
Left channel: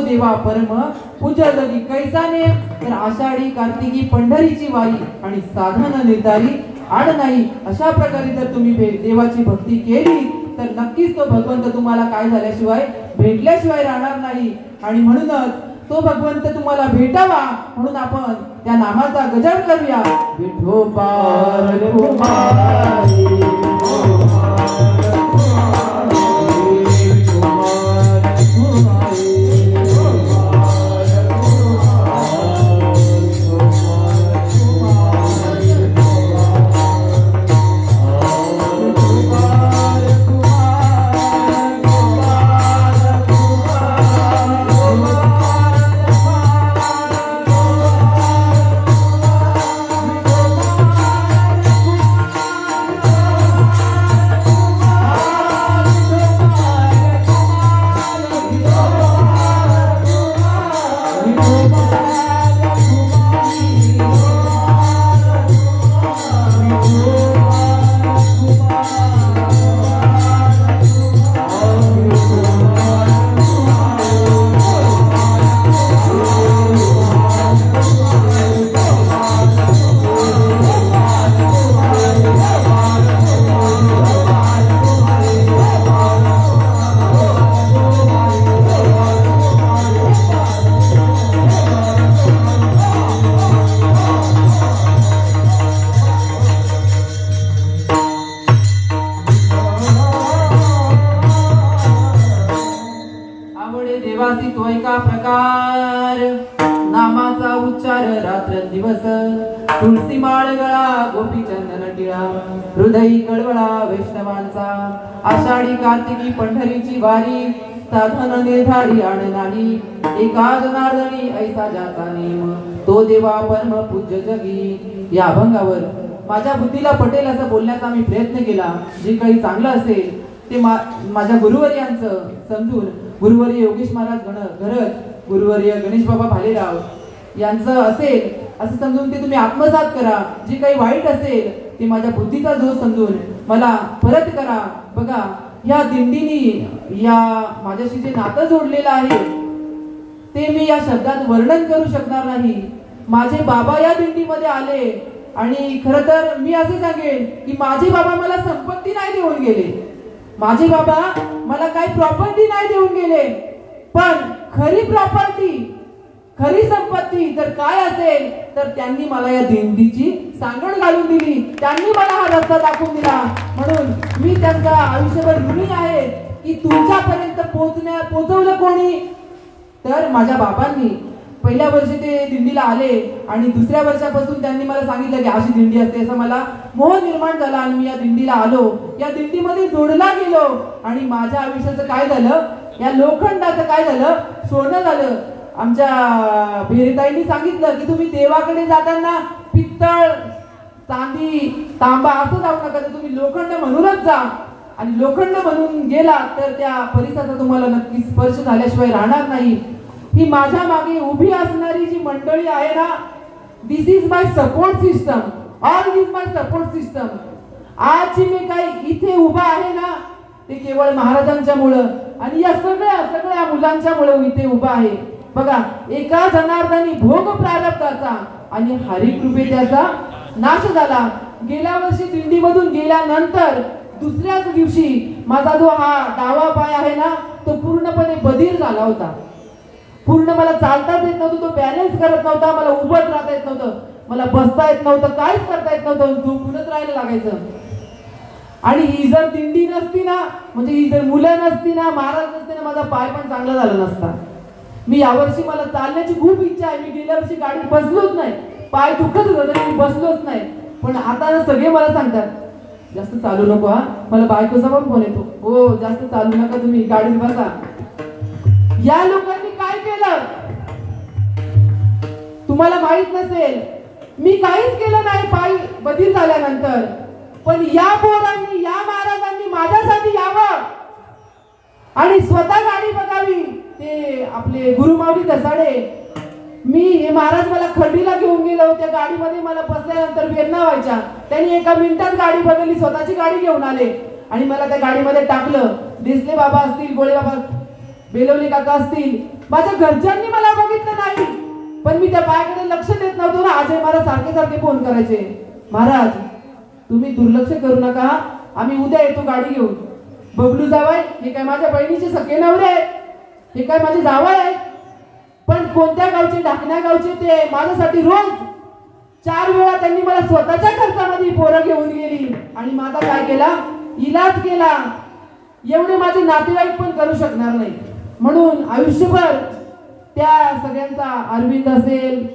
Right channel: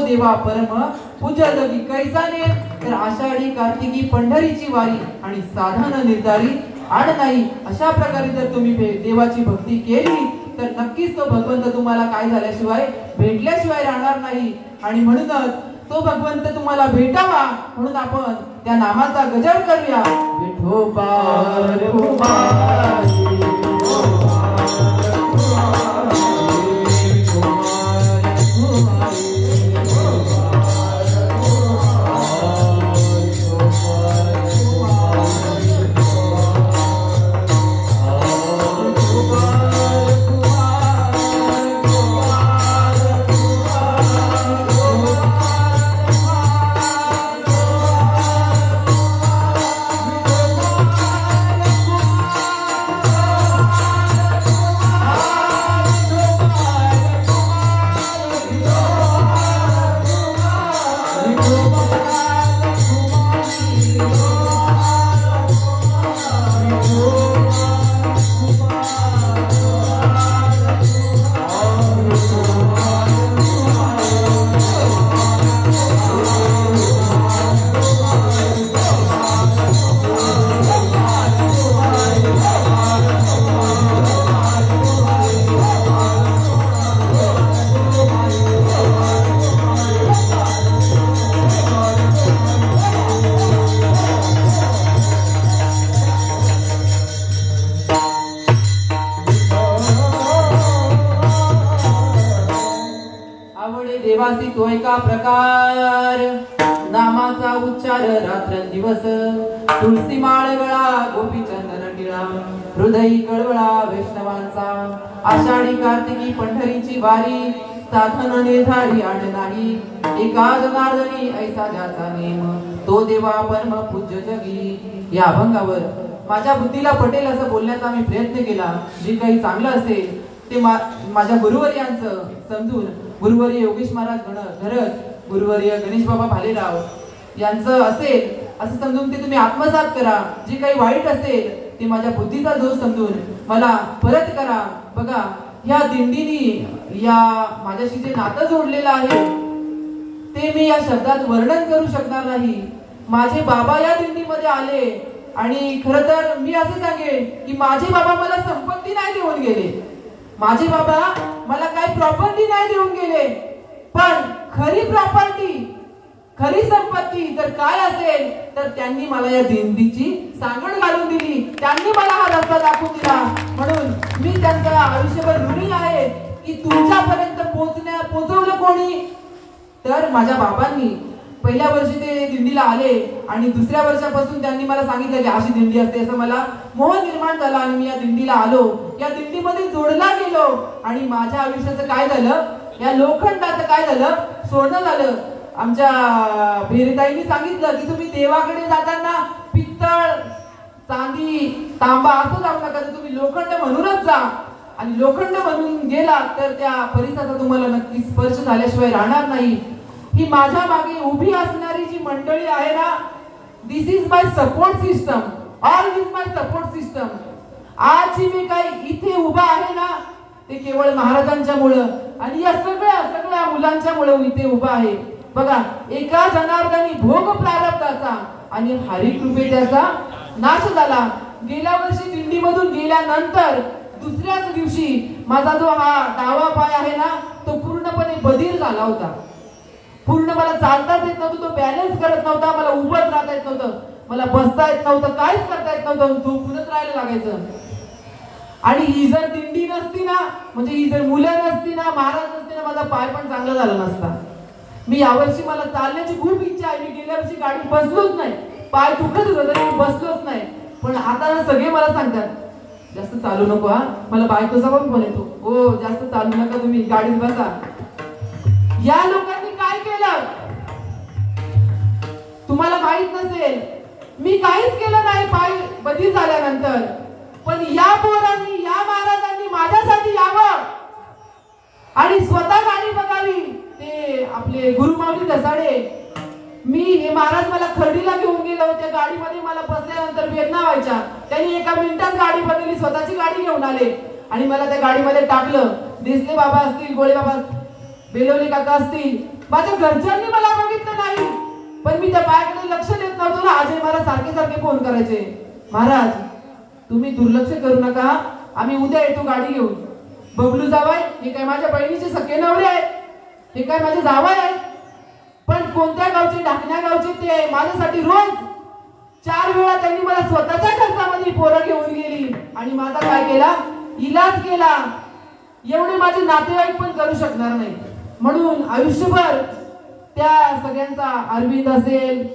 देवा परम पूजा लगी कैसा ने. तर आषाढी कार्तिकी पंढरीची वारी आणि साधन निर्धारी आड नाही. अशा प्रकारे जर तुम्ही देवाची भक्ती केली तर नक्कीच तो भगवंत तुम्हाला काय झाल्याशिवाय भेटल्याशिवाय राहणार नाही. आणि म्हणूनच तो भगवंत तुम्हाला भेटावा म्हणून आपण त्या नामाचा गजर करूया. विठोबा तुळसी माळ गळा गोपी चंदन टिळा हृदयी कळवळा वैष्णवांचा आषाढी कार्तिकी पंढरीची वारी साधन निर्धारी आण नाही एका जनार्दनी ऐसा ज्याचा नेम तो देवा परम पूज्य जगी. या अभंगावर माझ्या बुद्धीला पटेल असं बोलण्याचा मी प्रयत्न केला. जे काही चांगलं असेल ते माझ्या गुरुवर्यांचं समजून गुरुवर्य योगेश महाराज घरत गुरुवर्य गणेश बाबा भालेराव यांचं असेल असं समजून ते तुम्ही आत्मसात करा. जे काही वाईट असेल ते माझ्या बुद्धीचा दोष समजून मला परत करा. बघा या दिंडीनी या माझ्याशी जे नातं जोडलेलं आहे ते मी या शब्दात वर्णन करू शकणार नाही. माझे बाबा या दिंडीमध्ये आले आणि खर तर मी असे सांगेन की माझे बाबा मला संपत्ती नाही देऊन गेले. माझे बाबा मला काही प्रॉपर्टी नाही देऊन गेले. पण खरी प्रॉपर्टी खरी संपत्ती जर काय असेल तर त्यांनी मला या दिंडीची सांगड घालून दिली. त्यांनी मला हा रस्ता दाखवून दिला. म्हणून मी त्यांचा आयुष्यभर ऋणी आहे की तुमच्यापर्यंत पोहोचवलं कोणी तर माझ्या बाबांनी. पहिल्या वर्षी ते दिंडीला आले आणि दुसऱ्या वर्षापासून त्यांनी मला सांगितलं की अशी दिंडी असते असं मला मोह निर्माण झाला आणि मी या दिंडीला आलो. या दिंडीमध्ये जोडला गेलो आणि माझ्या आयुष्याचं काय झालं या लोखंडाचं काय झालं सोनं झालं. आमच्या भेरीताईंनी सांगितलं की तुम्ही देवाकडे जाताना पित्तळ चांदी तांबा असं जाऊ नका तर तुम्ही लोखंड म्हणूनच जा. आणि लोखंड म्हणून गेला तर त्या परिसराचा तुम्हाला नक्की स्पर्श झाल्याशिवाय राहणार नाही. ही माझ्या मागे उभी असणारी जी मंडळी आहे ना this is my support system. All is my support system. आज मी काही इथे उभा आहे ना ते केवळ महाराजांच्या मुळे आणि या सगळ्या मुलांच्या मुळे इथे उभा आहे. बघा एका जनार्दनी भोग प्रारब्धाचा आणि हरिकृपे त्याचा नाश झाला. गेल्या वर्षी दिंडीमधून गेल्यानंतर दुसऱ्याच दिवशी माझा जो हा डावा पाय आहे ना तो पूर्णपणे बधीर झाला होता. पूर्ण मला चालताच येत नव्हतं. तो बॅलन्स करत नव्हता. मला उभं राहता येत नव्हतं. मला बसता येत नव्हतं. काहीच करता येत नव्हतं. झोपूनच राहायला लागायचं. आणि ही जर दिंडी नसती ना म्हणजे ही जर मुलं नसती ना महाराज नसते ना माझा पाय पण चांगला झाला नसता. मी यावर्षी मला चालण्याची खूप इच्छा आहे. मी गेल्या वर्षी गाडी बसलोच नाही. पाय दुखत होत मी बसलोच नाही. पण आता सगळे मला सांगतात जास्त चालू नको हा. मला बायकोचा पण फोन येतो हो जास्त चालू नका तुम्ही गाडीत बसा. या लोकांनी काय केलं तुम्हाला माहित नसेल. मी काहीच केलं नाही पाय बधीर झाल्यानंतर. पण या पोरांनी या महाराजांनी माझ्यासाठी यावं आणि स्वतः गाडी बघावी. ते आपले गुरुमाऊली दसाडे मी हे महाराज मला खंडीला घेऊन गेलो. त्या गाडीमध्ये मला बसल्यानंतर वेदना व्हायच्या. त्यांनी एका मिनिटात गाडी बदलली. स्वतःची गाडी घेऊन आले आणि मला त्या गाडीमध्ये टाकलं. देसले बाबा असतील गोळे बाबा बेलवली काका असतील माझ्या घरच्यांनी मला बघितलं नाही. पण मी त्या पायाकडे लक्ष देत नव्हतो ना. अजय मला सारखे फोन करायचे महाराज तुम्ही दुर्लक्ष करू नका. आम्ही उद्या येतो गाडी घेऊन. बबलू जावाय हे काय माझ्या बहिणीचे सखे नवरे आहेत, हे काय माझे जावई आहेत. पण कोणत्या गावचे, ढाकण्या गावचे ते माझ्यासाठी रोज 4 वेळा त्यांनी मला स्वतःच्या खर्चामध्ये पोरं घेऊन गेली आणि माझा काय केला, इलाज केला. एवढे माझे नातेवाईक पण करू शकणार नाही. म्हणून आयुष्यभर त्या सगळ्यांचा, अरविंद असेल,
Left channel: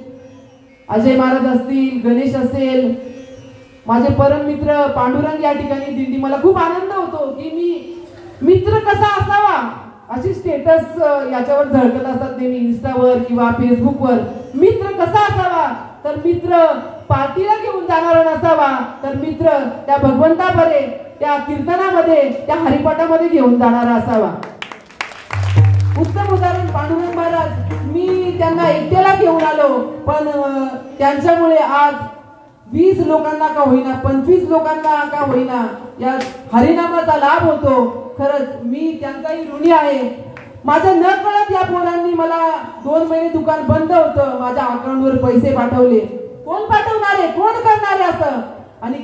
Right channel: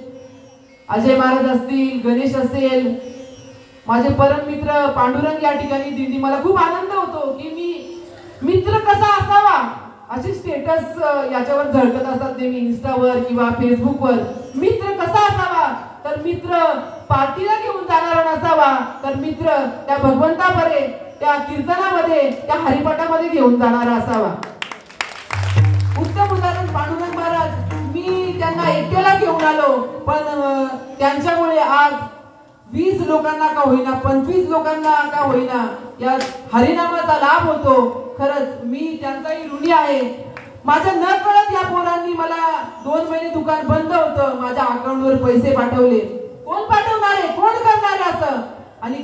अजय महाराज असतील, गणेश असेल, माझे परम मित्र पांडुरंग या ठिकाणी दिंडी, मला खूप आनंद होतो की मी मित्र कसा असावा असे स्टेटस याच्यावर झळकत असतात नेहमी इंस्टावर किंवा फेसबुकवर. मित्र कसा असावा तर मित्र पार्टीला घेऊन जाणारा नसावा, तर मित्र त्या भगवंताबरे, त्या कीर्तनामध्ये, त्या हरिपाठामध्ये घेऊन जाणारा असावा. उत्तम उदाहरण पांडुरंग महाराज. मी त्यांना एकट्याला घेऊन आलो, पण त्यांच्यामुळे आज 20 लोकांना का होईना, 25 लोकांना का होईना या हरिनामाचा लाभ होतो. खरंच मी त्यांचाही ऋणी आहे. माझ्या न कळत या पोरांनी मला 2 महिने दुकान बंद होतं, माझ्या अकाउंटवर पैसे पाठवले. कोण पाठवणार आहे, कोण करणार आहे असं, आणि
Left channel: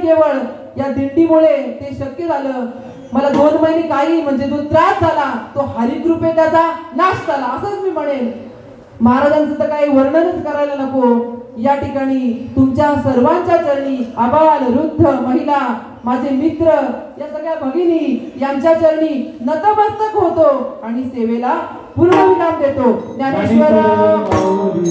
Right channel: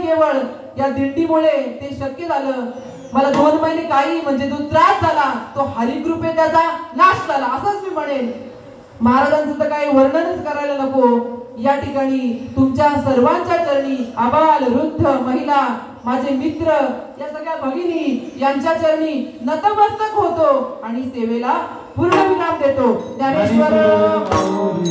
केवळ या दिंडीमुळे ते शक्य झालं. मला 2 महिने काही म्हणजे जो त्रास झाला तो हरिकृपे त्याचा नाश झाला असंच मी म्हणेन. महाराजांचं तर काही वर्णनच करायला नको. या ठिकाणी तुमच्या सर्वांच्या चरणी, आबाल, वृद्ध, महिला, माझे मित्र, या सगळ्या भगिनी यांच्या चरणी नतमस्तक होतो आणि सेवेला पूर्णविराम देतो. ज्ञानेश्वर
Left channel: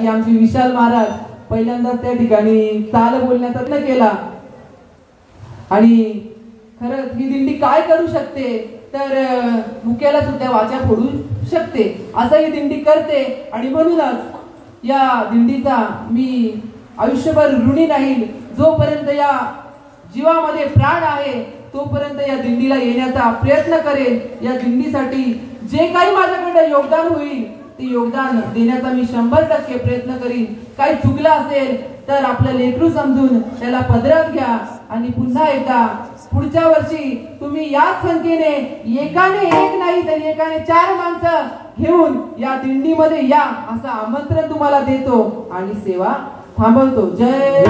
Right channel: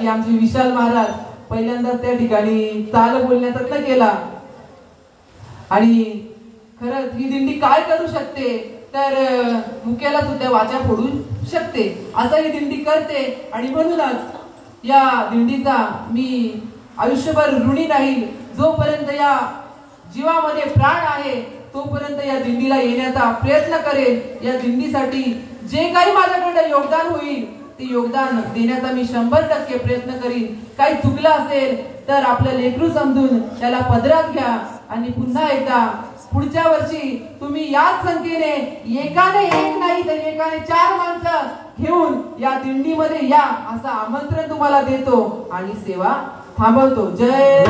की आमचे विशाल महाराज पहिल्यांदा त्या ठिकाणी चाल बोलण्याचा प्रयत्न केला. आणि खरंच ही दिंडी काय करू शकते तर मुक्याला सुद्धा वाचा फोडू शकते, असं ही दिंडी करते. आणि म्हणूनच या दिंडीचा मी आयुष्यभर ऋणी राहील. जोपर्यंत या जीवामध्ये प्राण आहे तोपर्यंत या दिंडीला येण्याचा प्रयत्न करेन. या दिंडीसाठी जे काही माझ्याकडे योगदान होईल ते योगदान देण्याचा मी 100% प्रयत्न करीन. काही चुकलं असेल तर आपलं लेकरू समजून त्याला पदरात घ्या आणि पुन्हा एकदा पुढच्या वर्षी तुम्ही याच संख्येने, एकाने एक नाही तर एकाने 4 माणसं घेऊन या दिंडीमध्ये या असं आमंत्रण तुम्हाला देतो आणि सेवा थांबवतो. जय